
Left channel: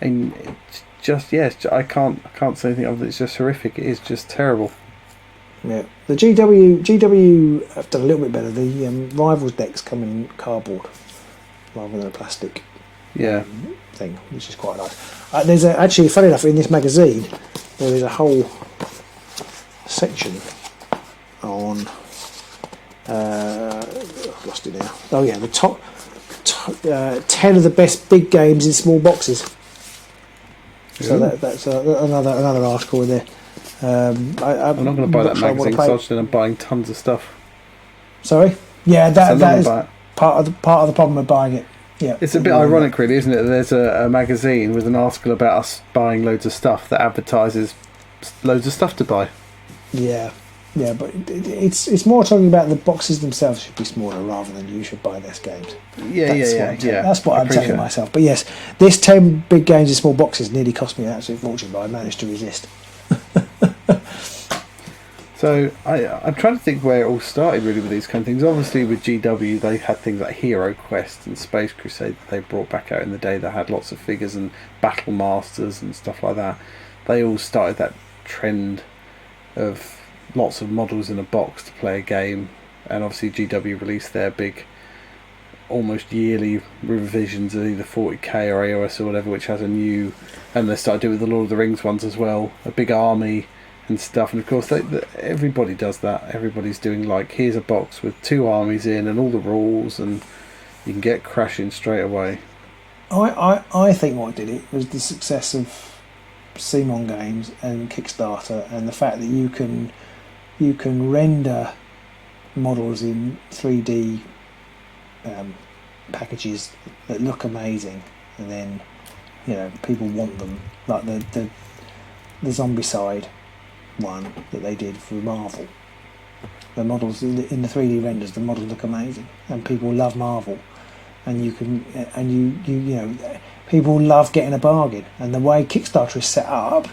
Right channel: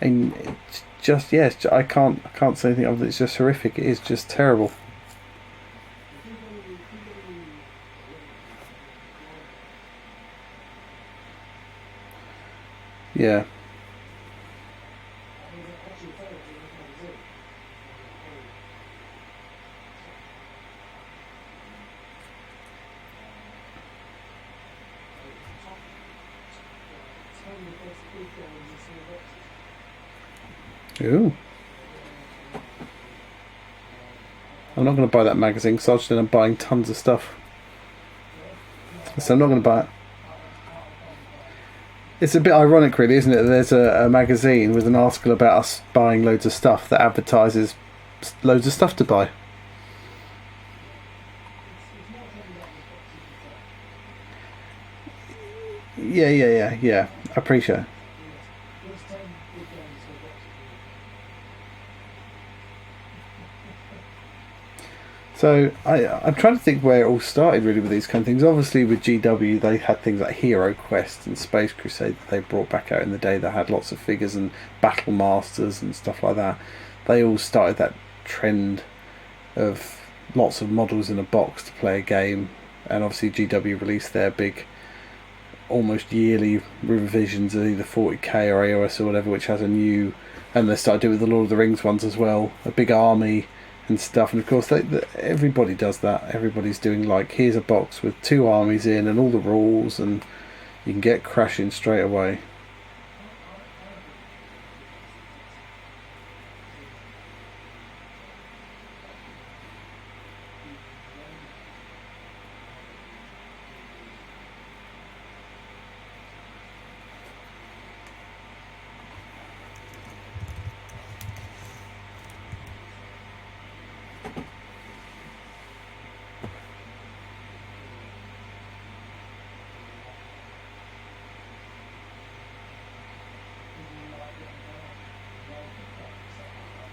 and it's just I can't say anything other than it's just horrific. It is just terrible. Yeah, the GW have done a little bit better. The Rivals decks come in cardboard rather than a plastic thing, which is quite nice. There's actually, funny enough, in this magazine there is a whole section on I've lost it now. Oh yeah, the top 10 of the best big games in small boxes. So that's another article in there. I'm not going to buy that magazine because I'll just end up buying tons of stuff. Sorry? Yeah, that is part of the problem with buying it. Yeah, it's a bit ironic, really, isn't it? There's a magazine with an article about us buying loads of stuff that advertises loads of stuff to buy. Yeah, but it's more talking about the boxes themselves should be smaller rather than you should buy less games. Yeah. That's what I'm telling myself. But yes, this 10 big games in small boxes nearly cost me an absolute fortune, but I managed to resist. So I'm trying to think where it all started really with these kind of things. Obviously with GW they had things like Hero Quest and Space Crusade that they brought back out in the day that had lots of figures and Battle Masters and stuff like that. They all started that trend of lots of models in a box to play a game, and obviously GW released their big almost yearly revisions of either 40k or AOS or whatever, which has a new, and they started doing with the Lord of the Rings ones as well, a big army and stuff. And of course everybody does that. Everybody's doing like, here's a box with 2 armies in and all the rules, and you can get crashing straight away. I think what did it was the success of Simon Games and Kickstarter, and the fact that you can render models in 3D packages that look amazing, and then people want them, like the Zombicide one that they did for Marvel. The models in the 3D renders, the models look amazing, and people love Marvel, and you people love getting a bargain, and the way Kickstarter is set up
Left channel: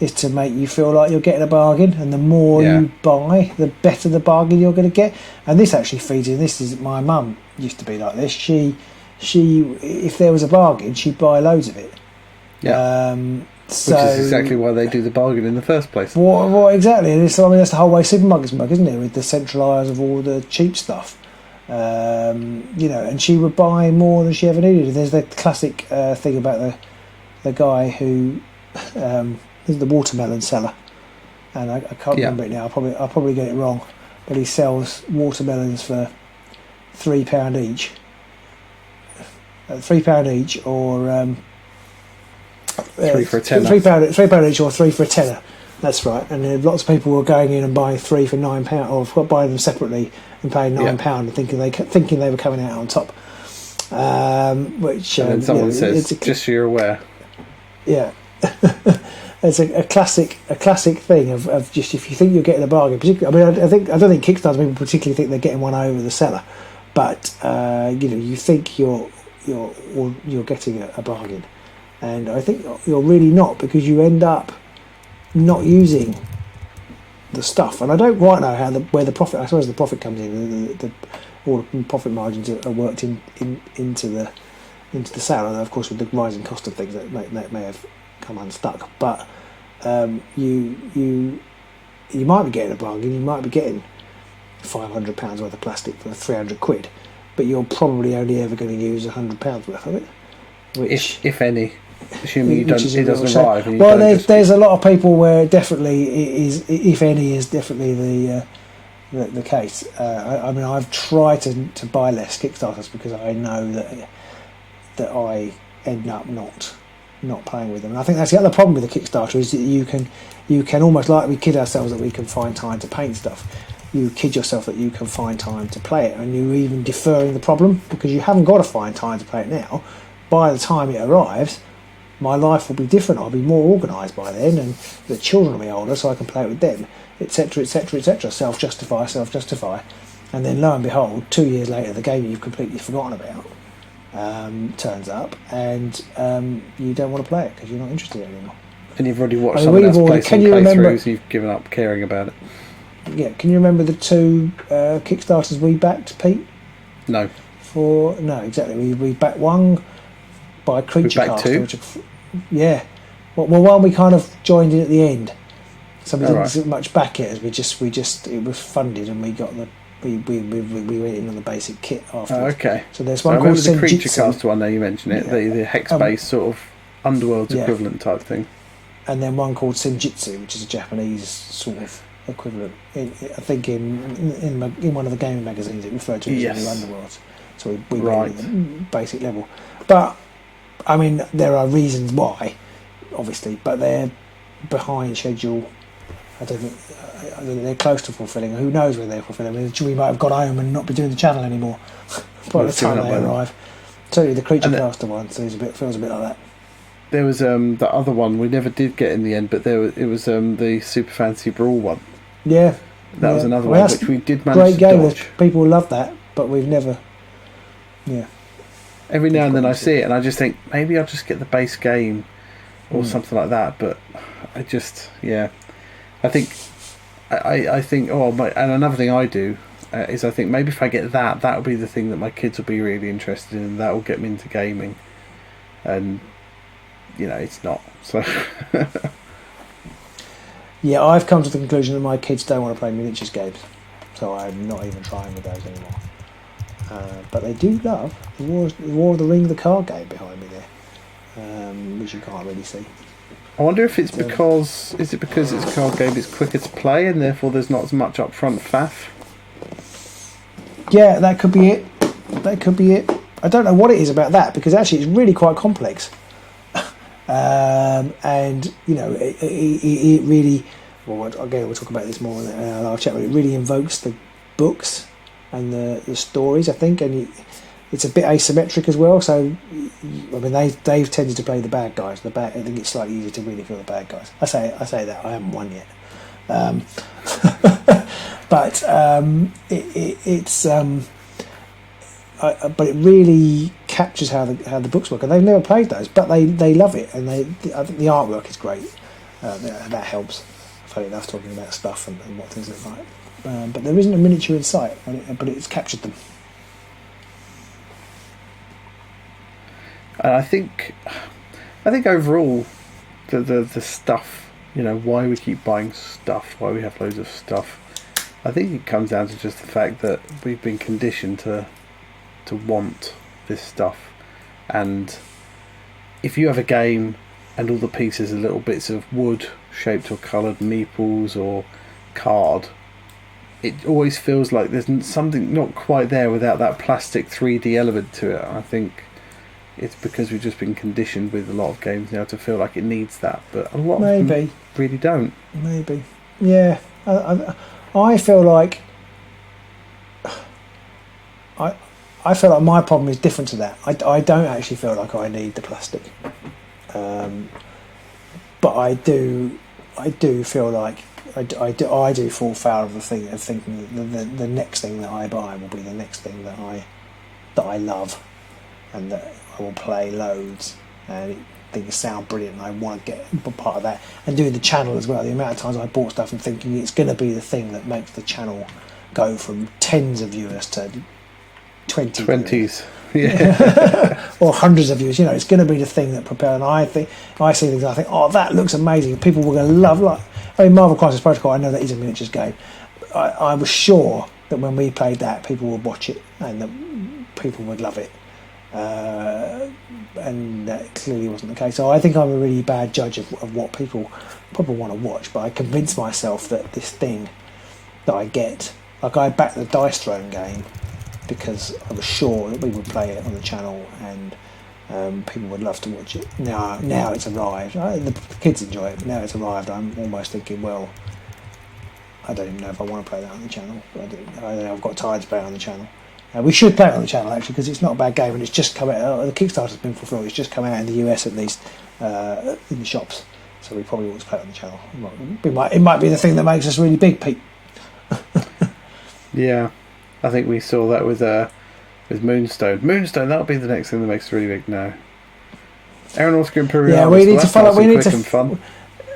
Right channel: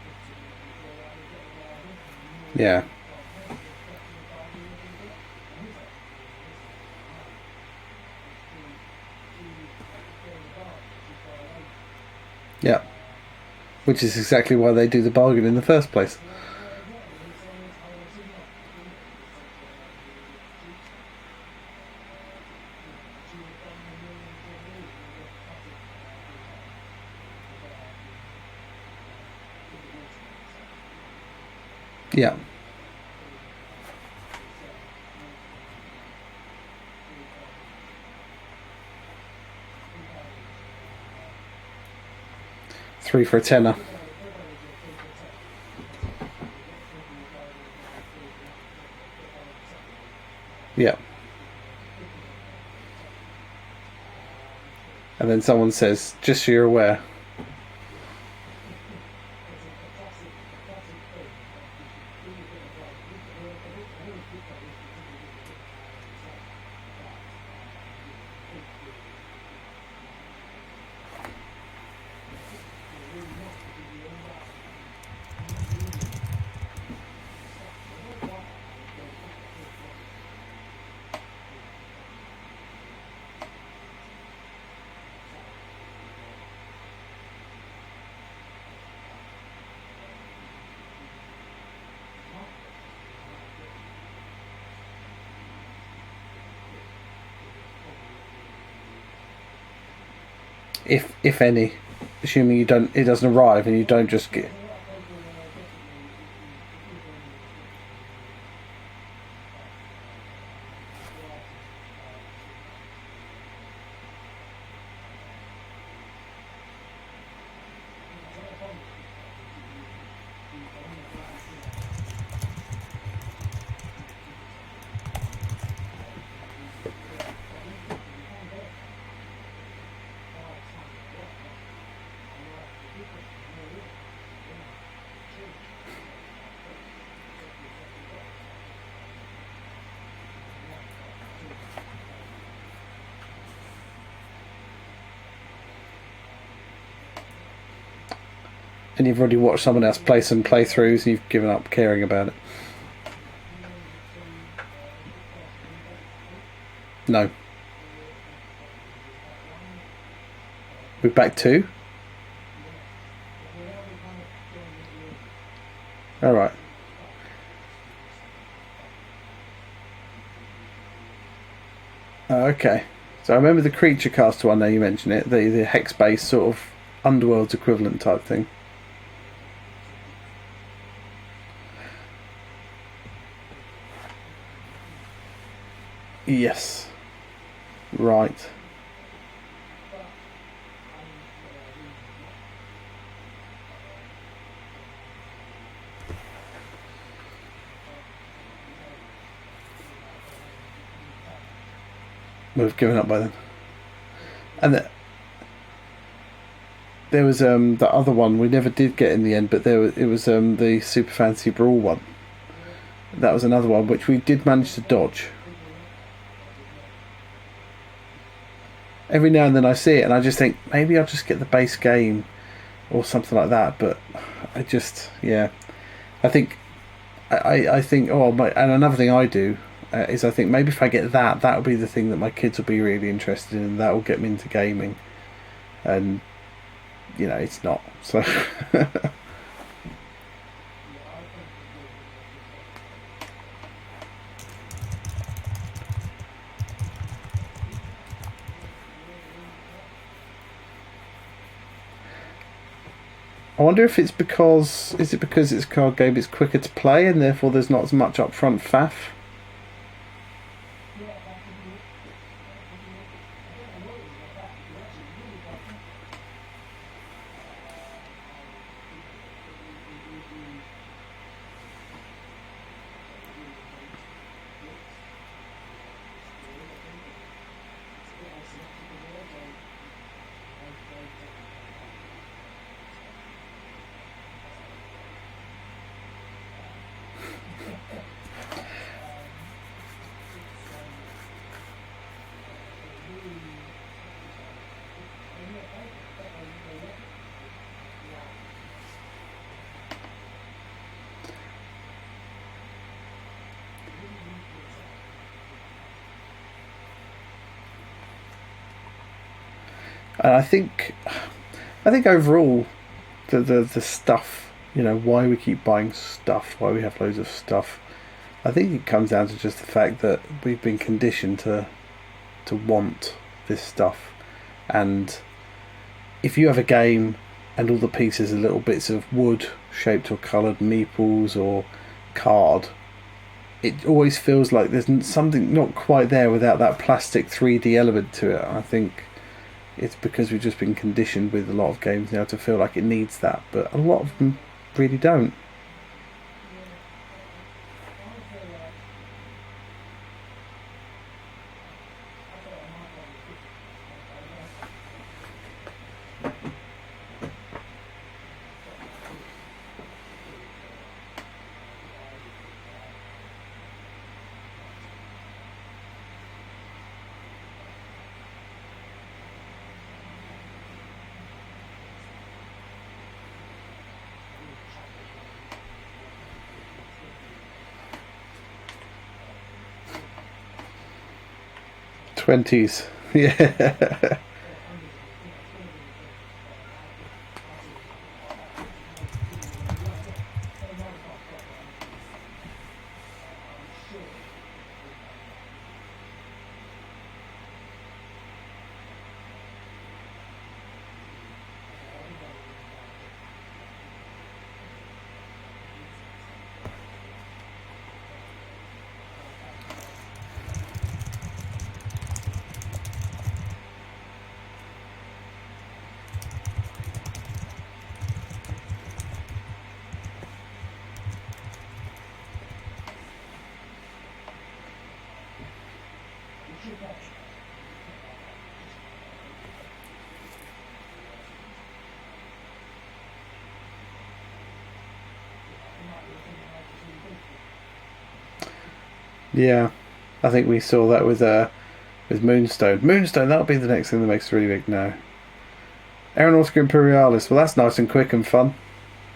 is to make you feel like you're getting a bargain, and the more you buy, the better the bargain you're going to get. And this actually feeds in. This is, my mum used to be like this. She if there was a bargain, she'd buy loads of it. Yeah. Which is exactly why they do the bargain in the first place. What exactly? And that's the whole way supermarkets work, isn't it? With the centralised of all the cheap stuff. And she would buy more than she ever needed. There's the classic thing about the guy who is the watermelon seller, and I can't remember it now. I'll probably get it wrong, but he sells watermelons for £3 each. £3 each, or 3 for a tenner. £3 each or 3 for a tenner. That's right. And lots of people were going in and buying 3 for £9, or buying them separately and paying £9 and thinking they were coming out on top. Which and then someone says, just so you're aware. Yeah. It's a classic thing of just, if you think you're getting a bargain. Particularly, I don't think Kickstarter people particularly think they're getting one over the seller, but you think you're getting a bargain, and I think you're really not, because you end up not using the stuff. And I don't quite know where the profit. I suppose the profit comes in. All the profit margins are worked into the sale, and of course with the rising cost of things that may have come unstuck. But you might be getting a bargain. You might be getting £500 worth of plastic for £300, but you're probably only ever going to use £100 worth of it. If any, assuming it doesn't arrive and you don't just. There's a lot of people where definitely it is, if any, is definitely the case. I mean, I've tried to buy less Kickstarters because I know that I end up not playing with them. And I think that's the other problem with the Kickstarter, is that you can almost, like we kid ourselves that we can find time to paint stuff. You kid yourself that you can find time to play it, and you're even deferring the problem because you haven't got to find time to play it now. By the time it arrives, my life will be different. I'll be more organised by then, and the children will be older, so I can play it with them, etc., etc., etc. Self-justify, and then lo and behold, 2 years later, the game you've completely forgotten about turns up, and you don't want to play it because you're not interested anymore. And you've already watched someone else play some playthroughs, and you've given up caring about it. Yeah, can you remember the 2 Kickstarters we backed, Pete? No. No, exactly. We backed one by Creature We backed Caster, 2? Yeah. Well, one we kind of joined in at the end. So we right. didn't much back it, as we just it was funded, and we got we went in on the basic kit after. Oh, okay. So there's one. I remember the Creature Caster one. Now you mentioned it, the hex-based sort of Underworld's equivalent type thing. And then one called Senjutsu, which is a Japanese sort of equivalent. I think in one of the gaming magazines it referred to as the Underworld. So we right. Basic level. But I mean, there are reasons why, obviously, but they're behind schedule. I don't think they're close to fulfilling. Who knows whether they're fulfilling? I mean, we might have gone home and not be doing the channel anymore by the time they arrive. So the Creature Caster one feels a bit like that. There was the other one we never did get in the end, but it was the Super Fantasy Brawl one. Yeah, that was another one which we did manage to dodge. People love that, but we've never. Yeah. Every now and then I see it, and I just think maybe I'll just get the base game or something like that. But I just, I think, and another thing I do is I think maybe if I get that will be the thing that my kids will be really interested in, and that will get me into gaming. And it's not. So. Yeah, I've come to the conclusion that my kids don't want to play miniatures games, so I'm not even trying with those anymore. But they do love the War of the Ring, the card game behind me there, which you can't really see. I wonder if it's because it's a card game, it's quicker to play, and therefore there's not as much upfront faff. Yeah, that could be it. I don't know what it is about that, because actually it's really quite complex. And it really. Well, again, we'll talk about this more in our chat. But it really invokes the books and the stories, I think, and it's a bit asymmetric as well. So, I mean, they've tended to play the bad guys. I think it's slightly easier to really feel the bad guys. I say that I haven't won yet, but it's. But it really captures how the books work, and they've never played those, but they love it, and I think the artwork is great. That helps. Funny enough, talking about stuff and what things look like. But there isn't a miniature in sight, but it's captured them. And I think overall, the stuff, why we keep buying stuff, why we have loads of stuff, I think it comes down to just the fact that we've been conditioned to want this stuff. And if you have a game and all the pieces are little bits of wood shaped or coloured meeples or card, it always feels like there's something not quite there without that plastic 3D element to it. I think it's because we've just been conditioned with a lot of games now to feel like it needs that, but a lot of them really don't. Maybe. Yeah. I feel like I feel like my problem is different to that. I don't actually feel like I need the plastic, but I do feel like I do fall foul of the thing of thinking the next thing that I buy will be the next thing that I love and that I will play loads and things sound brilliant and I want to get part of that, and doing the channel as well. The amount of times I bought stuff and thinking it's going to be the thing that makes the channel go from tens of viewers to 20s, yeah, or hundreds of views. It's going to be the thing that propels. And I see things. And I think, oh, that looks amazing. People were going to love. Marvel Crisis Protocol. I know that is a miniatures game. I was sure that when we played that, people would watch it and that people would love it. And that clearly wasn't the case. So I think I'm a really bad judge of what people probably want to watch. But I convinced myself that this thing that I get, like I backed the Dice Throne game, because I was sure that we would play it on the channel and people would love to watch it. Now it's arrived. The kids enjoy it. Now it's arrived. I'm almost thinking, well, I don't even know if I want to play that on the channel. But I've got tired to play it on the channel. We should play it on the channel actually, because it's not a bad game and it's just come out. The Kickstarter's been fulfilled. It's just come out in the US at least, in the shops. So we probably ought to play it on the channel. It might be the thing that makes us really big, Pete. Yeah. I think we saw that with Moonstone. Moonstone, that'll be the next thing that makes it really big now. Aeronautica Imperialis, that's nice and quick and fun.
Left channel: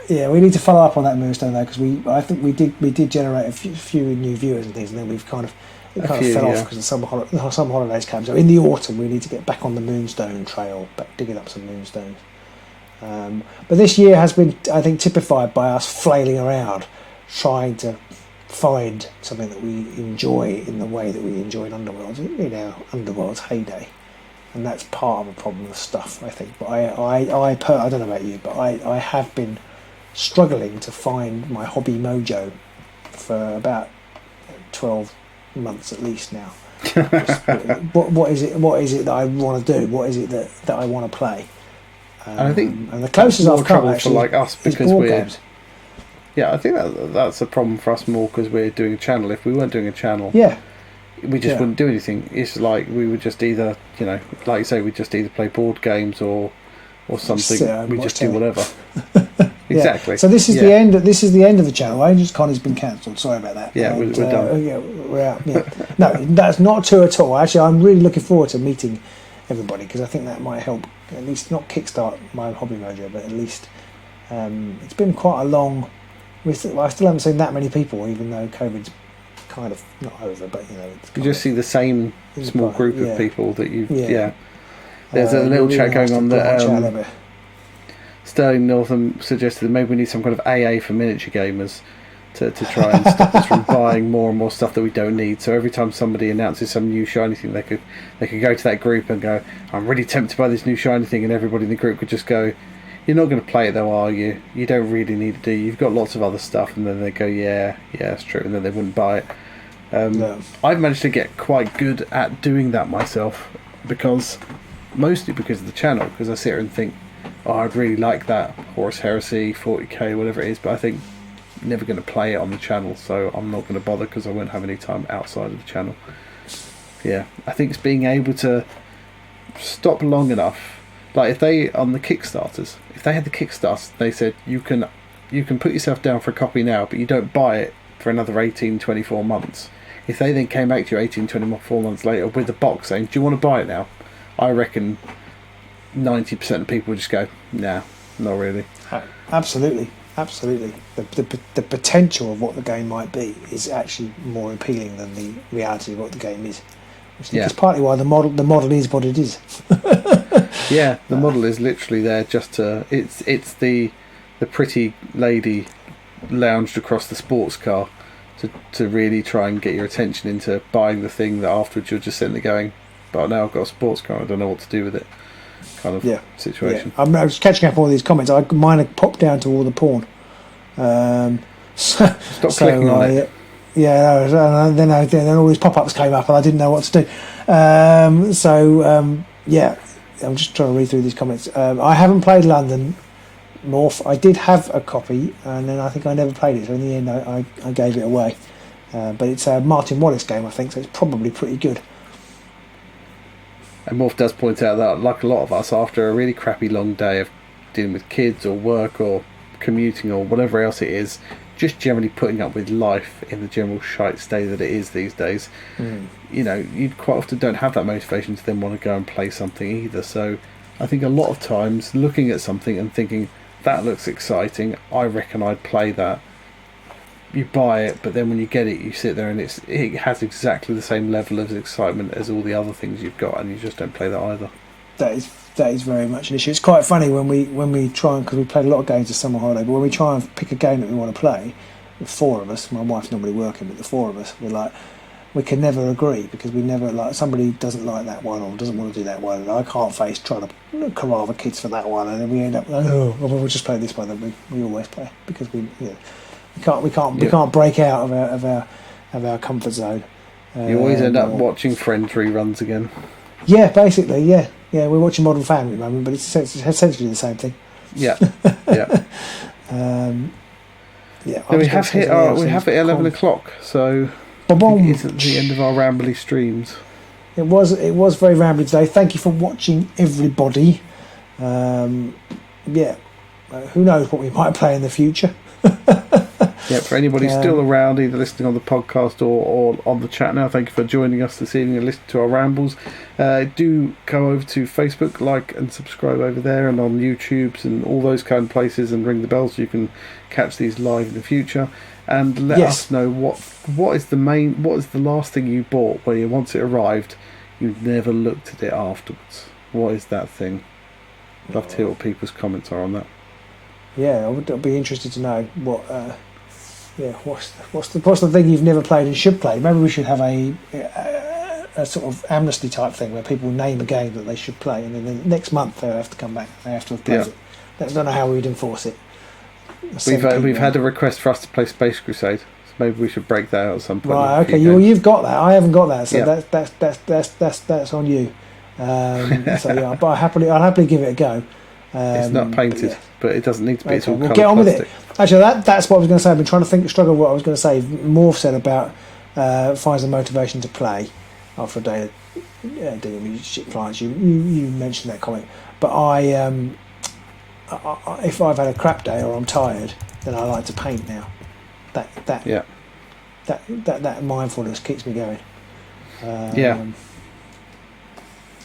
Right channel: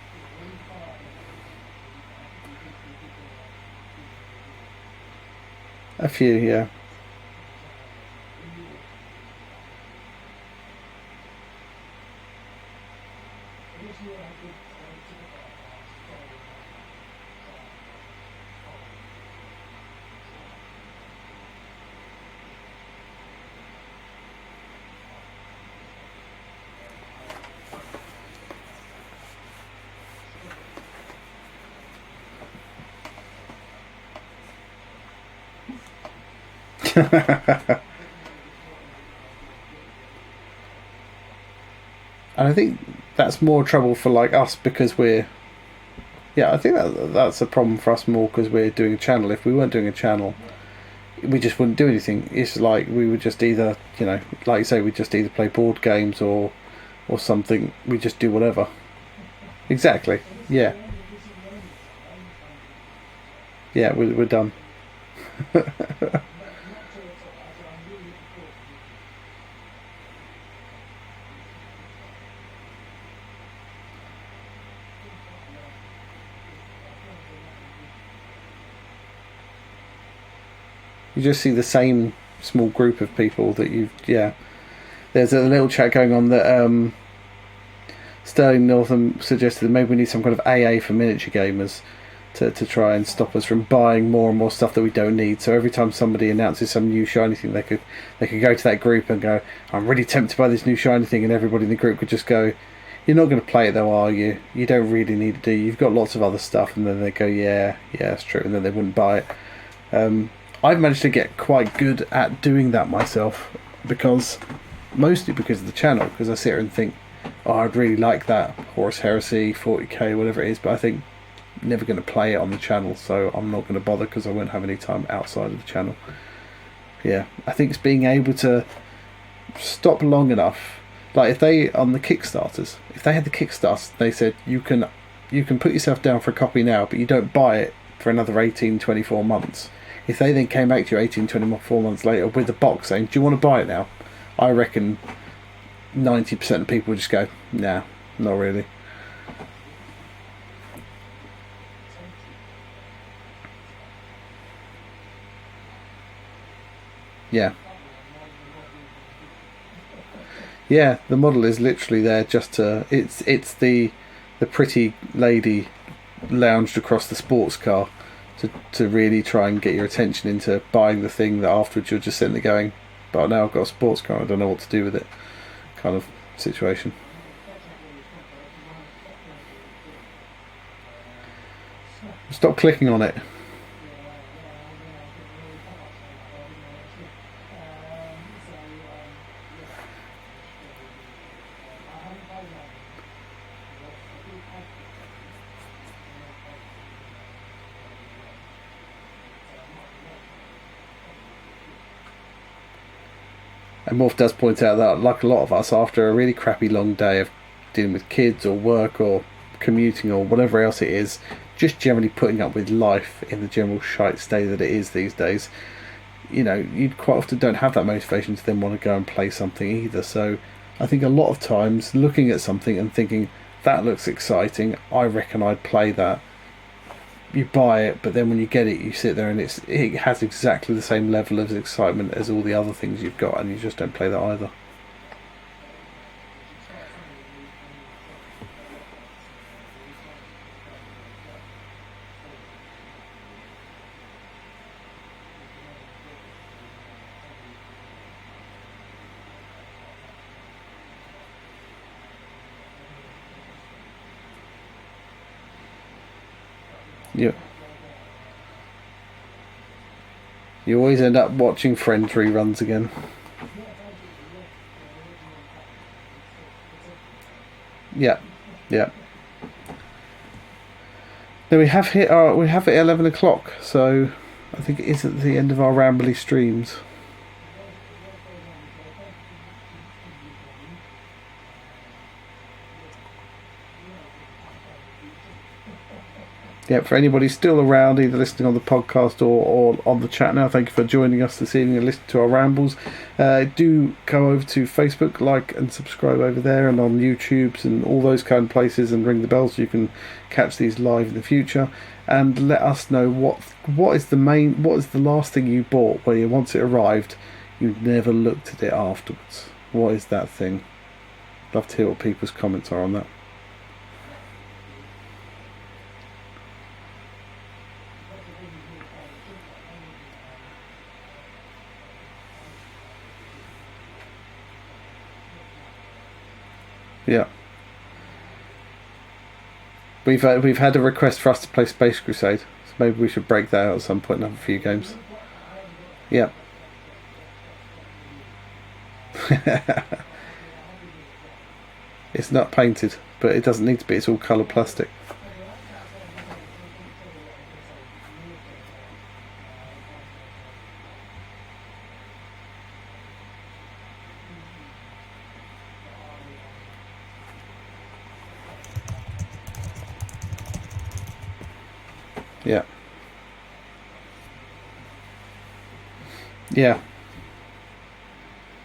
Yeah, we need to follow up on that Moonstone though, because I think we did generate a few new viewers and things, and then we've kind of fell off because the summer holidays came. So in the autumn, we need to get back on the Moonstone trail, digging up some Moonstones. But this year has been, I think, typified by us flailing around, trying to find something that we enjoy in the way that we enjoyed Underworld, Underworld's heyday, and that's part of the problem with stuff, I think. But I don't know about you, but I have been struggling to find my hobby mojo for about 12 months at least now. what is it that I want to do? What is it that I want to play? And I think that's more trouble for like us because we're games. Yeah, I think that's a problem for us more because we're doing a channel. If we weren't doing a channel, we just wouldn't do anything. It's like we would just either, like you say, we'd just either play board games or something. We just do whatever. Exactly. So this is the end. This is the end of the channel. Agents Connie's been cancelled. Sorry about that. Yeah, we're done. Yeah, we're out. Yeah. No, that's not true at all. Actually, I'm really looking forward to meeting everybody because I think that might help. At least not kickstart my hobby mojo, but at least it's been quite a long. I still haven't seen that many people, even though COVID's kind of not over. But you just see the same small group of people that you. Yeah. There's a little chat going on that Sterling Northam suggested that maybe we need some kind of AA for miniature gamers to try and stop us from buying more and more stuff that we don't need. So every time somebody announces some new shiny thing, they could go to that group and go, "I'm really tempted by this new shiny thing," and everybody in the group could just go, "You're not going to play it though, are you? You don't really need to do. You've got lots of other stuff," and then they go, "Yeah, that's true," and then they wouldn't buy it. I've managed to get quite good at doing that myself mostly because of the channel, because I sit here and think, I'd really like that Horus Heresy 40k, whatever it is, but I think I'm never going to play it on the channel, so I'm not going to bother because I won't have any time outside of the channel. Yeah, I think it's being able to stop long enough. Like if they on the Kickstarters, if they had the Kickstarter, they said you can put yourself down for a copy now, but you don't buy it for another 18, 24 months. If they then came back to you 18, 24 months later with a box saying, "Do you want to buy it now?" I reckon 90% of people would just go, "Nah, not really." Absolutely. The potential of what the game might be is actually more appealing than the reality of what the game is. It's partly why the model is what it is. Yeah, the model is literally there just to. It's the pretty lady lounged across the sports car to really try and get your attention into buying the thing that afterwards you're just sitting there going, "But now I've got a sports car, I don't know what to do with it." Kind of situation. I was catching up on all these comments. Mine had popped down to all the porn. Stop clicking on it. Yeah, and then all these pop-ups came up, and I didn't know what to do. I'm just trying to read through these comments. I haven't played London Morph. I did have a copy, and then I think I never played it. So in the end, I gave it away. But it's a Martin Wallace game, I think, so it's probably pretty good. And Morph does point out that, like a lot of us, after a really crappy long day of dealing with kids or work or commuting or whatever else it is, just generally putting up with life in the general shite state that it is these days, you know, you quite often don't have that motivation to then want to go and play something either. So I think a lot of times looking at something and thinking, that looks exciting, I reckon I'd play that. You buy it, but then when you get it, you sit there and it has exactly the same level of excitement as all the other things you've got, and you just don't play that either. That is very much an issue. It's quite funny when we try, because we played a lot of games this summer holiday, but when we try and pick a game that we want to play, the four of us, my wife's normally working, but the four of us, we're like, we can never agree, because we never, like, somebody doesn't like that one or doesn't want to do that one, and I can't face trying to corral the kids for that one, and then we end up, oh, well, we'll just play this one that we always play, because we can't break out of our comfort zone. You always end up watching Friends reruns again. Yeah, basically, yeah. We're watching Modern Family at the moment, but it's essentially the same thing. Yeah. Yeah. We have hit 11 o'clock, so I think it isn't the end of our rambly streams. It was very rambly today. Thank you for watching, everybody. Who knows what we might play in the future. Yeah, for anybody still around, either listening on the podcast or on the chat now, thank you for joining us this evening and listening to our rambles. Do go over to Facebook, like and subscribe over there, and on YouTube and all those kind of places, and ring the bell so you can catch these live in the future. And let us know what is the last thing you bought where you, once it arrived, you never looked at it afterwards. What is that thing? Love to hear what people's comments are on that. Yeah, I'd be interested to know what. What's the thing you've never played and should play? Maybe we should have a sort of amnesty type thing where people name a game that they should play, and then the next month they have to come back. They have to have played it. I don't know how we would enforce it. We've had a request for us to play Space Crusade, so maybe we should break that out at some point. Right, okay, you've got that. I haven't got that, so that's on you. But I'll happily give it a go. It's not painted, but it doesn't need to be. It's all coloured plastic. Actually, that's what I was going to say. I've been trying to struggle what I was going to say. Morph said about finds the motivation to play after a day of dealing with shit clients. You mentioned that comment, but I if I've had a crap day or I'm tired, then I like to paint now. That mindfulness keeps me going.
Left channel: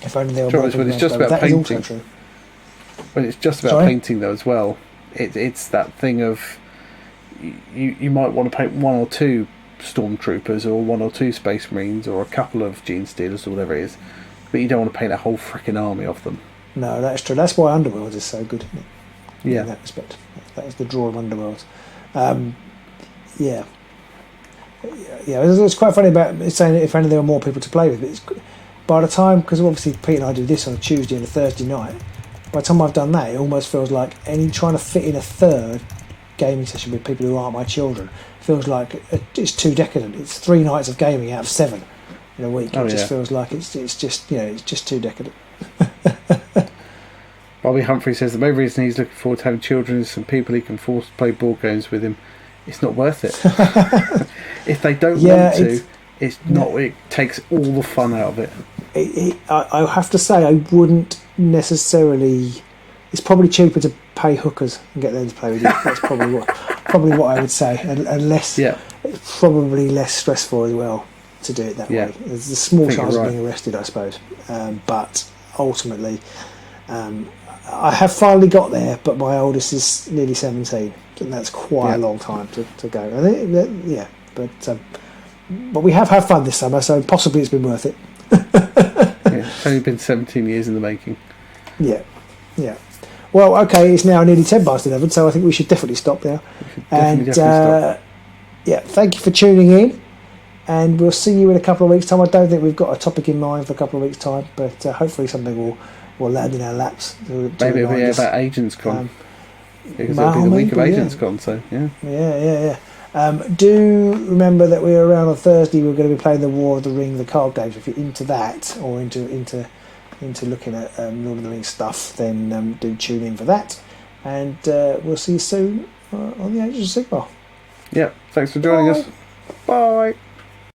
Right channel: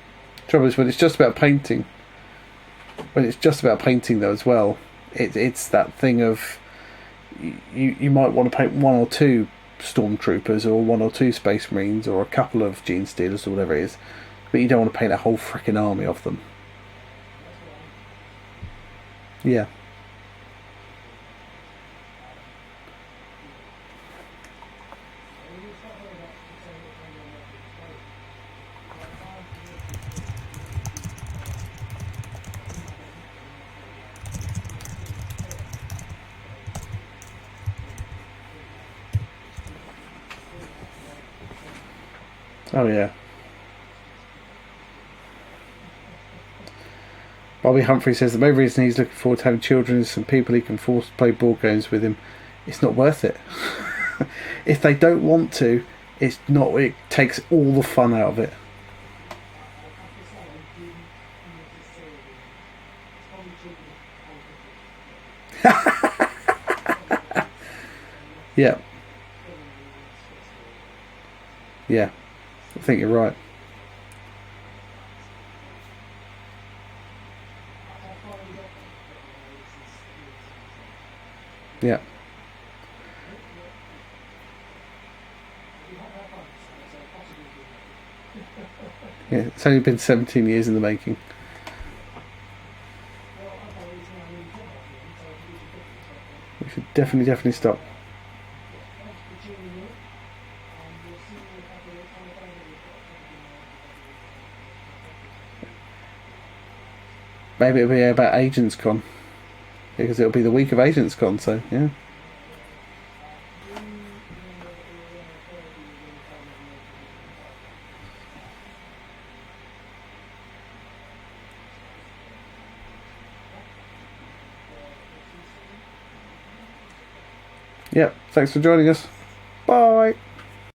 If only there were trouble is when it's just about painting. When it's just about painting, though, as well, it's that thing of you might want to paint one or two stormtroopers or one or two space marines or a couple of gene stealers or whatever it is, but you don't want to paint a whole freaking army of them. No, that's true. That's why Underworld is so good, isn't it? Yeah. In that respect, that was the draw of Underworld. It's quite funny about saying if only there were more people to play with. But it's, by the time, because obviously Pete and I do this on a Tuesday and a Thursday night. By the time I've done that, it almost feels like trying to fit in a third gaming session with people who aren't my children feels like it's too decadent. It's 3 nights of gaming out of 7 in a week. It just feels like it's just too decadent. Bobby Humphrey says the main reason he's looking forward to having children is some people he can force to play board games with him. It's not worth it. If they don't want to, it's not. It takes all the fun out of it. I have to say, I wouldn't necessarily. It's probably cheaper to pay hookers and get them to play with you. That's probably what I would say, and less. Yeah. It's probably less stressful as well to do it that way. There's a small chance of being arrested, I suppose. But ultimately, I have finally got there. But my oldest is nearly 17, and that's quite a long time to go. But we have had fun this summer, so possibly it's been worth it. It's only been 17 years in the making. Yeah. Well, okay, it's now nearly 10 past 11, so I think we should definitely stop there. We should definitely stop. Yeah, thank you for tuning in, and we'll see you in a couple of weeks' time. I don't think we've got a topic in mind for a couple of weeks' time, but hopefully something will land in our laps. Maybe it'll be about Agents Con, because it'll be the week of Agents Con, so yeah. Do remember that we're around on Thursday. We're going to be playing the War of the Ring, the card games. If you're into that, or into into looking at Lord of the Rings stuff, then do tune in for that. And we'll see you soon on the Age of Sigmar. Yeah, thanks for joining us. Bye.